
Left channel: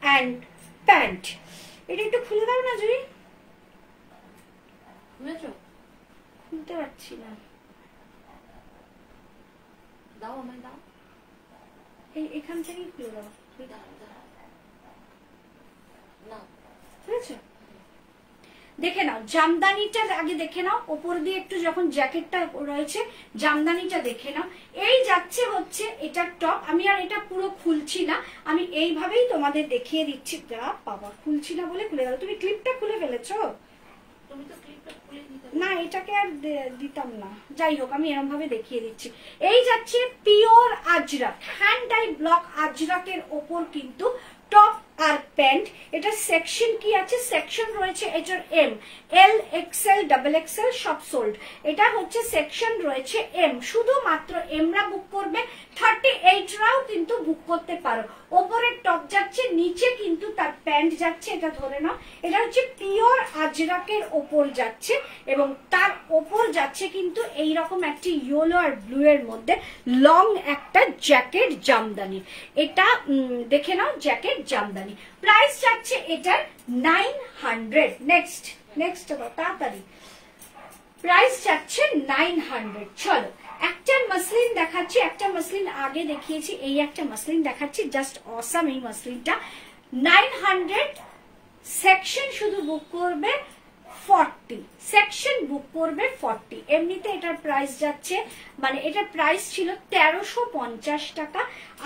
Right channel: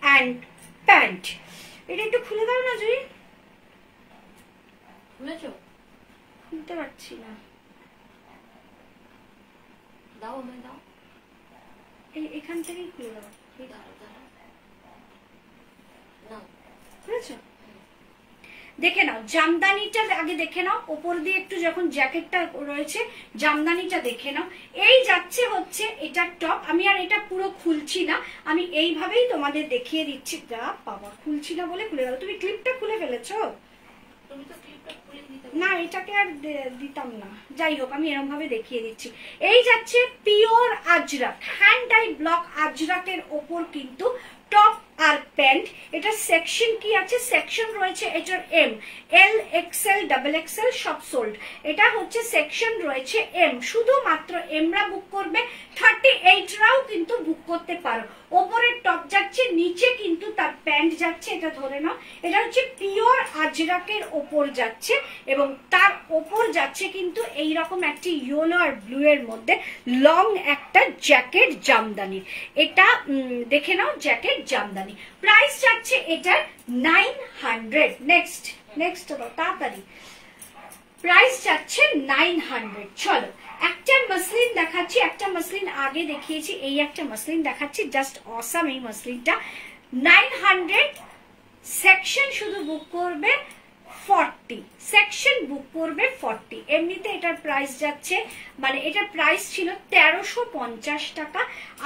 অ্যান্ড প্যান্ট। এটা একটু খুলে দাও না জয়ী। খুলেছো? খুলতে পারছি না, দাও আমায় দাও। এখান থেকেই খুলে দাও। নাও, খুলেছো? দেখে নাও জামদানিটা আগে, দেখে নাও ওপর দিয়ে একটু যখন জ্যাকেটটা রয়েছে, জামদানিটা দেখে নাও। এই যাচ্ছে হচ্ছে এটা টপ। আমি আর এটা পুরো খুলছি না, আমি এইভাবেই তোমাদের দেখিয়ে দিচ্ছি। বাবা, খুলছি না বলে খুলে গেল। তুমি ক্লিপটা খুলে ফেলেছো? তুমি তো ক্লিপটা খুলে দিতে না, এটাকে আর দিতাম না। যাই হোক, আমি এরকম ভাবে দেখিয়ে দিচ্ছি। এই যাচ্ছে pure Ajrak, hand dye block আজরাকের ওপর কিন্তু টপ আর প্যান্ট। এটা সেকশন কি আছে, সেকশন রয়েছে এটার ML XL XXL সব সোল্ড। এটা হচ্ছে সেকশন রয়েছে M, শুধুমাত্র এমরা বুক করবে, 38 রাও কিন্তু বুক করতে পারো। ওপরের টপ যাচ্ছে, নিচে কিন্তু তার প্যান্ট যাচ্ছে। এটা ধরে নাও, এটা হচ্ছে পিওর আজরাকের ওপর যাচ্ছে এবং তার ওপর যাচ্ছে কিন্তু এইরকম একটি ইয়েলো আর ব্লু এর মধ্যে লং একটা জ্যাকেট জামদানি। এটা দেখে নাও, জ্যাকেট জামদানি। প্রাইস যাচ্ছে এটার 900। নেক্সট তাড়াতাড়ি, প্রাইস যাচ্ছে 900। চলো, একটা মাসলিন দেখাচ্ছি, একটা মাসলিন আগে দেখিয়েছি, এই একটা মাসলিন দেখাচ্ছি, জাস্ট অসাম এই মাসলিনটা। 900। সেকশন শুধু বুক করবে 40, সেকশন বুক করবে 40। এমনিতে এটার প্রাইস যাচ্ছে, মানে এটা প্রাইস ছিল 1350 টাকা,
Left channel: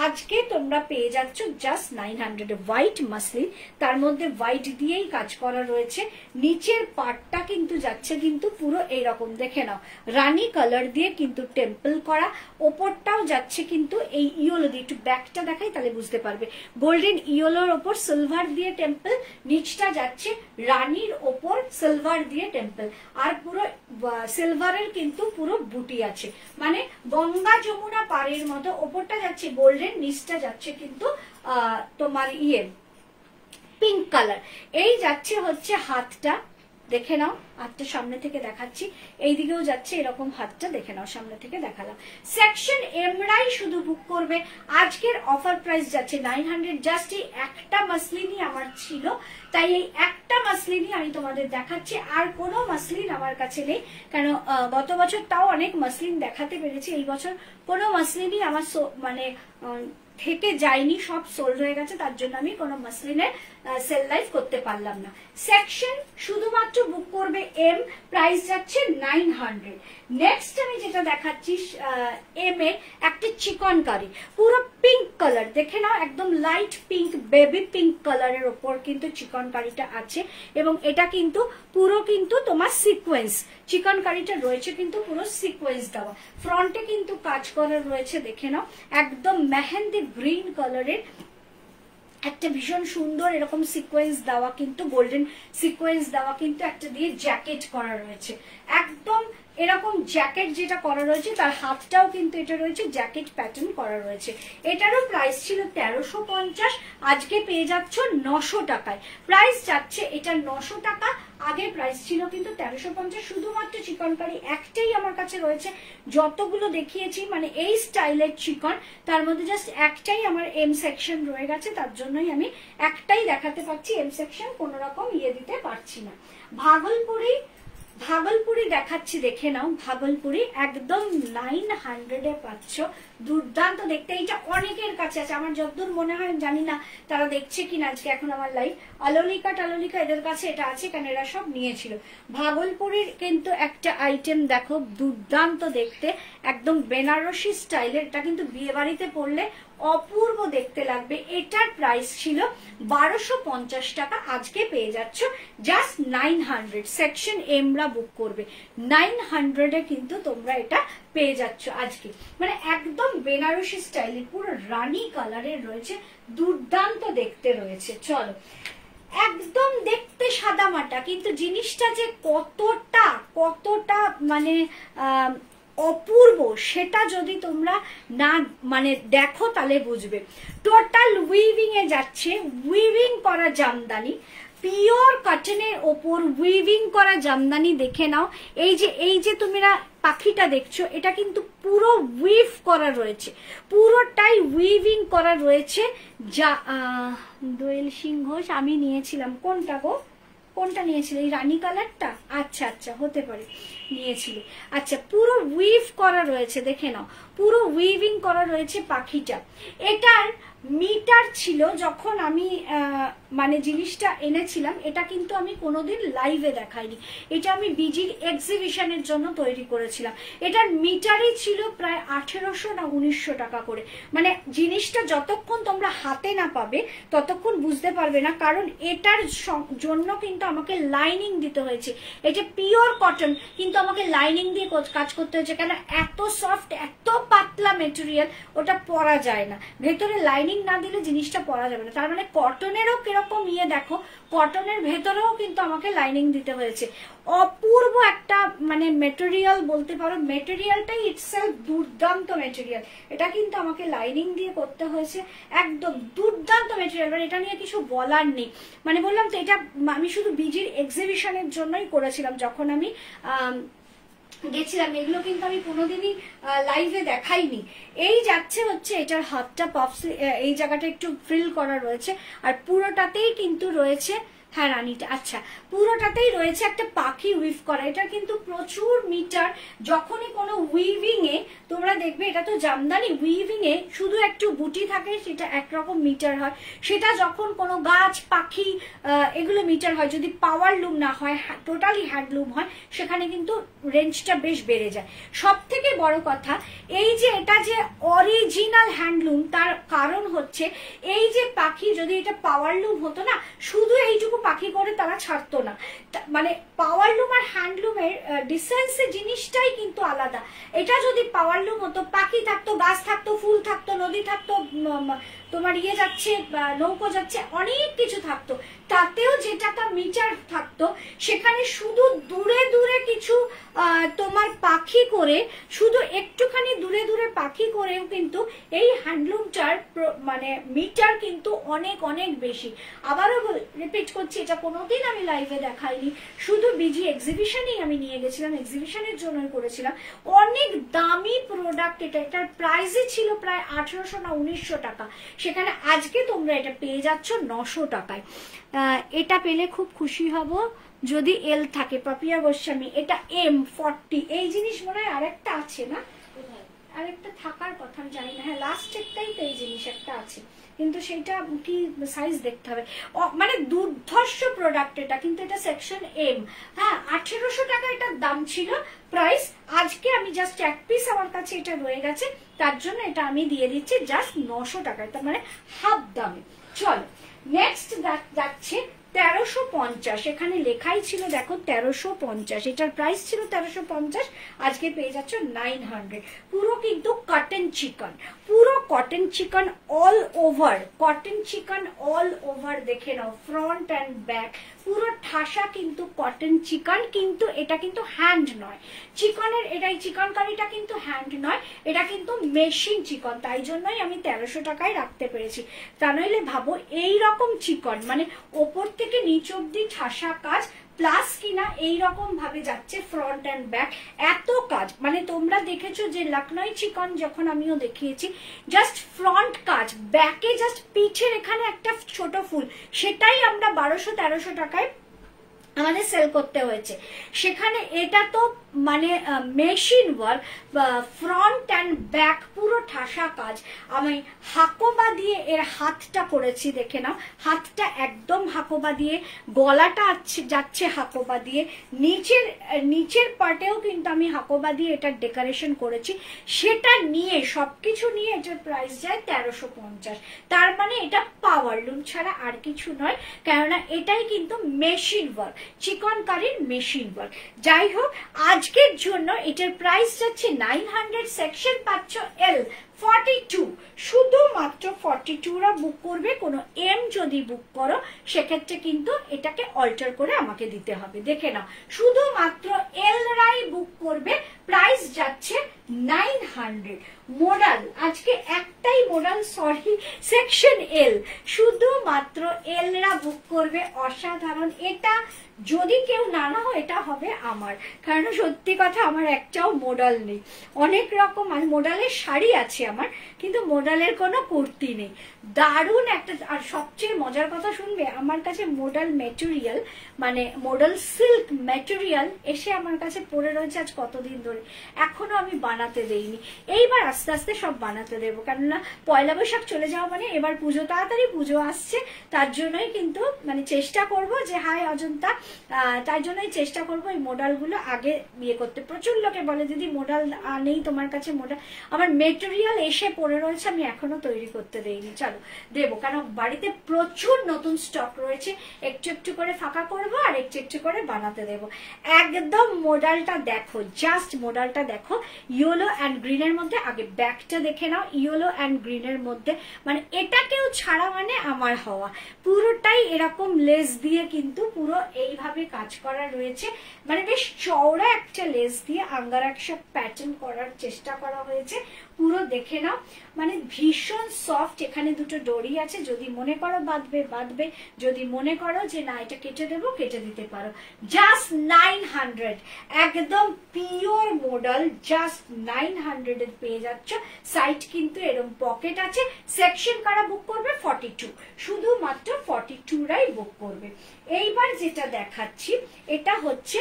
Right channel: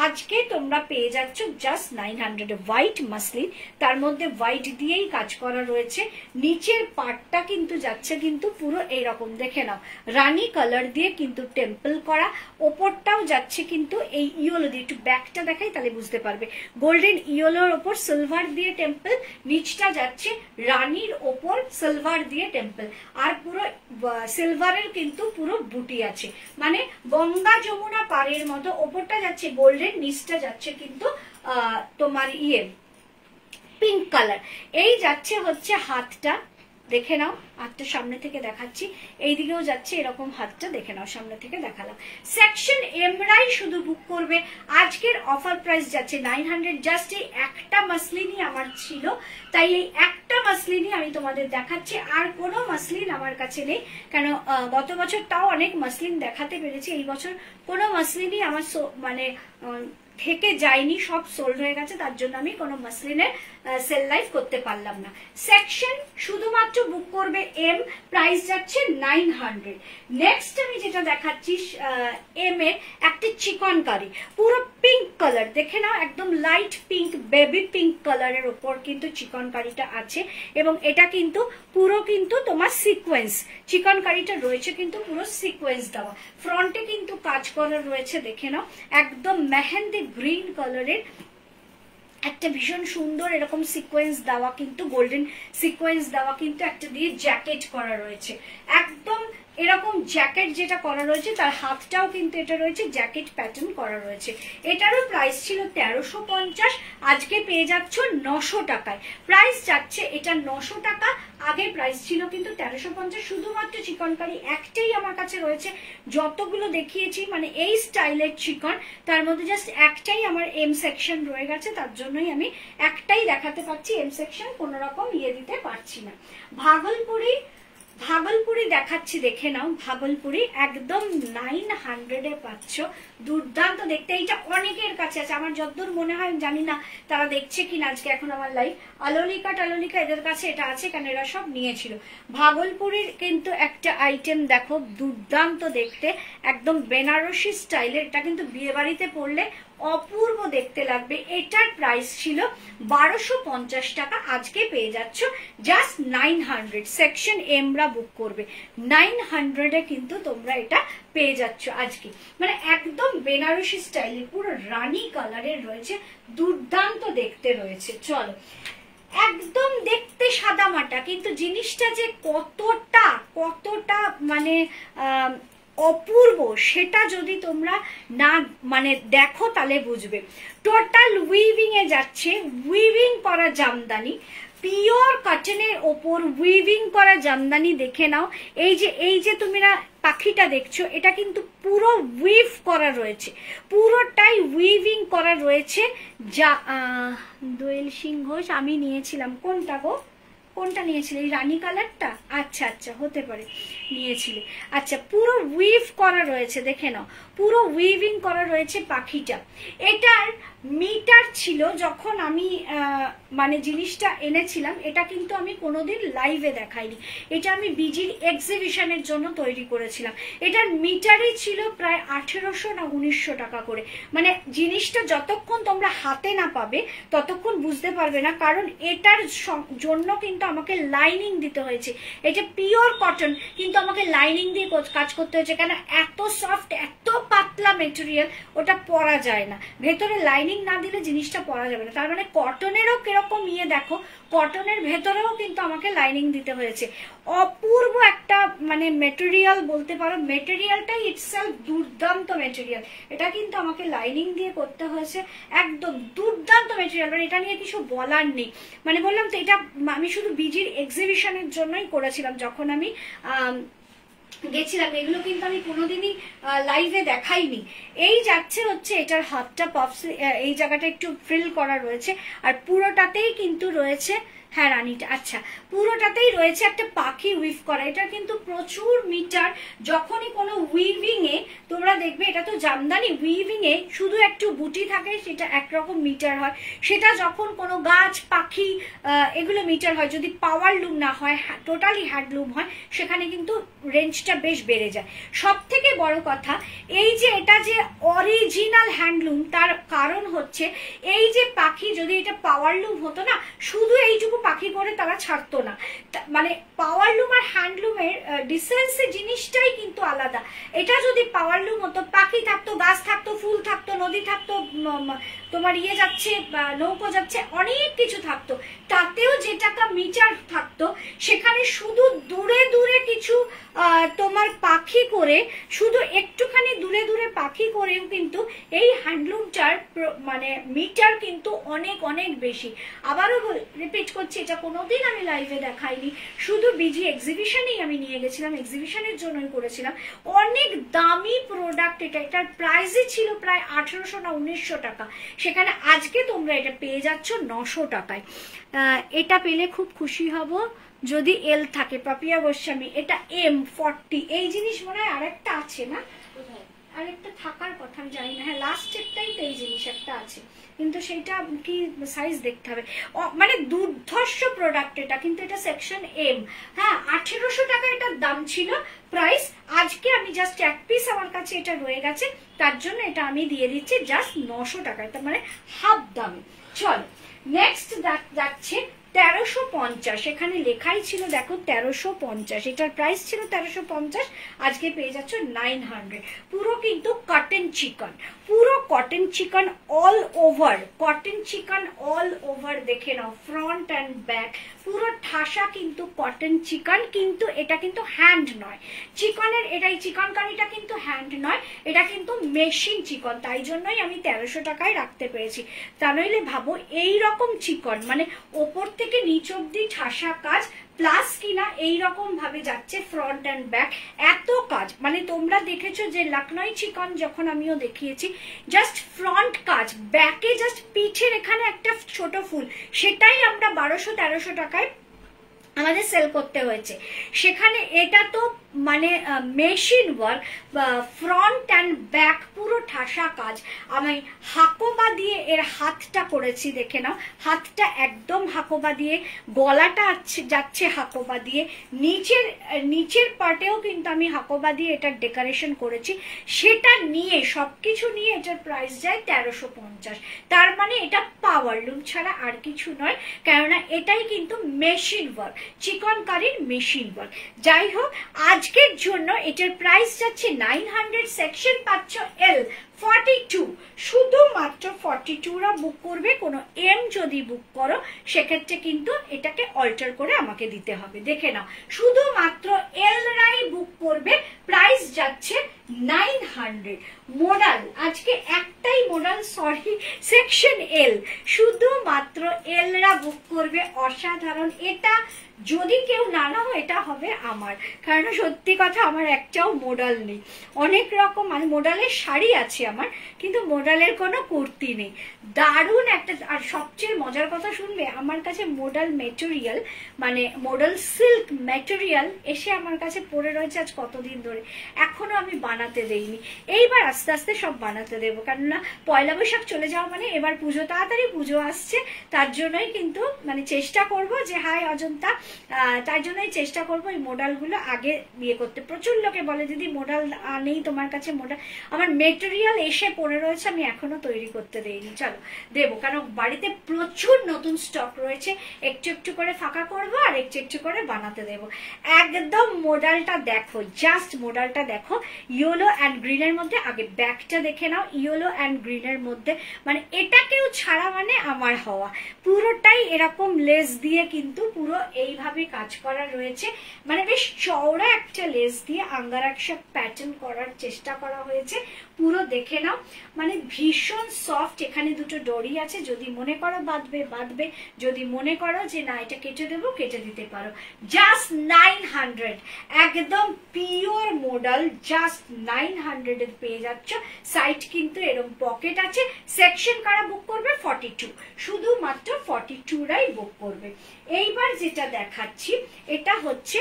আজকে তোমরা পেয়ে যাচ্ছ জাস্ট 900। হোয়াইট মাসলিন, তার মধ্যে হোয়াইট দিয়েই কাজ করা রয়েছে। নিচের পার্টটা কিন্তু যাচ্ছে কিন্তু পুরো এইরকম, দেখে নাও, রানী কালার দিয়ে কিন্তু টেম্পল করা। ওপরটাও যাচ্ছে কিন্তু এই ইয়েলো দিয়ে, একটু ব্যাকটা দেখাই তাহলে বুঝতে পারবে। গোল্ডেন ইয়েলোর ওপর সিলভার দিয়ে টেম্পল, নিচটা যাচ্ছে রানীর ওপর সিলভার দিয়ে টেম্পল, আর পুরো সিলভারের কিন্তু পুরো বুটি আছে, মানে গঙ্গা যমুনা পাড়ের মতো। ওপরটা যাচ্ছে গোল্ডেন, নিচটা যাচ্ছে কিন্তু তোমার পিঙ্ক কালার। এই যাচ্ছে হচ্ছে হাতটা, দেখে নাও, হাতটা সামনে থেকে দেখাচ্ছি, এইদিকেও যাচ্ছে, এরকম হাতটা দেখে নাও, সামনে থেকে দেখালাম। সেকশন এমরাই শুধু বুক করবে। আজকের অফার প্রাইস যাচ্ছে 900। জাস্ট এই একটা মাসলিনই আমার ছিল, তাই এই একটা মাসলিনই আমি তোমাদের দেখাচ্ছি, আর কোনো মাসলিন আমার কাছে নেই। কেন গত বছর তাও অনেক মাসলিন দেখাতে পেরেছি, এই বছর কোনো মাসলিনই আমার মানে থেকে যায়নি, সব সোল্ড হয়ে গেছে, তার জন্য আমি কোনো মাসলিনের সেল লাইভ করতে পারলাম না। সেকশন শুধুমাত্র বুক করবে এম, প্রাইস যাচ্ছে 900। নেক্সট আমি যেটা দেখাচ্ছি এম এর একটা চিকনকারি, পুরো পিঙ্ক কালার, দেখে নাও, একদম লাইট পিঙ্ক, বেবি পিঙ্ক কালারের ওপর কিন্তু চিকনকারিটা আছে, এবং এটা কিন্তু পুরো কিন্তু তোমার সিকোয়েন্স, চিকনকারিটা রয়েছে কিন্তু পুরো সিকোয়েন্স দেওয়া, ফ্রন্টে কিন্তু কাজ করা রয়েছে, দেখে নাও, একদম মেহেন্দি গ্রিন কালারের একটা ভীষণ সুন্দর এরকম সিকোয়েন্স দেওয়া, কিন্তু গোল্ডেন সিকোয়েন্স দেওয়া কিন্তু একটা দিয়ে জ্যাকেট করা রয়েছে, একদম এরকম জ্যাকেট যেটা করা রয়েছে তার হাতটাও কিন্তু এটা রয়েছে জ্যাকেট প্যাটার্ন করা রয়েছে। এটারও প্রাইস ছিল 1350, আজকে পেয়ে যাচ্ছ 900 টাকায়। প্রাইস যাচ্ছে এটা 900 টাকা, আগে প্রাইস ছিল কিন্তু 1350। শুধুমাত্র চিকনকারি একটাই আমার কাছে রয়েছে, যতগুলো দেখিয়েছি মানে এই স্টাইলের চিকন, তার মধ্যে জাস্ট একটাই আমার এম সেকশন রয়ে গেছে, তার জন্যই আমি একটাই দেখাতে পারছি, এম সেকশন কোন রকম ইয়ে দিতে পারছি না। ভাগলপুরি দেখাচ্ছি, দেখে নাও, ভাগলপুরি একদম 900 এ পাচ্ছ, দুর্দান্ত দেখতে। এইটা অনেকের কাছে আছে, আমার যতদূর মনে হয়, জানি না তারা দেখছে কিনা আজকে এখন আমার লাইভ, আলোলিকা টালোলিকা এদের কাছে এটা আছে, কারণ এরা সব নিয়েছিল। ভাগলপুরির কিন্তু একটা আইটেম দেখো, দুর্দান্ত দেখতে, একদম বেনারসি স্টাইলের, এটা কিন্তু বিয়ে বাড়িতে পরলে অপূর্ব দেখতে লাগবে। এটার প্রাইস ছিল 1250 টাকা, আজকে পেয়ে যাচ্ছ জাস্ট 900। সেকশন এমরা বুক করবে 900 এ কিন্তু তোমরা এটা পেয়ে যাচ্ছ আজকে, মানে একদম বেনারসি স্টাইলে পুরো রানী কালারের রয়েছে, দুর্দান্ত দেখতে রয়েছে। চলো, একদম দেখতে সাদামাটা, কিন্তু জিনিসটা যে কতটা মানে অপূর্ব, সেটা যদি তোমরা না মানে দেখো তাহলে বুঝবে। টোটাল উইভিং এ যাচ্ছে, উইভিং করা জামদানি, পিওর কটনের ওপর উইভিং করা জামদানি, দেখে নাও। এই যে তুমি না পাখিটা দেখছো, এটা কিন্তু পুরো উইভ করা রয়েছে, পুরোটাই উইভিং করা রয়েছে। যা দোয়েল সিং ঘোষ আমি নিয়েছিলাম, কোনটা গো, কোনটা নিয়েছিলে, এই রানী কালারটা? আচ্ছা হতে পারে নিয়েছিলে। আচ্ছা, পুরো উইভ করা রয়েছে, দেখে নাও, পুরো উইভিং করা রয়েছে পাখিটা। এটার মিটার ছিল যখন আমি মানে জিনিসটা এনেছিলাম, এটা কিন্তু আমি কোনোদিন লাইভে দেখাইনি, এটা আমি বিজির এক্সিবিশনের জন্য তৈরি করেছিলাম। এটার মিটারই ছিল প্রায় 1800 না 1900 টাকা করে। মানে জিনিসটা যতক্ষণ তোমরা হাতে না পাবে ততক্ষণ বুঝতে পারবে না, কারণ এটার জন্য কিন্তু আমাকে লাইনিং দিতে হয়েছে। এটা পিওর কটন, কিন্তু আমাকে লাইনিং দিয়ে কাজ করতে হয়েছে, কেন এত সফট, এত পাতলা মেটেরিয়াল, ওটা পরা যায় না, ভেতরে লাইনিং না দিলে জিনিসটা পরা যাবে না। তার মানে কটনেরও কিরকম ইয়ে দেখো, কটনের ভেতরেও কিন্তু আমাকে লাইনিং দিতে হয়েছে। অপূর্ব একটা মানে মেটেরিয়াল বলতে পারো, মেটেরিয়ালটাই ইটসেলফ দুর্দান্ত মেটেরিয়াল, এটা কিন্তু আমাকে লাইনিং দিয়ে করতে হয়েছে, একদম দুর্দান্ত মেটেরিয়াল, মানে এটা নিয়ে কিছু বলার নেই। মানে বললাম তো, এটা আমি শুধু বিজির এক্সিবিশনের জন্যই করেছিলাম, যখন আমি গেছিলাম। এগুলো কিন্তু আমি কোনোদিনই লাইভে দেখাইনি। এই যাচ্ছে হচ্ছে এটার হাতটা পপস, এই জায়গাটা একটু ফ্রিল করা রয়েছে, আর পুরোটাতেই কিন্তু রয়েছে, হ্যাঁ রানীটা, আচ্ছা, পুরোটাতেই রয়েছে একটা পাখি উইভ করা। এটা কিন্তু প্রচুর মিটার, যখনই কোনো উইভিং এ তোমরা দেখবে, এটা তো জামদানি, উইভিং এ শুধু একটু বুটি থাকে, সেটা একরকম মিটার হয়। সেটা যখন কোনো গাছ পাখি এগুলো মিটার হয়, যদি পাওয়ার লুম না হয়, টোটালি হ্যান্ডলুম হয়, সেখানে কিন্তু রেঞ্জটা বেশ বেড়ে যায়। সব থেকে বড় কথা, এই যে এটা যে অরিজিনাল হ্যান্ডলুম, তার কারণ হচ্ছে এই যে পাখি, যদি এটা পাওয়ার লুম হতো না, শুধু এইটুকু পাখি করে তারা ছাড়তো না। মানে পাওয়ার লুম আর হ্যান্ডলুমের ডিসেন্সের জিনিসটাই কিন্তু আলাদা। এটা যদি পাওয়ার লুম হতো, পাখি থাকতো, গাছ থাকতো, ফুল থাকতো, নদী থাকতো, তোমার ইয়ে যাচ্ছে, নৌকো যাচ্ছে, অনেক কিছু থাকতো। তাতেও যে টাকা মিটার থাকতো সেখানে শুধু দূরে দূরে কিছু তোমার পাখি করে, শুধু একটুখানি দূরে দূরে পাখি করেও কিন্তু এই হ্যান্ডলুমটার মানে মিটার কিন্তু অনেক অনেক বেশি। আবারও রিপিট করছি, এটা কোনোদিন আমি লাইভে দেখাইনি, শুধু বিজি এক্সিবিশনেই আমি নিয়ে গেছিলাম, এক্সিবিশনের জন্যই করেছিলাম। অনেক দামি প্রোডাক্ট এটা, এটার প্রাইসই ছিল প্রায় 1800 না 1900 টাকা, সেখানে আজকে তোমরা এটা পেয়ে যাচ্ছ 900 টাকায়। এটা পেলে খুব খুশি হব যদি এল থাকে। পাপিয়া গোস্বামী, এটা M40। এই জিনিস মনে হয় আরেকটা আছে না, আরেকটা থাকার কথা আমি জানি না। হ্যাঁ, লাস্টেরটাই তো এই জিনিস একটা আছে, কিন্তু সেটা কি সাইজ দেখতে হবে। মানে দুর্ধর্ষ প্রোডাক্ট এটা, কিন্তু এটা সেকশন M। হ্যাঁ, 1800 টাকা এটার দাম ছিল প্রাইস। আজকে আমি জাস্ট এক পিস আমার কাছে এটা রয়ে গেছে, তার জন্য এটা আমি দিয়ে দিচ্ছি জাস্ট 900 টাকায়, তার মানে হাফ দামে। চলো নেক্সট যাচ্ছে 1350। এখানে লেখাই ছিল দেখো 1350, এটার প্রাইস ছিল 1350, আজকে পেয়ে যাচ্ছ 900। পুরো কিন্তু কটন চিকন, পুরো কটন চিকন অল ওভার, কটন চিকন অল ওভার। দেখে নাও ফ্রন্ট অ্যান্ড ব্যাক পুরো ঠাসা কিন্তু কটন চিকন, কিন্তু এটা কিন্তু হ্যান্ড নয় চিকনের, এটাই চিকনকারিটা কিন্তু হ্যান্ড নয়, এটা কিন্তু মেশিন চিকন, তাই জন্যই আমি 1300 টাকায় রাখতে পেরেছি। তা নইলে ভাবো এইরকম চিকন, মানে ওপর থেকে নিচ অব্দি ঠাসা কাজ, প্লাস কিনা এইরকম ভাবে যাচ্ছে ফ্রন্ট অ্যান্ড ব্যাক, এত কাজ। মানে তোমরা দেখেছো যে লখনৌ চিকন যখন আমিও দেখিয়েছি, জাস্ট ফ্রন্ট কাজ, ব্যাকে জাস্ট পিঠের এখানে একটা ছোট ফুল, সেটাই আমরা 1200-1300 টাকায় আমাদের সেল করতে হয়েছে। সেখানে এটা তো মানে machine work, front and back পুরো ঠাসা কাজ। আমি হাকোবা দিয়ে এর হাতটা করেছি, দেখে নাও হাতটা একদম হাকোবা দিয়ে, গলাটা যাচ্ছে হাকোবা দিয়ে, নিচের পার্টেও কিন্তু আমি হাকোবা দিয়ে এটার ডেকোরেশন করেছি। সেটা নিয়ে সবকিছু নিয়ে এটার প্রাইস যায় 1350। তার মানে এটা পাওয়ার লুম ছাড়া আর কিছু নয়, কেননা এটাই কিন্তু মেশিন ওয়ার্ক, চিকনকারির মেশিন ওয়ার্ক। যাই হোক, আজকের জন্য এটার প্রাইস যাচ্ছে 900, সেকশন পাচ্ছ L42, শুধুমাত্র 42রা বুক করবে। কোনো M যদি বুক করো সেক্ষেত্রে কিন্তু এটাকে অল্টার করে আমাকে দিতে হবে। দেখে নাও, শুধুমাত্র L রাই বুক করবে, প্রাইস যাচ্ছে 900। মোডাল আজকে একটাই মোডাল, সরি সেকশন L, শুধুমাত্র L রা বুক করবে। অসাধারণ, এটা যদি কেউ না নাও এটা হবে আমার, কারণ সত্যি কথা আমার একটাও মোডাল নেই। অনেক রকম মানে মোডালের শাড়ি আছে আমার, কিন্তু মোডালের কোনো কুর্তি নেই। দারুণ একটা, আর সবচেয়ে মজার কথা শুনবে, আমার কাছে মোডাল মেটেরিয়াল মানে মোডাল সিল্ক মেটেরিয়াল এসে আমার কাছে পড়ে রয়েছে আজ কতদিন ধরে, এখনো আমি বানাতে দেইনি। এইবার আস্তে আস্তে সব বানাতে দেবো, কেননা পয়লা বৈশাখ চলে যাওয়া মানে এবার পুজো, তাড়াতাড়ি পুজো আসছে, তার জন্যই কিন্তু মানে চেষ্টা করব যে হাই অজন্তা, তার জন্যই চেষ্টা করবো এই মোডালগুলো আগে বিয়ে করতে। প্রচুর লোকে বলে দিদি মোডাল নেই তোমার কাছে, মোডাল আমার মেটেরিয়াল এসে পড়ে রয়েছে, আমি এখনো তৈরি করতে দেইনি। চলো দেবো, কারণ বাড়িতে প্রচুর নতুন স্টক রয়েছে, একটু একটু করে ফাঁকা করবো আর একটু একটু করে বানাতে দেবো। একদম মোডালটা দেখো, জাস্ট মোডালটা দেখো, ইয়েলো অ্যান্ড গ্রিনের মধ্যে। আগে ব্যাকটা দেখে নাও, ইয়েলো অ্যান্ড গ্রিনের মধ্যে, মানে এটাকেও ছাড়া মানে আমার হওয়া। পুরোটাই এরকম লেস দিয়ে কিন্তু পুরো এইভাবে কাজ করা রয়েছে, মানে বেশ চওড়া একটা লেস দিয়ে আঙ্গারাক্সা প্যাটার্ন করার চেষ্টা করা হয়েছে। পুরো দেখে নাও, মানে ভীষণ সফট। এখানে দুটো ডরি আছে, যদি মনে করো বাঁধবে বাঁধবে, যদি মনে করো যে না এটা কেটে দেবো কেটে দিতে পারো। জাস্ট 900, একদম পিওর মোডাল, জাস্ট 900 এর পেয়ে যাচ্ছ। সাইড কিন্তু এরকম পকেট আছে। সেকশন কারা বুক করবে? 42, শুধুমাত্র 42রাই বুক করবে। এইবার যেটা দেখাচ্ছি এটা হচ্ছে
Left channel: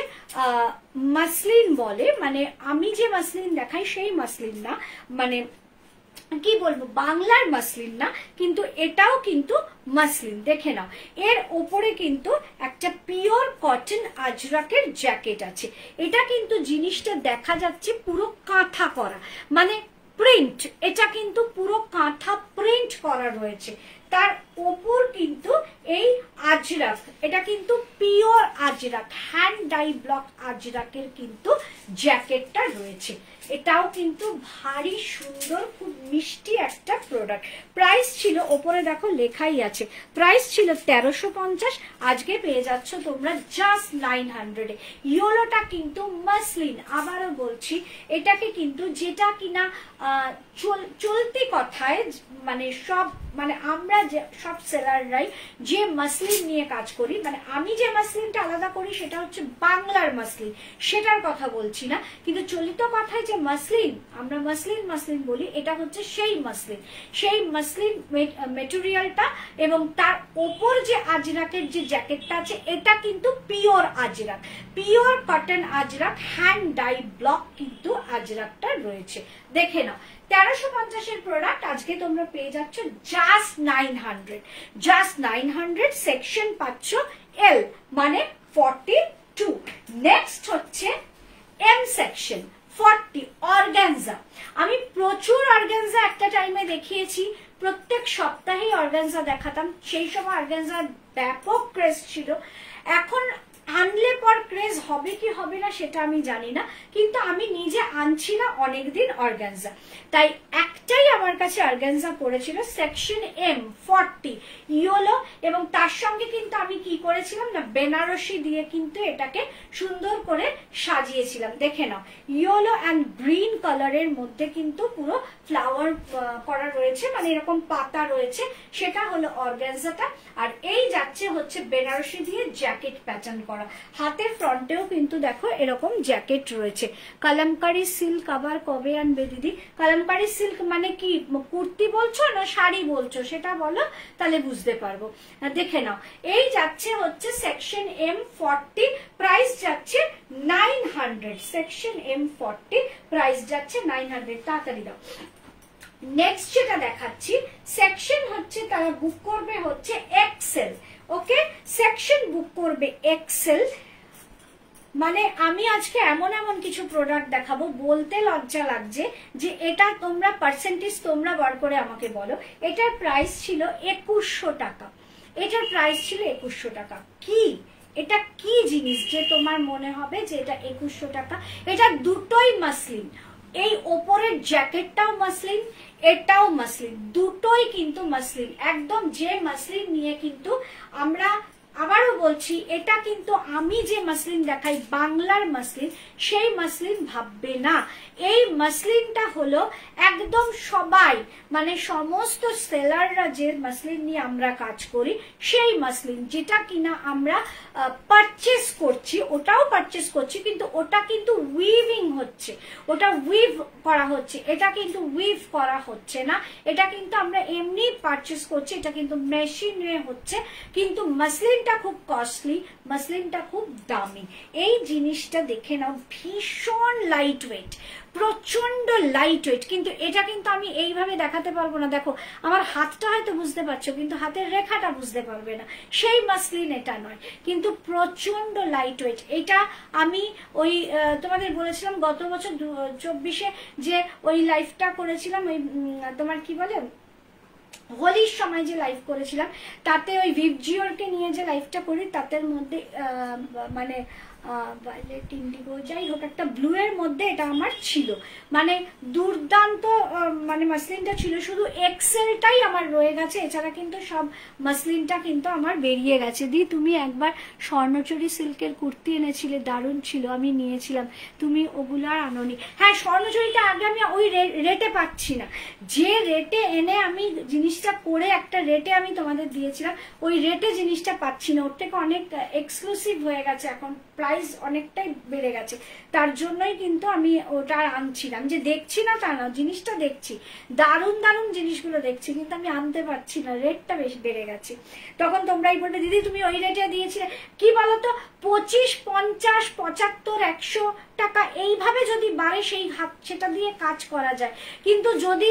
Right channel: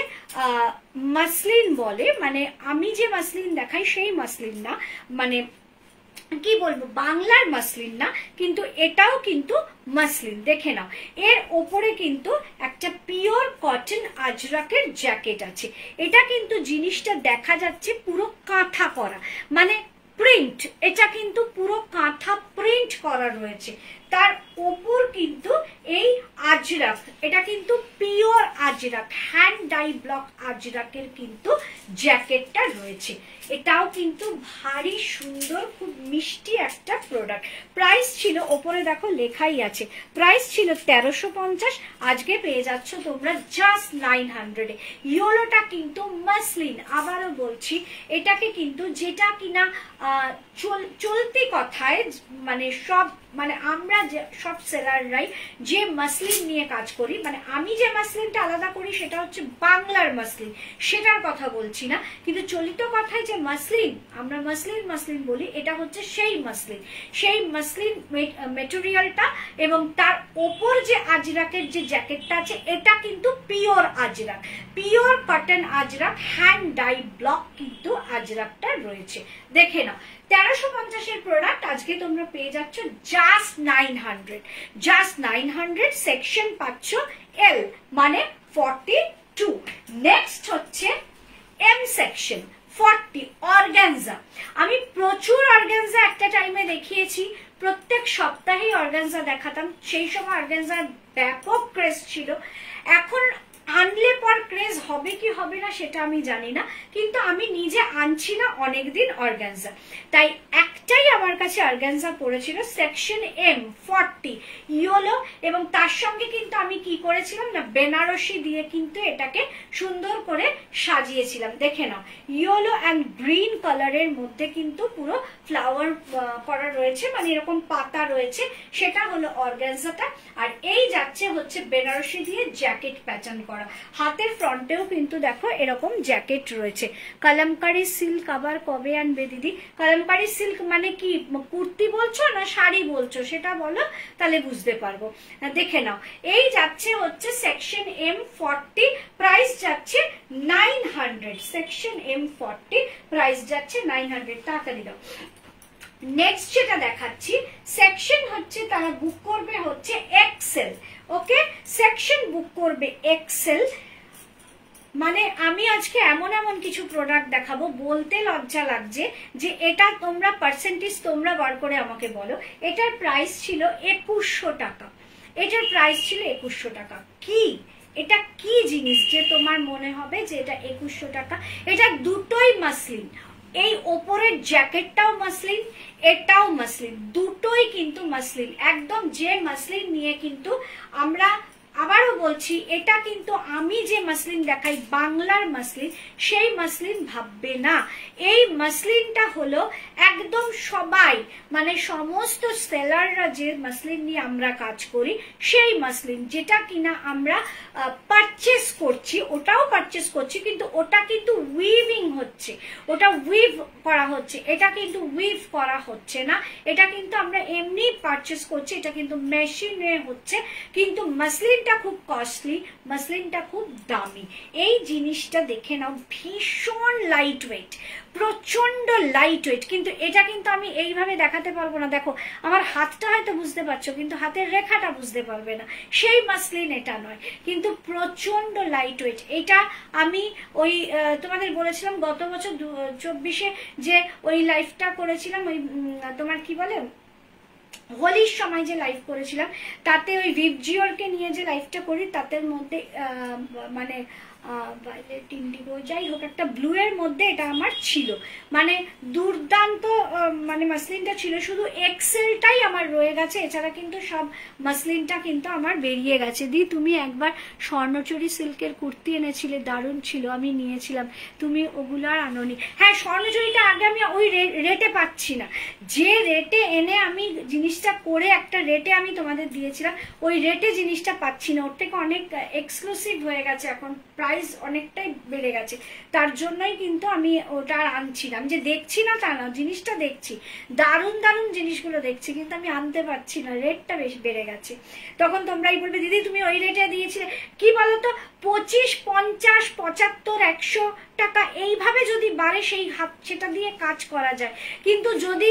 মাসলিন বলে, মানে আমি যে মাসলিন দেখাই সেই মাসলিন না, মানে কি বলবো বাংলার মাসলিন না, কিন্তু এটাও কিন্তু মাসলিন। দেখে নাও, এর ওপরে কিন্তু একটা পিওর কটন আজরাকের জ্যাকেট আছে। এটা কিন্তু জিনিসটা দেখা যাচ্ছে পুরো কাঁথা করা, মানে প্রিন্ট, এটা কিন্তু পুরো কাঁথা প্রিন্ট করা রয়েছে। তার ওপর কিন্তু এই আজরাক, এটা কিন্তু pure Ajrak, hand dye block আজরাকের কিন্তু জ্যাকেটটা রয়েছে। এটাও কিন্তু ভারী সুন্দর, খুব মিষ্টি একটা প্রোডাক্ট। প্রাইস ছিল, ওপরে দেখো লেখাই আছে, প্রাইস ছিল 1350, আজকে পেয়ে যাচ্ছ তোমরা জাস্ট 900 এ। ইয়োলোটা কিন্তু মাসলিন, আবারও বলছি এটাকে কিন্তু, যেটা কিনা চলতি কথায় মানে সব, মানে আমরা সব সেলাররাই যে মাসলিন নিয়ে কাজ করি, মানে আমি যে মাসলিনটা আলাদা করি সেটা হচ্ছে বাংলার মাসলিন, সেটার কথা বলছি না, কিন্তু চলিত কথায় যে মাসলিন, আমরা মাসলিন বলি, এটা হচ্ছে সেই মাসলিন। সেই মাসলিন মেটেরিয়ালটা এবং তার ওপর যে আজরাকের যে জ্যাকেটটা আছে, এটা কিন্তু pure ajrak, pure cotton ajrak, hand dye block কিন্তু আজরাকটা রয়েছে। দেখে নাও, 1350 এর প্রোডাক্ট আজকে তোমরা পেয়ে যাচ্ছ জাস্ট 900, জাস্ট 900। সেকশন পাচ্ছ এল, মানে 42। নেক্সট হচ্ছে এম সেকশন 40 অর্গানজা। আমি প্রচুর অর্গানজা একটা টাইমে দেখিয়েছি, প্রত্যেক সপ্তাহে অর্গানজা দেখাতাম, সেই সময় অর্গানজার ব্যাপক ক্রেজ ছিল। এখন আনলে পর ক্রেজ হবে কি হবে না সেটা আমি জানি না, কিন্তু আমি নিজে আনছি না অনেকদিন অর্গানজা, তাই একটাই আমার কাছে অর্গানজা পড়েছিল সেকশন এম 40 ইয়োলো, এবং তার সঙ্গে কিন্তু আমি কি করেছিলাম না, বেনারসি দিয়ে কিন্তু এটাকে সুন্দর করে সাজিয়েছিলাম। দেখে নাও, ইয়োলো অ্যান্ড গ্রিন কালারের মধ্যে কিন্তু পুরো ফ্লাওয়ার করা রয়েছে, মানে এরকম পাতা রয়েছে, সেটা হলো অর্গানজাটা। আর এই যাচ্ছে হচ্ছে বেনারসি দিয়ে জ্যাকেট প্যাটার্ন করা, হাতের ফ্রন্টেও কিন্তু দেখো এরকম জ্যাকেট রয়েছে। কালামকারী সিল্ক আবার কবে আনবে দিদি? কালামকারী সিল্ক মানে কি, কুর্তি বলছো না শাড়ি বলছো সেটা বলো, তাহলে বুঝতে পারবো। দেখে নাও, এই যাচ্ছে হচ্ছে সেকশন এম 40, প্রাইস যাচ্ছে 900। সেকশন এম 40 প্রাইস যাচ্ছে 900, তাড়াতাড়ি দাও। নেক্সট যেটা দেখাচ্ছি সেকশন হচ্ছে, তারা বুক করবে হচ্ছে এক্সেল। ওকে, সেকশন বুক করবে এক্সেল, মানে আমি আজকে এমন এমন কিছু প্রোডাক্ট দেখাবো, বলতে লজ্জা লাগছে যে এটা তোমরা পার্সেন্টেজ তোমরা বার করে আমাকে বলো। এটার প্রাইস ছিল 2100 টাকা, এটার প্রাইস ছিল 2100 টাকা। কি এটা কি জিনিস যে তোমার মনে হবে যে এটা 2100 টাকা? এটা দুটোই মাসলিন, এই ওপরের জ্যাকেটটাও মাসলিন, এটাও মাসলিন, দুটোই কিন্তু মাসলিন, একদম যে মাসলিন নিয়ে কিন্তু আমরা, আবারও বলছি এটা কিন্তু আমি যে মাসলিন দেখাই বাংলার মাসলিন, সেই মাসলিন ভাববে না। এই মাসলিনটা হলো একদম সবাই, মানে সমস্ত সেলাররা যে মাসলিন নিয়ে আমরা কাজ করি, সেই মাসলিন যেটা কিনা আমরা পারচেস করছি, ওটাও পারচেস করছি, কিন্তু ওটা কিন্তু উইভিং হচ্ছে, ওটা উইভ করা হচ্ছে, এটা কিন্তু উইভ করা হচ্ছে না, এটা কিন্তু আমরা এমনি পারচেস করছি, এটা কিন্তু মেশিনে হচ্ছে, কিন্তু মাসলিনটা খুব কস্টলি, মাসলিনটা খুব দামি। এই জিনিসটা দেখে নাও, ভীষণ লাইট ওয়েট, প্রচন্ড লাইট ওয়েট, কিন্তু এটা কিন্তু আমি এইভাবে দেখাতে পারবো না। দেখো আমার হাতটা হয়তো বুঝতে পারছো, কিন্তু হাতের রেখাটা বুঝতে পারবে না, সেই মাসলিন এটা নয়, কিন্তু প্রচন্ড লাইট ওয়েট। এটা আমি ওই তোমাদের বলেছিলাম গত বছর 24-এ যে ওই লাইফটা করেছিলাম, ওই তোমার কি বলে হোলির সময় যে লাইভ করেছিলাম, তাতে ওই ভিপজিওরকে নিয়ে যে লাইভটা করি, তাদের মধ্যে মানে ভায়োলেট ইন্ডিগো যাই হোক একটা ব্লু এর মধ্যে এটা আমার ছিল, মানে দুর্দান্ত, মানে মাসলিনটা ছিল, শুধু এক্সেলটাই আমার রয়ে গেছে, এছাড়া কিন্তু সব মাসলিনটা কিন্তু আমার বেরিয়ে গেছে। দি তুমি একবার স্বর্ণচুরি সিল্কের কুর্তি এনেছিলে, দারুণ ছিল, আমি নিয়েছিলাম, তুমি ওগুলো আর আনোনি। হ্যাঁ, স্বর্ণচুরিটা আগে আমি ওই রেটে পাচ্ছি না, যে রেটে এনে আমি জিনিসটা করে একটা রেটে আমি তোমাদের দিয়েছিলাম, ওই রেটে জিনিসটা পাচ্ছি না, ওর থেকে অনেক এক্সক্লুসিভ হয়ে গেছে, এখন প্রাইস অনেকটাই বেড়ে গেছে, তার জন্যই কিন্তু আমি ওটা আনছিলাম, যে দেখছি না তা না, জিনিসটা দেখছি, দারুণ দারুণ জিনিসগুলো দেখছি, কিন্তু আমি আনতে পারছি না, রেটটা বেশি বেড়ে গেছে। তখন তোমরাই বলবে দিদি তুমি ওই রেটে দিয়েছিলে, কি বলতো 25, 50, 75, 100 টাকা এইভাবে যদি বাড়ে সেই হাত সেটা দিয়ে কাজ করা যায়, কিন্তু যদি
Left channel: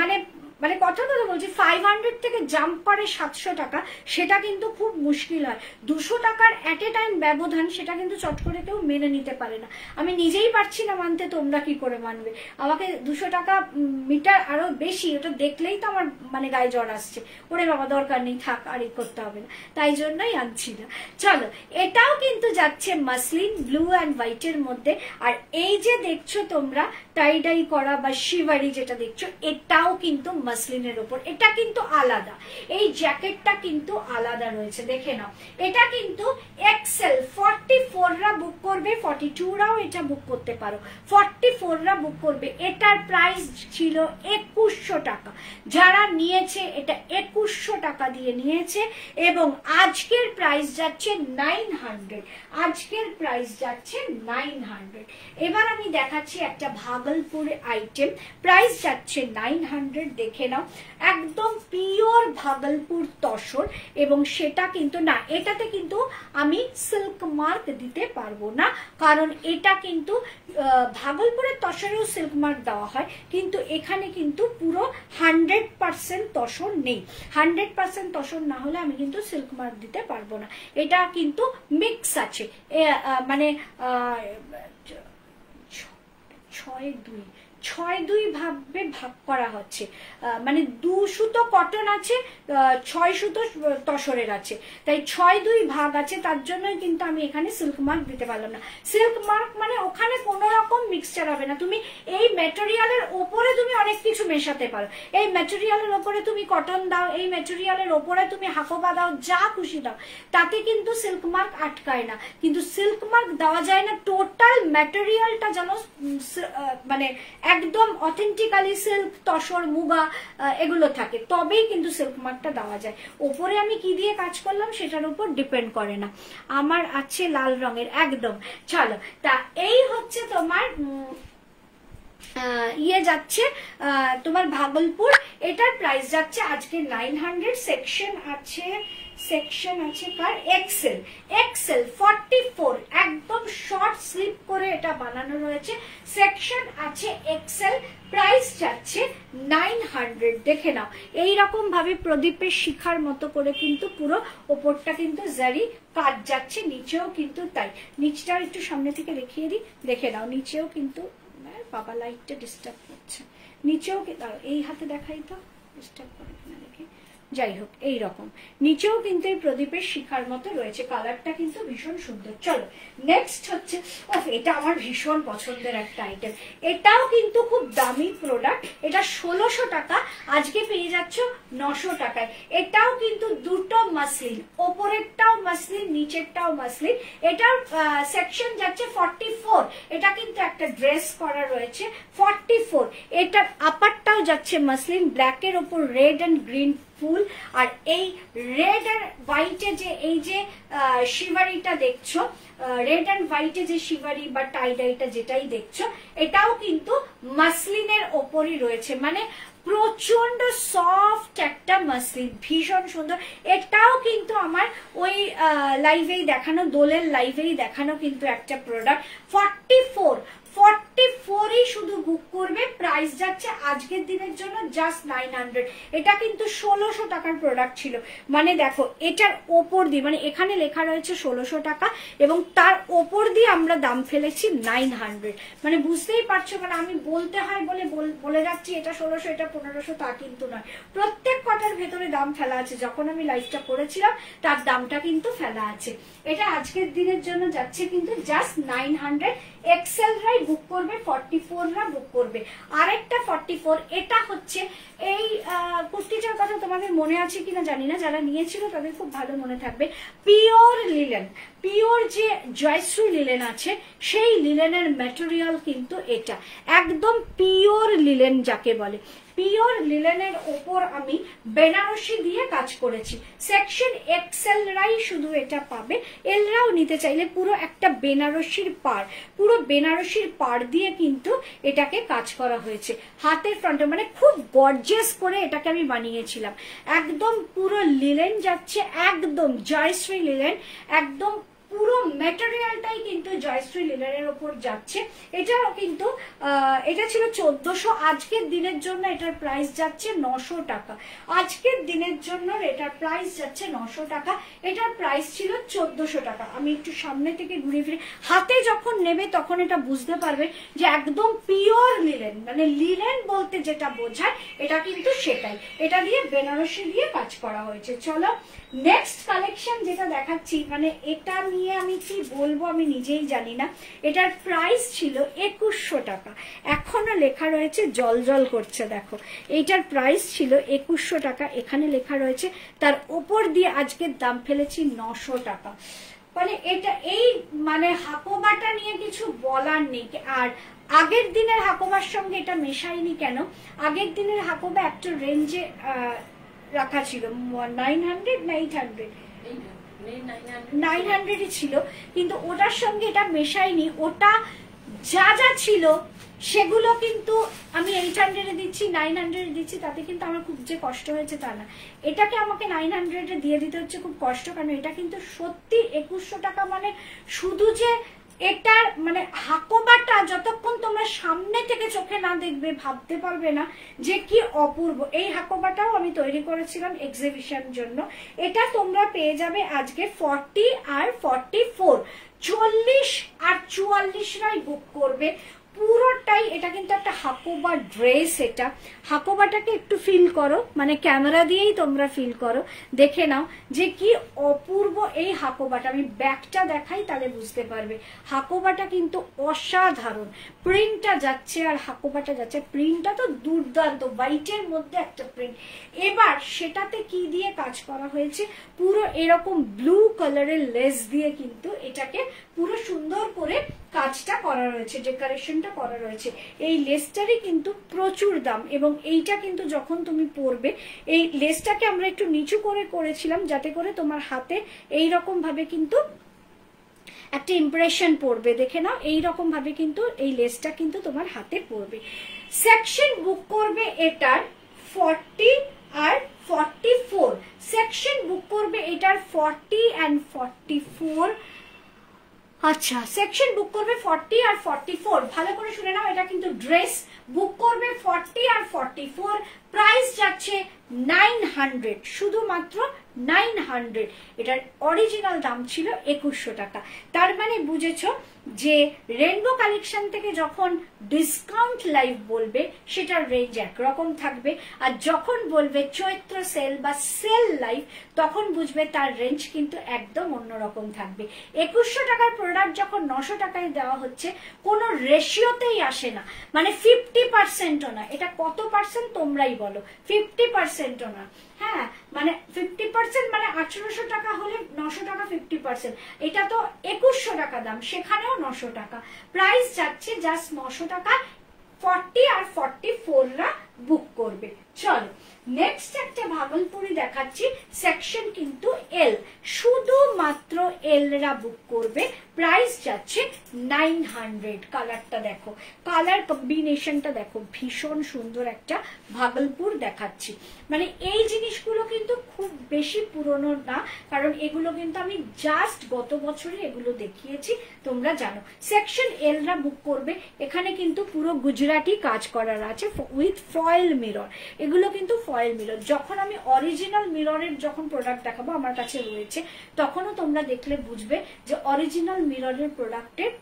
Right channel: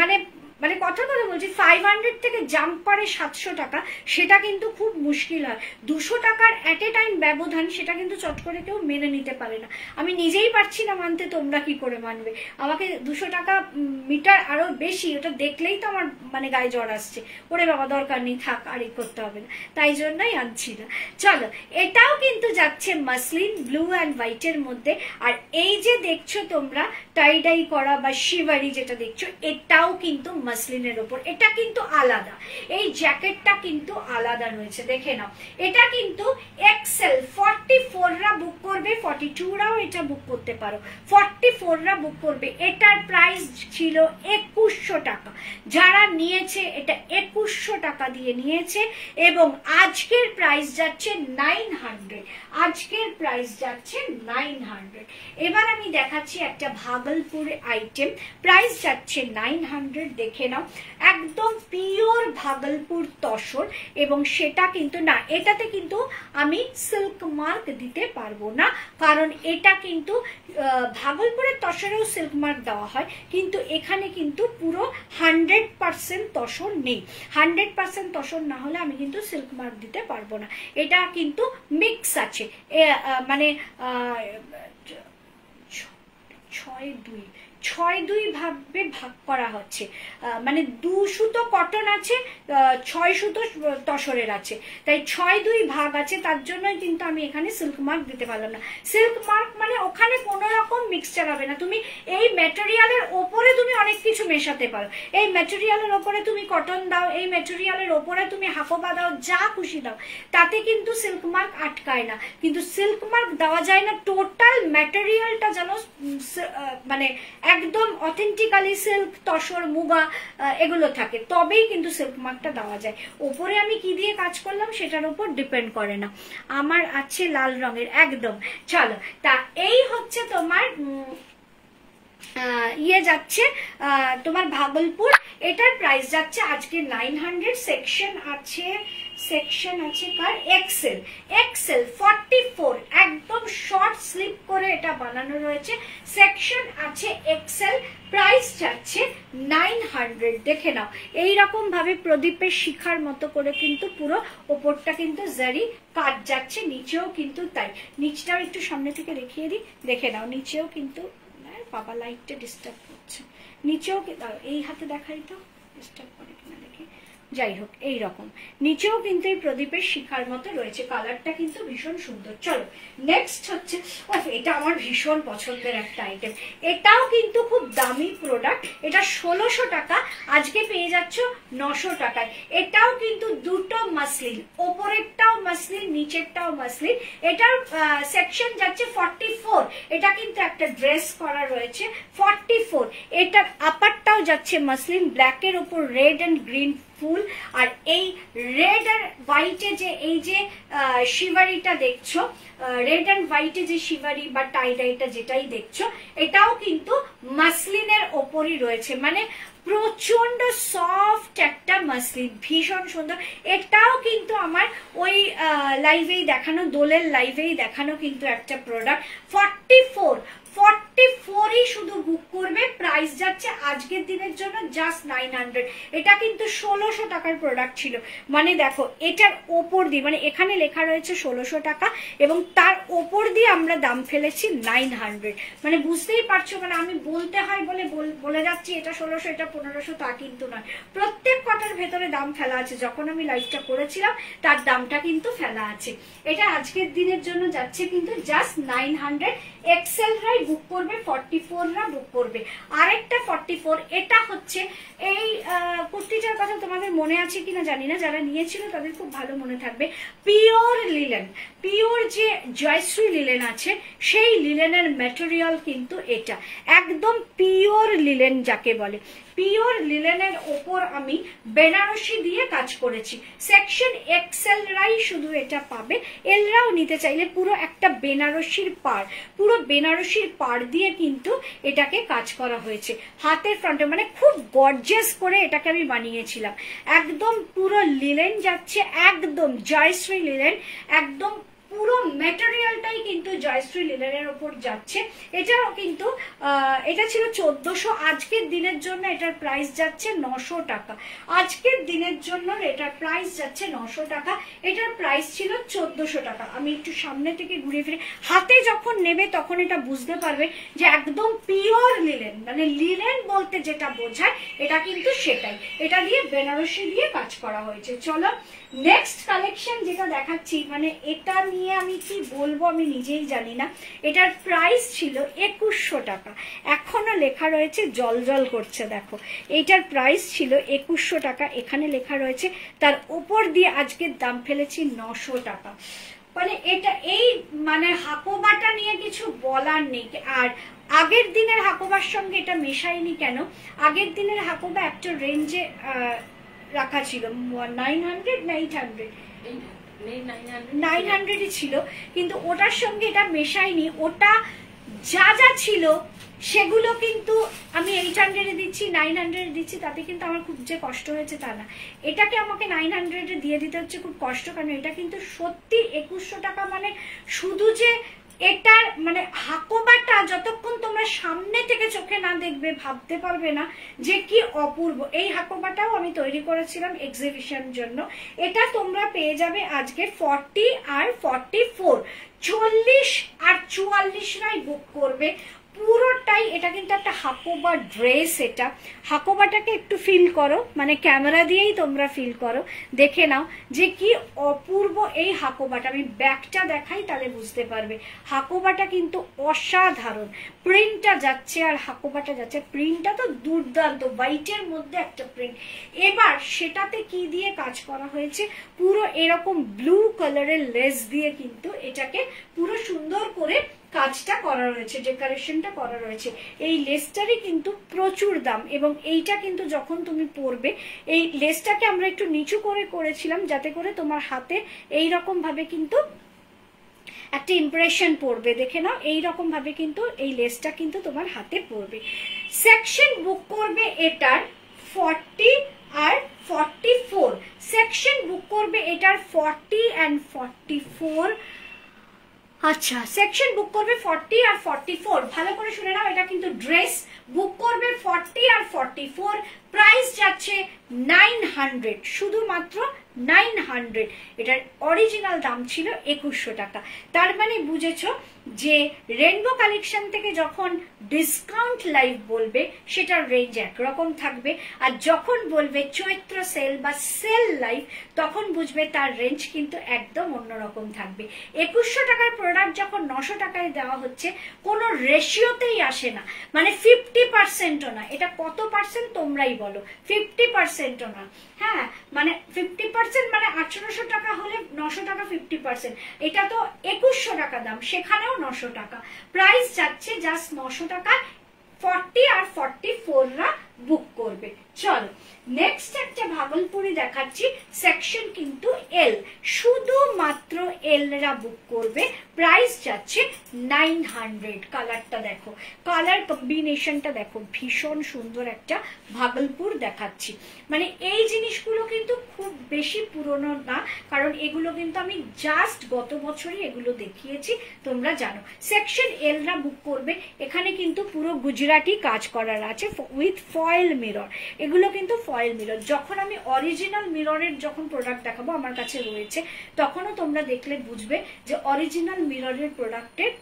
মানে মানে কথার কথা বলছি 500 থেকে জাম্প করে 700 টাকা, সেটা কিন্তু খুব মুশকিল হয়। 200 টাকার এট এ টাইম ব্যবধান, সেটা কিন্তু চট করে কেউ মেনে নিতে পারে না। আমি নিজেই পারছি না মানতে, তোমরা কি করে মানবে? আমাকে 200 টাকা মিটার আরো বেশি, ওটা দেখলেই তো আমার মানে গায়ে জ্বর আসছে, ওরে বাবা দরকার নেই, থাক আর এই করতে হবে না, তাই জন্যই আনছি না। চলো, এটাও কিন্তু যাচ্ছে মাসলিন ব্লু অ্যান্ড হোয়াইটের মধ্যে। আর এই যে দেখছো তোমরা টাই ডাই করা বা শিভারি যেটা দেখছো, এটাও কিন্তু মাসলিনের উপর, এটা কিন্তু আলাদা, এই জ্যাকেটটা কিন্তু আলাদা রয়েছে, দেখে নাও। এটা কিন্তু এক্সেল 44রা বুক করবে, 42রাও এটা বুক করতে পারো, 44রা বুক করবে। এটার প্রাইস ছিল 2100 টাকা, যারা নিয়েছে এটা 2100 টাকা দিয়ে নিয়েছে, এবং আজকের প্রাইস যাচ্ছে 900, আজকের প্রাইস যাচ্ছে 900। এবার আমি দেখাচ্ছি একটা ভাগলপুর আইটেম, প্রাইস যাচ্ছে 900, দেখে নাও, একদম পিওর ভাগলপুর তসর, এবং সেটা কিন্তু না, এটাতে কিন্তু আমি সিল্ক মার্ক দিতে পারবো না, কারণ এটা কিন্তু ভাগলপুরের তসরেও সিল্ক মার্ক দেওয়া হয়, কিন্তু এখানে কিন্তু পুরো 100% তসর নেই। 100% তসর না হলে আমি কিন্তু সিল্ক মার্ক দিতে পারবো না। এটা কিন্তু মিক্স আছে, মানে 6-2 ভাবে ভাগ করা হচ্ছে, মানে 2 সুতো কটন আছে, 6 সুতো তসরের আছে, তাই 6-2 ভাগ আছে, তার জন্যই কিন্তু আমি এখানে সিল্ক মার্ক দিতে পারলাম না। সিল্ক মার্ক মানে ওখানে কোনো রকম মিক্সচার হবে না, তুমি এই ম্যাটেরিয়ালের ওপরে তুমি অনেক কিছু মেশাতে পারো, এই ম্যাটেরিয়ালের ওপরে তুমি কটন দাও, এই ম্যাটেরিয়ালের ওপরে তুমি হাফোবা দাও, যা খুশি দাও, তাতে কিন্তু সিল্ক মার্ক আটকায় না। কিন্তু সিল্ক মার্ক দেওয়া যায় না, টোটাল ম্যাটেরিয়ালটা যেন মানে একদম অথেন্টিক্যালি সিল্ক, তসর, মুগা এগুলো থাকে, তবেই কিন্তু সিল্ক মার্কটা দেওয়া যায়। ওপরে আমি কি দিয়ে কাজ করলাম সেটার উপর ডিপেন্ড করে না। আমার আছে লাল রঙের একদম। চলো, তা এই হচ্ছে তোমার ইয়ে যাচ্ছে তোমার ভাগলপুর, এটার প্রাইস যাচ্ছে আজকে 900। সেকশন আছে কার, এক্সেল 44, একদম শর্ট স্লিপ করে এটা বানানো রয়েছে, সেকশন আছে এক্সেল, প্রাইস যাচ্ছে 900। দেখে নাও, এইরকম ভাবে প্রদীপের শিখার মতো করে কিন্তু পুরো ওপরটা কিন্তু জারি কাজ যাচ্ছে, নিচেও কিন্তু তাই। নিচটা একটু সামনে থেকে দেখিয়ে দিই, দেখে নাও, নিচেও কিন্তু, বাবা লাইটটা ডিস্টার্ব করছে, নিচেও এই হাতে দেখাই তো, ডিস্টার্ব করে কিনা দেখি, যাই হোক এইরকম নিচেও কিন্তু এই প্রদীপের শিখার মতো রয়েছে, কালারটা কিন্তু ভীষণ সুন্দর। চলো নেক্সট হচ্ছে, এটা আমার ভীষণ পছন্দের একটা আইটেম, এটাও কিন্তু খুব দামি প্রোডাক্ট, এটা 1600 টাকা, আজকে পেয়ে যাচ্ছ 900 টাকায়। এটাও কিন্তু দুটো মাসলিন, ওপরেরটাও মাসলিন, নিচেরটাও মাসলিন, এটার সেকশন যাচ্ছে 44, এটা কিন্তু একটা ড্রেস করা রয়েছে 44, এটার আপারটাও যাচ্ছে মাসলিন, ব্ল্যাকের ওপর রেড অ্যান্ড গ্রিন ফুল, আর এই রেড আর হোয়াইটে যে এই যে শিভারিটা দেখছো, রেড অ্যান্ড হোয়াইটে যে শিভারি বা টাই ডাইটা যেটাই দেখছো, এটাও কিন্তু মাসলিনের ওপরই রয়েছে, মানে প্রচন্ড সফট একটা মাসলিন, ভীষণ সুন্দর। এটাও কিন্তু আমার ওই লাইভেই দেখানো, দোলের লাইভেই দেখানো কিন্তু একটা প্রোডাক্ট, 44ই শুধু বুক করবে, প্রাইস যাচ্ছে আজকের দিনের জন্য জাস্ট 900। এটা কিন্তু 1600 টাকার প্রোডাক্ট ছিল, মানে দেখো এটার ওপর দিয়ে, মানে এখানে লেখা রয়েছে 1600 টাকা এবং তার ওপর দিয়ে আমরা দাম ফেলেছি 900, মানে বুঝতেই পারছো, মানে আমি বলতে হয় বলে যাচ্ছি এটা 1600 এটা 1500, তা কিন্তু নয়, প্রত্যেক কটার ভেতরে দাম ফেলা আছে, যখন আমি লাইভটা করেছিলাম তার দামটা কিন্তু ফেলা আছে। এটা আজকের দিনের জন্য যাচ্ছে কিন্তু জাস্ট 900, এক্সেলরাই বুক করবে, 44রা বুক করবে। আরেকটা 44, এটা হচ্ছে এই কুর্তিটার কথা তোমাদের মনে আছে কিনা জানি না, যারা নিয়েছিল তাদের খুব ভালো মনে থাকবে, পিওর লিলেন, পিওর যে জয়শ্রী লিলেন আছে সেই লিলেনের ম্যাটেরিয়াল কিন্তু এটা, একদম পিওর লিলেন যাকে বলে, পিওর লিলেনের ওপর আমি বেনারসি দিয়ে কাজ করেছি, সেকশন এক্সেলরাই শুধু এটা পাবে, এলরাও নিতে চাইলে পুরো একটা বেনারসির পাড়, পুরো বেনারসির পাড় দিয়ে কিন্তু এটাকে কাজ করা হয়েছে, হাতের ফ্রন্টে, মানে খুব গর্জিয়াস করে এটাকে আমি বানিয়েছিলাম, একদম পুরো লিলেন যাচ্ছে, একদম জয়শ্রী লিলেন, একদম পুরো ম্যাটেরিয়ালটাই কিন্তু জয়শ্রী লিনেনের ওপর যাচ্ছে। এটাও কিন্তু এটা ছিল 1400, আজকের দিনের জন্য এটার প্রাইস যাচ্ছে 900 টাকা। আজকের দিনের জন্য এটার প্রাইস যাচ্ছে 900 টাকা, এটার প্রাইস ছিল 1400 টাকা। আমি একটু সামনে থেকে ঘুরে ফিরে, হাতে যখন নেবে তখন এটা বুঝতে পারবে যে একদম পিওর লিনেন, মানে লিনেন বলতে যেটা বোঝায় এটা কিন্তু সেটাই। এটা দিয়ে বেনারসি দিয়ে কাজ করা হয়েছে। চলো নেক্সট কালেকশন যেটা দেখাচ্ছি, মানে এটা নিয়ে আমি কি বলবো আমি নিজেই জানি না। এটার প্রাইস ছিল 2100 টাকা, এখনো লেখা রয়েছে, জল জল করছে দেখো। এইটার প্রাইস ছিল 2100 টাকা, এখানে লেখা রয়েছে, তার উপর দিয়ে আজকের দাম ফেলেছি 900 টাকা। মানে এটা এই মানে হাকোবাটা নিয়ে কিছু বলার নেই। আর আগের দিনের হাকোবার সঙ্গে এটা মেশাইনি কেন, আগের দিনের হাকোবা একটা রেঞ্জে রাখা ছিল 900 না 800, 900 ছিল, কিন্তু ওটার সঙ্গে এটা মেশাইনি। ওটা যা যা ছিল সেগুলো কিন্তু আমি 800 দিচ্ছি, 900 দিচ্ছি, তাতে কিন্তু আমার খুব যে কষ্ট হয়েছে তা না। এটাকে আমাকে 900 দিয়ে দিতে হচ্ছে খুব কষ্ট, কারণ এটা কিন্তু সত্যি 2100 টাকা। মানে শুধু যে এটার মানে হাকোবাটা যতক্ষণ তোমরা সামনে থেকে চোখে না দেখবে ভাবতে পারবে না যে কি অপূর্ব। এই হাকোবাটাও আমি তৈরি করেছিলাম এক্সিবিশন জন্য। এটা তোমরা পেয়ে যাবে আজকে 40 আর 44, 40 আর 44 বুক করবে পুরোটাই। এটা কিন্তু একটা হাকোবা ড্রেস। এটা হাকোবাটাকে একটু ফিল করো, মানে ক্যামেরা দিয়েই তোমরা ফিল করো, দেখে নাও যে কি অপূর্ব এই হাকোবাটা। আমি ব্যাকটা দেখাই তাহলে বুঝতে পারবে। হাকোবাটা কিন্তু অসাধারণ, প্রিন্টটা যাচ্ছে আর হাকোবাটা যাচ্ছে, প্রিন্টটা তো দুর্দান্ত, হোয়াইটের মধ্যে একটা প্রিন্ট। এবার সেটাতে কি দিয়ে কাজ করা হয়েছে, পুরো এরকম ব্লু কালারের লেস দিয়ে কিন্তু এটাকে পুরো সুন্দর করে কাজটা করা রয়েছে, ডেকোরেশনটা করা রয়েছে। এই লেসটারই কিন্তু প্রচুর দাম, এবং এইটা কিন্তু যখন তুমি পরবে, এই লেসটাকে আমরা একটু নিচু করে করেছিলাম যাতে করে তোমার হাতে এইরকম ভাবে কিন্তু একটা ইমপ্রেশন পড়বে। দেখে নাও এইরকম ভাবে কিন্তু এই লেসটা কিন্তু তোমার হাতে পড়বে। সেকশন বুক করবে এটার 40 আর 44, সেকশন বুক করবে এটার 40 and 44। আচ্ছা, সেকশন বুক করবে 40 আর 44, ভালো করে শুনে নাও। এটা কিন্তু ড্রেস বুক করবে 40 আর 44, প্রাইস যাচ্ছে 900, শুধুমাত্র 900। এটার অরিজিনাল দাম ছিল 2100 টাকা। তার মানে বুঝেছো যে রেইনবো কালেকশন থেকে যখন ডিসকাউন্ট লাইভ বলবে সেটার রেঞ্জ একরকম থাকবে, আর যখন বলবে চৈত্র সেল বা সেল লাইভ তখন বুঝবে তার রেঞ্জ কিন্তু একদম অন্যরকম থাকবে। 2100 টাকার প্রোডাক্ট যখন 900 টাকায় দেওয়া হচ্ছে, কোনো রেশিওতেই আসে না, মানে 50%ও না। এটা কত পার্সেন্ট তোমরাই বলো, 50%ও না। হ্যাঁ, মানে 50% মানে 1800 টাকা হলে 900 টাকা 50%, এটা তো 2100 টাকা দাম, সেখানেও 900 টাকা প্রাইস যাচ্ছে, জাস্ট 900 টাকা। 40 আর 44রা বুক করবে। চলো নেক্সট একটা ভাগলপুরি দেখাচ্ছি, সেকশন কিন্তু এল, শুধুমাত্র এলরা বুক করবে, প্রাইস যাচ্ছে 900। কালারটা দেখো, কালার কম্বিনেশনটা দেখো, ভীষণ সুন্দর একটা ভাগলপুর দেখাচ্ছি। মানে এই জিনিসগুলো কিন্তু খুব বেশি পুরনো না, কারণ এগুলো কিন্তু আমি জাস্ট গত বছরই এগুলো দেখিয়েছি, তোমরা জানো। সেকশন এলরা বুক করবে, এখানে কিন্তু পুরো গুজরাটি কাজ করার আছে উইথ ফয়েল মিরর। এগুলো কিন্তু ফয়েল মিরর, যখন আমি অরিজিনাল মিররের যখন প্রোডাক্ট দেখাবো আমার কাছে রয়েছে, তখনও তোমরা দেখলে বুঝবে যে অরিজিনাল মিররের প্রোডাক্টের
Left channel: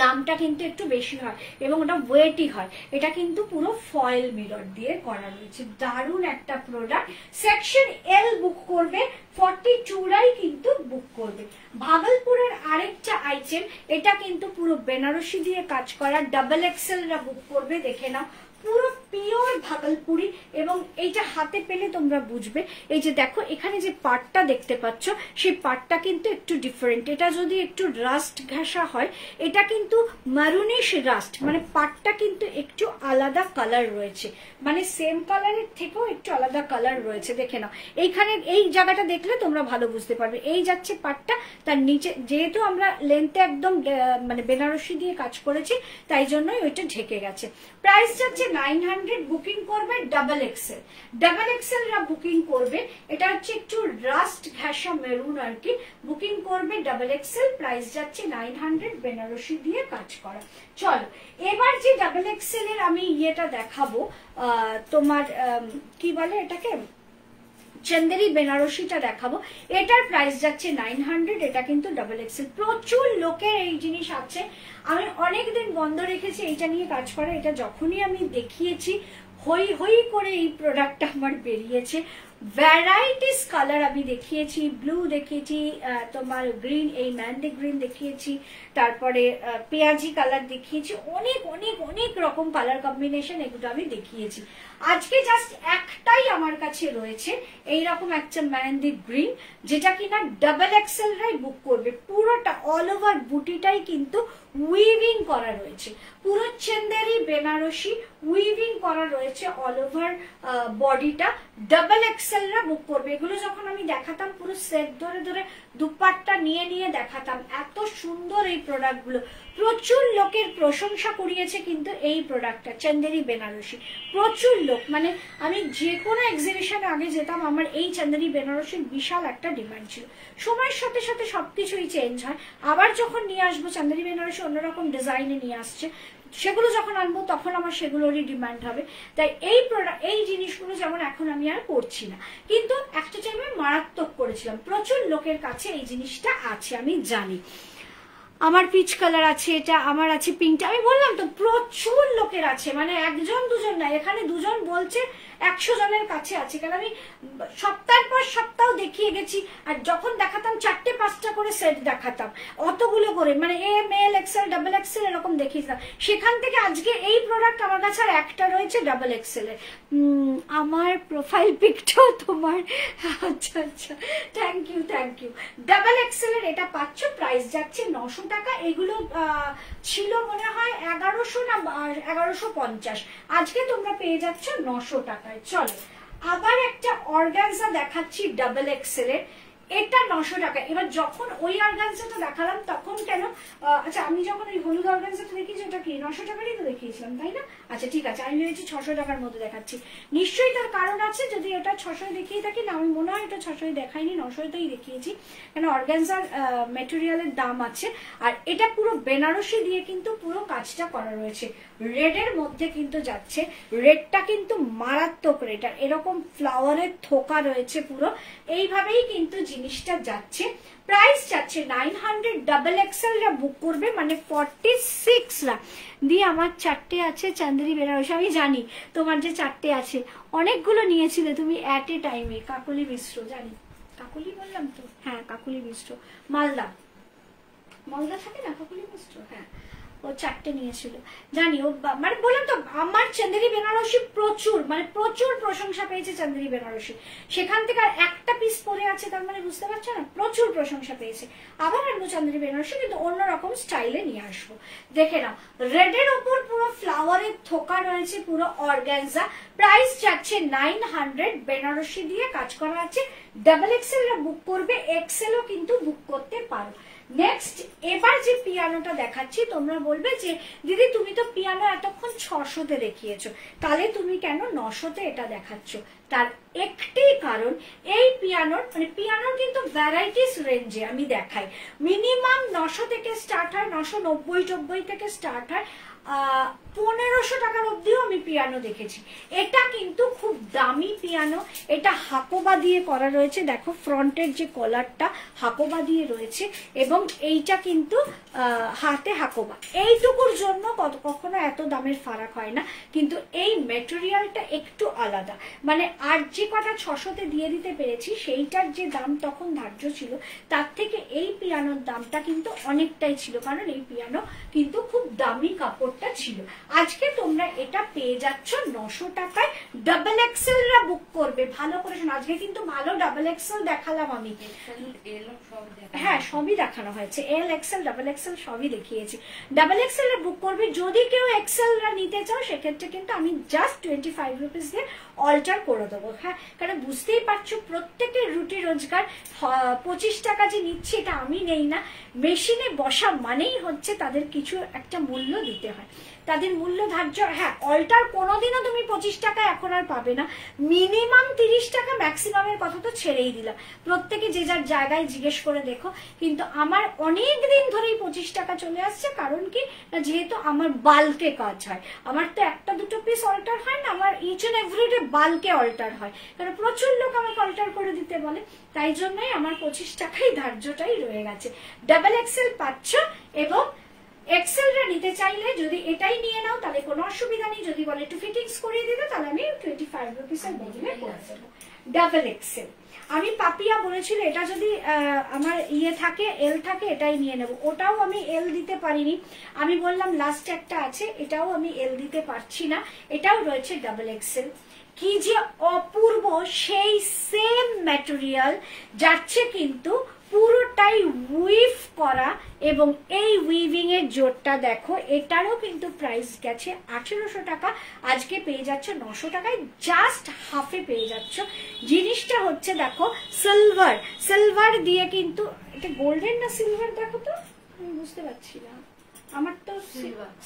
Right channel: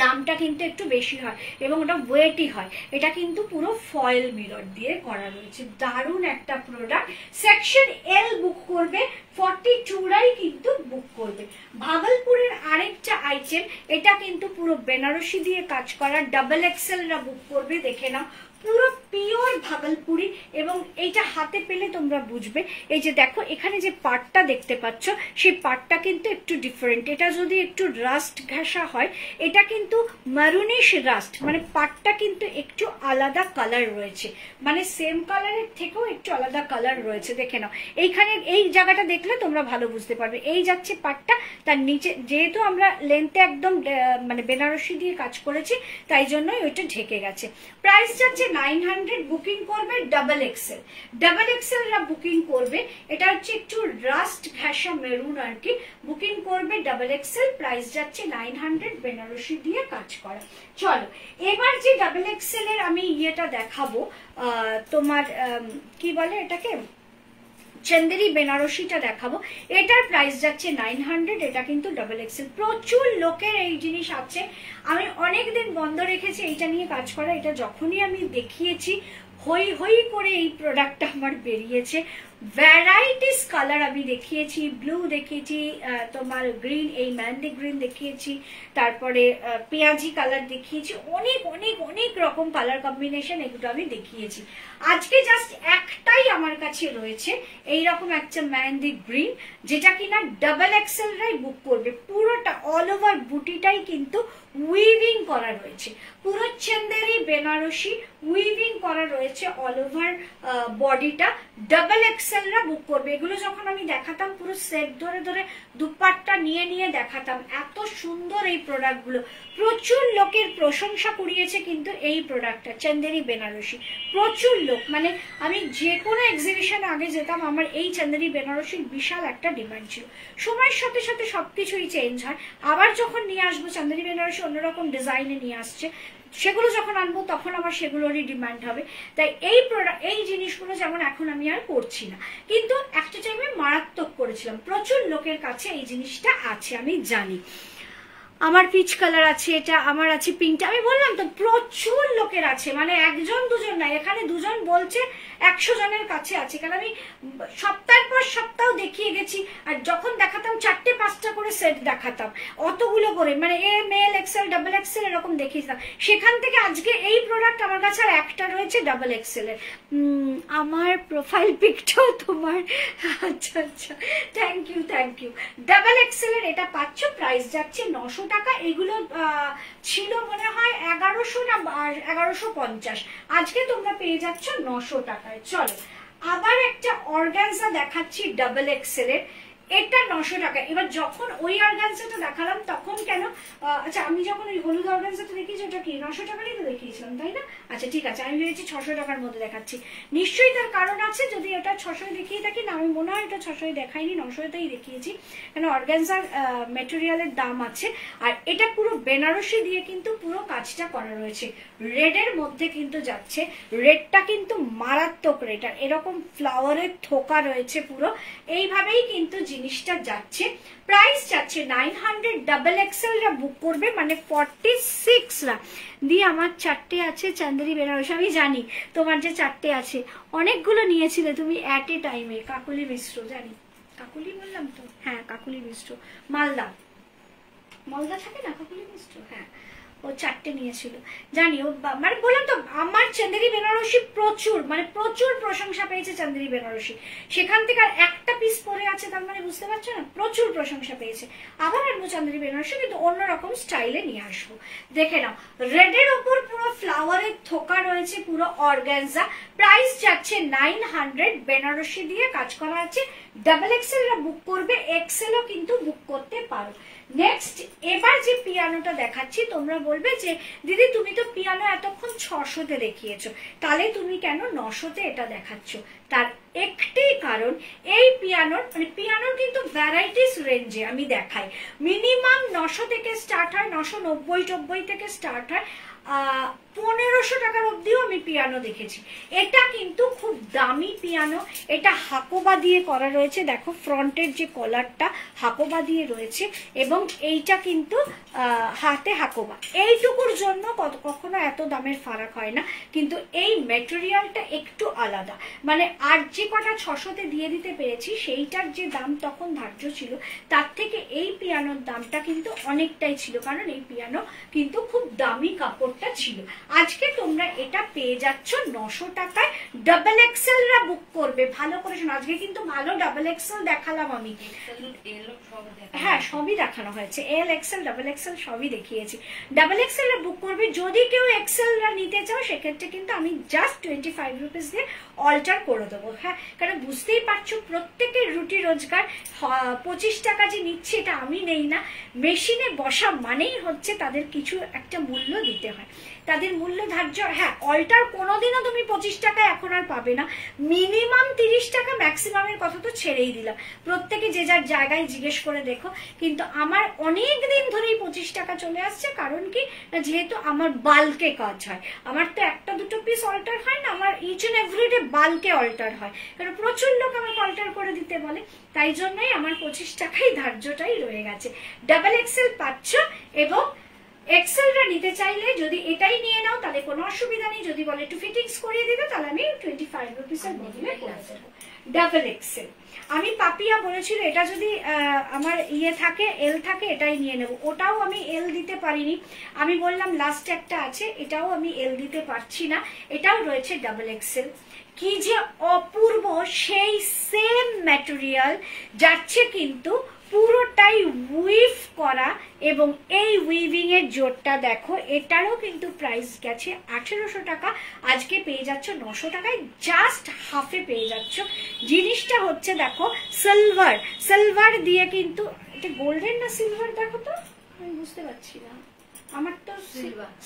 দামটা কিন্তু একটু বেশি হয় এবং ওটা ওয়েটই হয়। এটা কিন্তু পুরো ফয়েল মিরর দিয়ে করা রয়েছে, দারুণ একটা প্রোডাক্ট। সেকশন এল বুক করবে, 42রাই কিন্তু বুক করবে। ভাগলপুরের আরেকটা আইটেম, এটা কিন্তু পুরো বেনারসি দিয়ে কাজ করা, ডাবল এক্সেলরা বুক করবে। দেখে নাও পুরো পিওর ভাগলপুরি, এবং এইটা হাতে পেলে তোমরা বুঝবে। এই যে দেখো এখানে যে পাটটা দেখতে পাচ্ছ, সেই পাটটা কিন্তু একটু ডিফারেন্ট। এটা যদি একটু রাস্ট ঘেঁষা হয়, এটা কিন্তু মারুনিশ রাস্ট, মানে পাটটা কিন্তু একটু আলাদা কালার রয়েছে, মানে সেম কালারের থেকেও একটু আলাদা কালার রয়েছে। দেখে নাও এইখানে এই জায়গাটা দেখলে তোমরা ভালো বুঝতে পারবে। এই যাচ্ছে পাটটা, তার নিচে যেহেতু আমরা লেন্থে একদম মানে বেনারসি দিয়ে কাজ করেছি, তাই জন্যই ওইটা ঢেকে গেছে। প্রাইস যাচ্ছে 900, বুকিং করবে ডাবল এক্সেল। ডাবল এক্সেলরা বুকিং করবে, এটা হচ্ছে একটু রাস্ট ঘ্যাসা মেরুন আর কি, বুকিং করবে ডাবল এক্সেল, প্রাইস যাচ্ছে 900, বেনারসি দিয়ে কাজ করা। চলো এবার যে ডাবল এক্সেল এর আমি ইয়েটা দেখাবো, তোমার কি বলে এটাকে, চন্দেরি বেনারসিটা দেখাবো। এটার প্রাইস যাচ্ছে 900, এটা কিন্তু ডাবল এক্সেল। প্রচুর লোকের এই জিনিস আছে, আমি অনেকদিন বন্ধ রেখেছি এইটা নিয়ে কাজ করা। এটা যখনই আমি দেখিয়েছি হই হই করে এই প্রোডাক্টটা আমার বেরিয়েছে। ভ্যারাইটিস কালার আমি দেখিয়েছি, ব্লু দেখিয়েছি, তোমার গ্রিন, এই ম্যান্ডি গ্রিন দেখিয়েছি, তারপরে পেঁয়াজি কালার দেখিয়েছি, অনেক অনেক অনেক রকম কালার কম্বিনেশন এগুলো আমি দেখিয়েছি। আজকে জাস্ট একটাই আমার কাছে রয়েছে এইরকম একটা ম্যান্ডি গ্রিন, যেটা কিনা ডাবল এক্সেল রাই বুক করবে। পুরোটা অল ওভার বুটিটাই কিন্তু উইভিং করা রয়েছে, পুরো চন্দেরি বেনারসি উইভিং করা রয়েছে অল ওভার বডিটা। ডাবল এক্সেল রা বুক করবে। এগুলো যখন আমি দেখাতাম পুরো সেট ধরে ধরে দুপাট্টা নিয়ে নিয়ে দেখাতাম, এত সুন্দর এই প্রোডাক্ট গুলো। প্রচুর লোকের প্রশংসা কুড়িয়েছে কিন্তু এই প্রোডাক্টটা চন্দেরি বেনারসি, প্রচুর লোক। মানে আমি যে কোনো এক্সিবিশনে আগে যেতাম, আমার এই চন্দেরি বেনারসির বিশাল একটা ডিমান্ড ছিল। সময়ের সাথে সাথে সবকিছুই চেঞ্জ হয়। আবার যখন নিয়ে আসবো চন্দেরি বেনারসি অন্যরকম ডিজাইনে নিয়ে আসছে, সেগুলো যখন আনবো তখন আমার সেগুলোরই ডিমান্ড হবে। তাই এই জিনিসগুলো যেমন এখন আমি আর করছি না, কিন্তু একটা টাইমে মারাত্মক করেছিলাম। প্রচুর লোকের কাছে এই জিনিসটা আছে, আমি জানি। আমার পিচ কালার আছে, এটা আমার আছে পিঙ্কটা, আমি বললাম তো প্রচুর লোকের আছে, মানে একজন দুজন না, এখানে দুজন বলছে 100 জনের কাছে আছে। কারণ আমি সপ্তাহের পর সপ্তাহ দেখিয়ে গেছি, আর যখন দেখাতাম 4-5টা করে সেট দেখাতাম, অতগুলো করে, মানে M L XL double XL এরকম দেখিয়েছিলাম। সেখান থেকে আজকে এই প্রোডাক্ট আমার কাছে আর একটা রয়েছে ডাবল এক্সেল এর। আমার প্রোফাইল পিকটাও তোমার, আচ্ছা আচ্ছা, thank you thank you. Double XL এর এটা পাচ্ছ, প্রাইস যাচ্ছে 900 টাকা। এগুলো ছিল মনে হয় 1100 না 1150, আজকে তোমরা পেয়ে যাচ্ছ 900 টাকায়। চলো আবার একটা অর্গানজা দেখাচ্ছি ডাবল এক্সেল এর, এটা 900 টাকা। এবার যখন ওই অর্গানজাটা দেখালাম তখন কেন, আচ্ছা আমি যখন ওই হলুদ অর্গানজাটা দেখিয়েছি ওটা কি 900 টাকারই তো দেখিয়েছিলাম তাই না? আচ্ছা ঠিক আছে, আমি ভেবেছি 600 টাকার মধ্যে দেখাচ্ছি। নিশ্চয়ই তার কারণ আছে, যদি এটা 600 দেখিয়ে থাকি, না আমি মনে হয় এটা 600 দেখাইনি, 900-তেই দেখিয়েছি, কেন অর্গানজার ম্যাটেরিয়ালের দাম আছে। আর এটা পুরো বেনারসি দিয়ে কিন্তু পুরো কাজটা করা রয়েছে, রেডের মধ্যে কিন্তু যাচ্ছে। রেডটা কিন্তু মারাত্মক রেড, আর এরকম ফ্লাওয়ারের থোকা রয়েছে পুরো, এইভাবেই কিন্তু জিনিসটা যাচ্ছে। প্রাইস যাচ্ছে 900, ডাবল এক্সেল রা বুক করবে, মানে 46 রা দিয়ে। আমার 4টে আছে চন্দেরি বেনারসি, আমি জানি তোমার যে 4টে আছে, অনেকগুলো নিয়েছিলে তুমি এক এ টাইমে। কাকুলি মিশ্র, জানি কাকুলি বললাম তো, হ্যাঁ কাকুলি মিশ্র, মালদা থাকে না কাকুলি মিশ্র, হ্যাঁ ও 4টে নিয়েছিল জানি। ও মানে বললাম তো আমার চন্দেরি বেনারসি প্রচুর, মানে প্রচুর প্রশংসা পেয়েছে চন্দেরি বেনারসি। সেখান থেকে আর একটা পিস পরে আছে, তার মানে বুঝতে পারছো না, প্রচুর প্রশংসা পেয়েছে। আবার আনবো চন্দেরি বেনারসি, কিন্তু অন্যরকম স্টাইলে নিয়ে আসবো। দেখে নাও, রেডের উপর পুরো ফ্লাওয়ারের থোকা রয়েছে, পুরো অর্গানজা। প্রাইস যাচ্ছে 900, বেনারসি দিয়ে কাজ করা আছে। ডাবল এক্সেল রা বুক করবে, এক্সেলও কিন্তু বুক করতে পারো। নেক্সট এবার যে পিয়ানোটা দেখাচ্ছি, তোমরা বলবে যে দিদি তুমি তো পিয়ানো এতক্ষণ 600-তে দেখিয়েছো, তাহলে তুমি কেন 900-তে এটা দেখাচ্ছ? তার একটি কারণ, এই পিয়ানোর মানে পিয়ানোর কিন্তু ভ্যারাইটিস রেঞ্জে আমি দেখাই। মিনিমাম 900 থেকে স্টার্ট হয়, 990 থেকে স্টার্ট হয়, 1500 টাকার অব্দিও আমি পিয়ানো দেখেছি। এটা কিন্তু খুব দামি পিয়ানো, এটা হাকোবা দিয়ে করা রয়েছে। দেখো ফ্রন্টের যে কলারটা হাকোবা দিয়ে রয়েছে, এবং এইটা কিন্তু হাতে হাকোবা। এইটুকুর জন্য কখনো এত দামের ফারাক হয় না, কিন্তু এই ম্যাটেরিয়ালটা একটু আলাদা। মানে আর যে কটা 600-তে দিয়ে দিতে পেরেছি, সেইটার যে দাম তখন ধার্য ছিল, তার থেকে এই পিয়ানোর দামটা কিন্তু অনেকটাই ছিল, কারণ এই পিয়ানো কিন্তু খুব দামি কাপড়টা ছিল। আজকে তোমরা এটা পেয়ে যাচ্ছ 900 টাকায়। ডাবল এক্সেল রা বুক করবে, ভালো করে শোনো, আজকে কিন্তু ভালো ডাবল এক্সেল দেখালাম আমি। হ্যাঁ সবই দেখানো হয়েছে, এল এক্সেল ডাবল এক্সেল সবই দেখিয়েছি। ডাবল এক্সেল রা বুক করবে। যদি কেউ এক্সেল রা নিতে চাও, সেক্ষেত্রে কিন্তু আমি জাস্ট 25 রুপিস দিয়ে অল্টার করে দেবো। হ্যাঁ, কারণ বুঝতেই পারছো প্রত্যেকের রুটি রোজগার 25 টাকা যে নিচ্ছে এটা আমি নেই না, মেশিনে বসা মানেই হচ্ছে তাদের কিছু একটা মূল্য দিতে হয়, তাদের মূল্য ধার্য। হ্যাঁ, অল্টার কোনোদিনও তুমি 25 টাকা এখন আর পাবে না, মিনিমাম 30 টাকা, ম্যাক্সিমামের কথা তো ছেড়েই দিলাম, প্রত্যেকে যে যার জায়গায় জিজ্ঞেস করে দেখো। কিন্তু আমার অনেক দিন ধরেই 25 টাকা চলে আসছে, কারণ কি না যেহেতু আমার বাল্কে কাজ হয়, আমার তো একটা দুটো পিস অল্টার হয় না, আমার ইচ এন্ড এভরিডে বাল্কে অল্টার হয়, কারণ প্রচুর লোক আমাকে অল্টার করে দিতে বলে, তাই জন্যই আমার 25 টাকাই ধার্যটাই রয়ে গেছে। ডাবল এক্সেল পাচ্ছ, এবং এক্সেলটা নিতে চাইলে যদি এটাই নিয়ে নাও তাহলে কোনো অসুবিধা নেই, যদি বলে একটু ফিটিংস করিয়ে দিতে তাহলে আমি 25 রুপিসের বদলে করে দেবো। ডাবল এক্সেল আমি পাপিয়া বলেছিল এটা যদি আমার ইয়ে থাকে, এল থাকে, এটাই নিয়ে নেব, ওটাও আমি এল দিতে পারিনি, আমি বললাম লাস্ট একটা আছে, এটাও আমি এল দিতে পারছি না, এটাও রয়েছে ডাবল এক্সেল। কি যে অপূর্ব, সেই সেম ম্যাটেরিয়াল যাচ্ছে কিন্তু পুরোটাই উইভ করা, এবং এই উইভিং এর জোরটা দেখো, এটারও কিন্তু প্রাইস গেছে 1800 টাকা, আজকে পেয়ে যাচ্ছ 900 টাকায়, জাস্ট হাফে পেয়ে যাচ্ছ। জিনিসটা হচ্ছে দেখো সিলভার, সিলভার দিয়ে কিন্তু, এটা গোল্ডেন না সিলভার দেখো তো, আমি বুঝতে পারছি না, আমার তো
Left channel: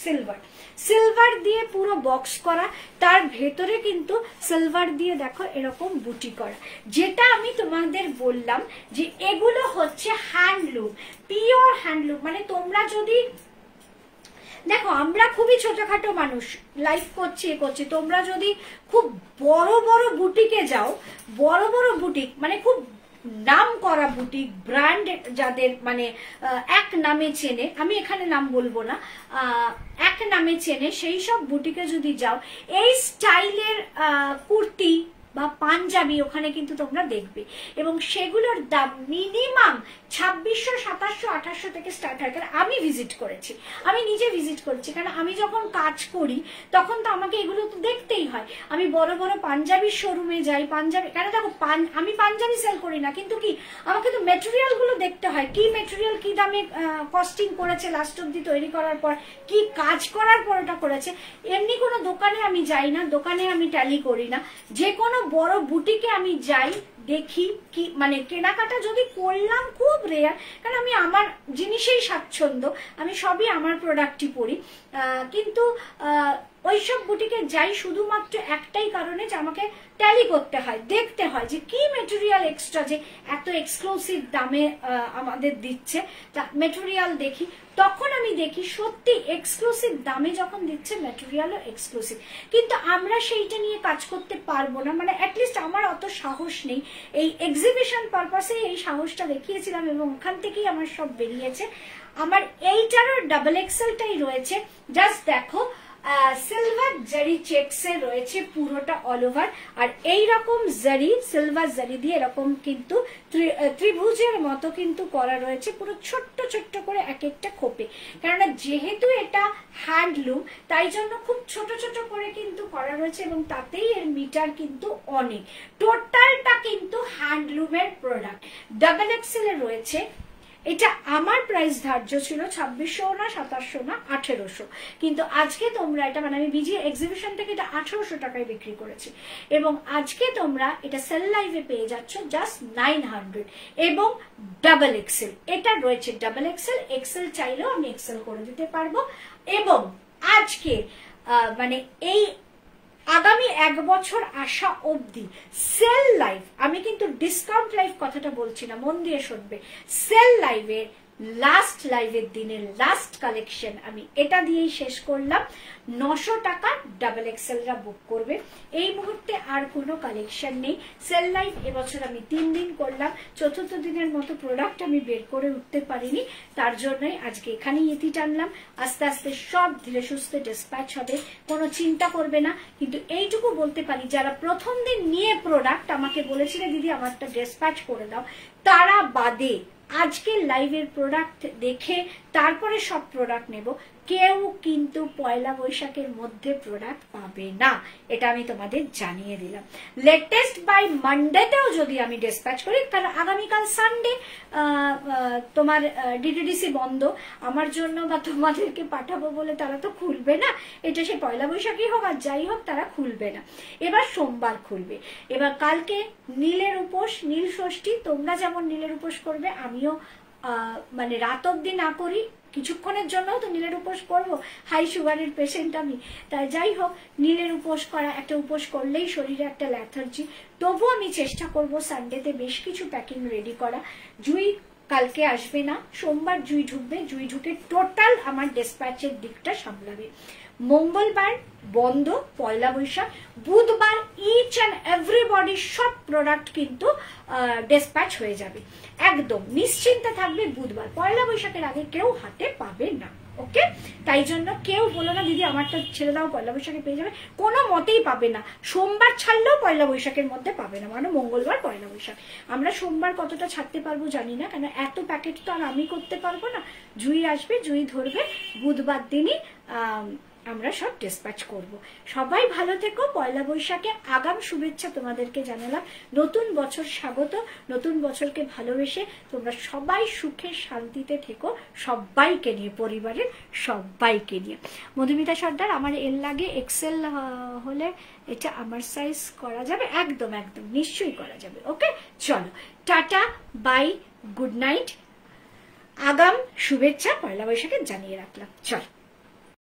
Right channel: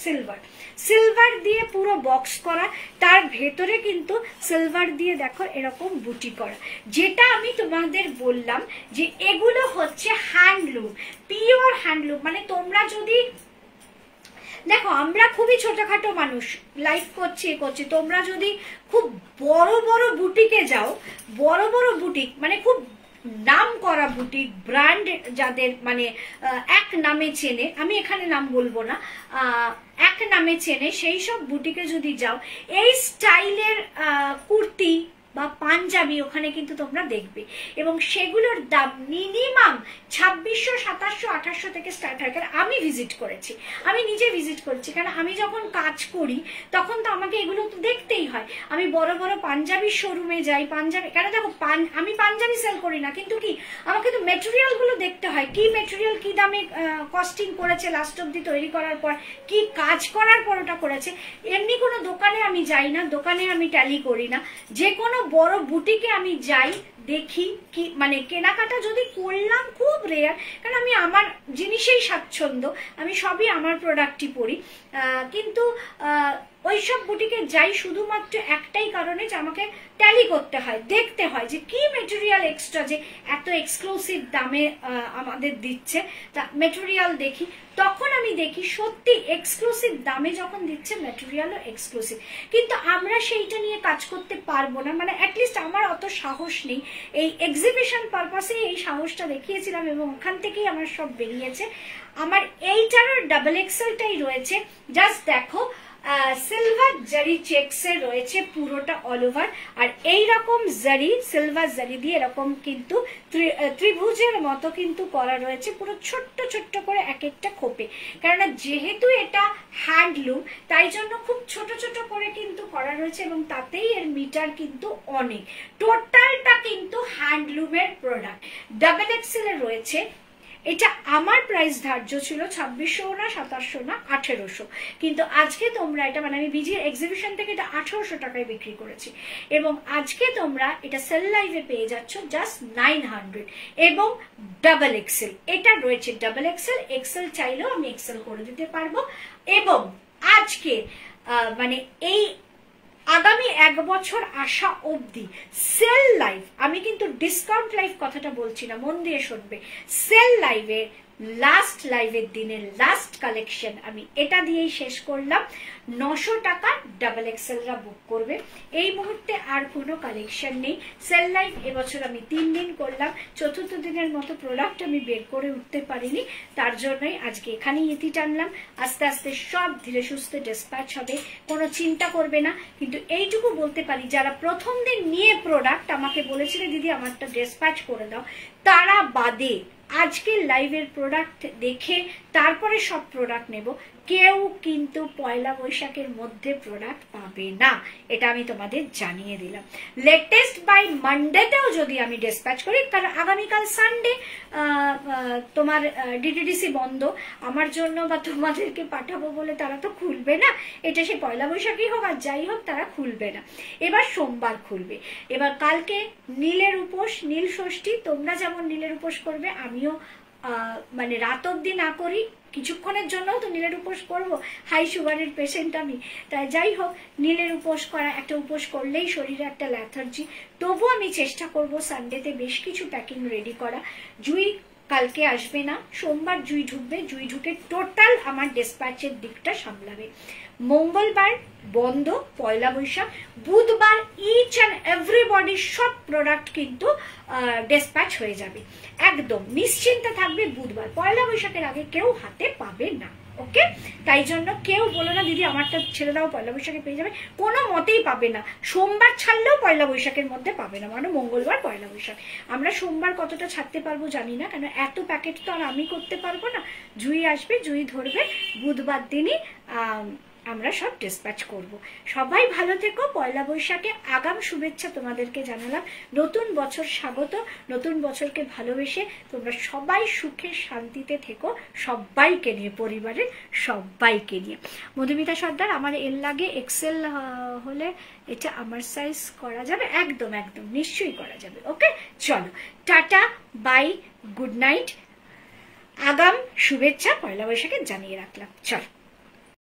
সিলভার, সিলভার দিয়ে পুরো বক্স করা, তার ভেতরে কিন্তু সিলভার দিয়ে দেখো এরকম বুটি করা, যেটা আমি তোমাদের বললাম যে এগুলো হচ্ছে হ্যান্ডলুম, পিওর হ্যান্ডলুম। মানে তোমরা যদি দেখো, আমরা খুবই ছোটখাটো মানুষ, লাইফ করছি, তোমরা যদি খুব বড় বড় বুটিকে যাও, বড় বড় বুটিক মানে খুব নাম করা বুটিক, ব্র্যান্ড যাদের মানে এক নামে চেনে, আমি এখানে নাম বলবো না, এক নামে চেনে, সেই সব বুটিকে যদি যাও, এই স্টাইলের কুর্তি বা পাঞ্জাবি ওখানে কিন্তু তোমরা দেখবে, এবং সেগুলোর দাম মিনিমাম 2600, 2700, 2800 থেকে স্টার্ট হয়। কারণ আমি ভিজিট করেছি, আমি নিজে ভিজিট করেছি, কারণ আমি যখন কাজ করি তখন তো আমাকে এগুলো তো দেখতেই হয়। আমি বড় বড় পাঞ্জাবির শোরুমে যাই, পাঞ্জাবি, কেন দেখো আমি পাঞ্জাবি সেল করি না, কিন্তু কি আমাকে তো মেটেরিয়াল গুলো দেখতে হয়, কি মেটেরিয়াল কি দামে কস্টিং করেছে লাস্ট অব্দি তৈরি করার পর, কি কাজ করার পর ওটা করেছে। এমনি কোনো দোকানে আমি যাই না, দোকানে আমি ট্যালি করি না, যে কোনো বড় বুটিকে আমি যাই, দেখি কি মানে কেনাকাটা যদি করলাম খুব রেয়ার, কারণ আমি আমার জিনিসেই স্বাচ্ছন্দ্য, আমি সবই আমার প্রোডাক্টই পরি, কিন্তু ওইসব বুটিকে যাই শুধুমাত্র একটাই কারণে যে আমাকে ট্যালি করতে হয়, দেখতে হয় যে কি মেটেরিয়াল এক্সট্রা যে এত এক্সক্লুসিভ দামে আমাদের দিচ্ছে, তা মেটেরিয়াল দেখি, তখন আমি দেখি সত্যি এক্সক্লুসিভ দামে যখন দিচ্ছে মেটেরিয়ালও এক্সক্লুসিভ, কিন্তু আমরা সেইটা নিয়ে কাজ করতে পারবো না, মানে অ্যাটলিস্ট আমার অত সাহস নেই। এই এক্সিবিশন পারপাসে এই সাহসটা দেখিয়েছিলাম, এবং ওখান থেকেই আমার সব বেরিয়েছে। আমার এইটারও ডাবল এক্সেলটাই রয়েছে, জাস্ট দেখো সিলভার জারি চেকসে রয়েছে পুরোটা অল ওভার, আর এইরকম জারি, সিলভার জারি দিয়ে এরকম কিন্তু ত্রিভুজের মতো কিন্তু করা রয়েছে, পুরো ছোট্ট ছোট্ট করে এক একটা খোপে, কেননা যেহেতু এটা হ্যান্ডলুম তাই জন্য খুব ছোট ছোট করে কিন্তু করা রয়েছে, এবং তাতেই এর মিটার কিন্তু অনেক, টোটালটা কিন্তু হ্যান্ডলুমের প্রোডাক্ট। ডাবল এক্সেল এর রয়েছে, এটা আমার প্রাইস ধার্য ছিল 2600 না 2700 না 1800, কিন্তু আজকে তোমরা এটা মানে আমি বিজি এক্সিবিশন থেকে এটা 1800 টাকায় বিক্রি করেছি, এবং আজকে তোমরা এটা সেল লাইভে পেয়ে যাচ্ছ জাস্ট 900, এবং ডাবল এক্সেল এটা রয়েছে। ডাবল এক্সেল, এক্সেল চাইলেও আমি এক্সেল করে দিতে পারবো, এবং আজকে মানে এই আগামী 1 বছর আসা অবধি সেল লাইভ, আমি কিন্তু ডিসকাউন্ট লাইভ কথাটা বলছি না, মন দিয়ে শুনবে, সেল লাইভে লাস্ট লাইভের দিনের লাস্ট কালেকশন আমি এটা দিয়েই শেষ করলাম। 900 টাকা ডাবল এক্সেলরা বুক করবে, এই মুহূর্তে আর কোনো কালেকশন নেই। সেল লাইভ এবছর আমি 3 দিন করলাম, চতুর্থ দিনের মতো প্রোডাক্ট আমি বের করে উঠতে পারিনি, তার জন্যই আজকে এখানেই ইতি টানলাম। আস্তে আস্তে সব ধীরে সুস্থে ডিসপ্যাচ হবে, কোনো চিন্তা করবে না। কিন্তু এইটুকু বলতে পারি, যারা প্রথম দিন নিয়ে প্রোডাক্ট আমাকে বলেছিলেন দিদি আমারটা ডিসপ্যাচ করে দাও, তারা বাদে আজকের লাইভের প্রোডাক্ট দেখে তারপরে সব প্রোডাক্ট নেব, কেউ কিন্তু পয়লা বৈশাখের মধ্যে প্রোডাক্ট পাবে না, এটা আমি তোমাদের জানিয়ে দিলাম। লেটেস্ট বাই মানডেটাও যদি আমি ডিসপ্যাচ করি, কারণ আগামীকাল সানডে, তোমার ডিটিডিসি বন্ধ, আমার জন্য বা তোমাদেরকে পাঠাবো বলে তারা তো খুলবে না, এটা সে পয়লা বৈশাখী হোক আর যাই হোক, তারা খুলবে না। এবার সোমবার খুলবে। এবার কালকে নীলের উপোস, নীল ষষ্ঠী, তোমরা যেমন নীলের উপোস করবে, আমিও মানে রাত অব্দি না করি, কিছুক্ষণের জন্য তো নীলের উপোস করব, হাই সুগারের পেশেন্ট আমি, তাই যাই হোক নীলের উপোস করা, একটা উপোস করলেই শরীরে একটা ল্যাথার্জি। তবু আমি চেষ্টা করব সানডেতে বেশ কিছু প্যাকিং রেডি করা। জুই কালকে আসবে না, সোমবার জুই ঢুকবে, জুই ঢুকে টোটাল আমার ডিসপ্যাচের দিকটা সামলাবে। মঙ্গলবার বন্ধ পয়লা বৈশাখ, বুধবার ইচ অ্যান্ড এভরিবডি সব প্রোডাক্ট কিন্তু ডিসপ্যাচ হয়ে যাবে, একদম নিশ্চিন্তে থাকবে। বুধবার পয়লা বৈশাখের আগে কেউ হাতে পাবে না, ওকে? তাই জন্য কেউ বলো না দিদি আমারটা ছেড়ে দাও, পয়লা বৈশাখে পেয়ে যাবে, কোনো মতেই পাবে না। সোমবার ছাড়লেও পয়লা বৈশাখের মধ্যে পাবে না, মানে মঙ্গলবার পয়লা বৈশাখ। আমরা সোমবার কতটা ছাড়তে পারবো জানি না, কারণ এত প্যাকেট তো আর আমি করতে পারবো না। জুই আসবে, জুই ধরবে, বুধবার দিনই আমরা সব ডিসপ্যাচ করব। সবাই ভালো থেকো। পয়লা বৈশাখে আগাম শুভেচ্ছা তোমাদেরকে জানালাম। নতুন বছর স্বাগত, নতুন বছরকে ভালোবেসে তোমরা সবাই সুখে শান্তিতে থেকো, সবাইকে নিয়ে, পরিবারের সবাইকে নিয়ে। মধুমিতা সর্দার, আমার এল লাগে, এক্সেল হলে এটা আমার সাইজ করা যাবে? একদম একদম নিশ্চয়ই করা যাবে। ওকে, চলো টাটা, বাই, গুড নাইট। আগাম শুভেচ্ছা পয়লা বৈশাখে জানিয়ে রাখলাম। চলো।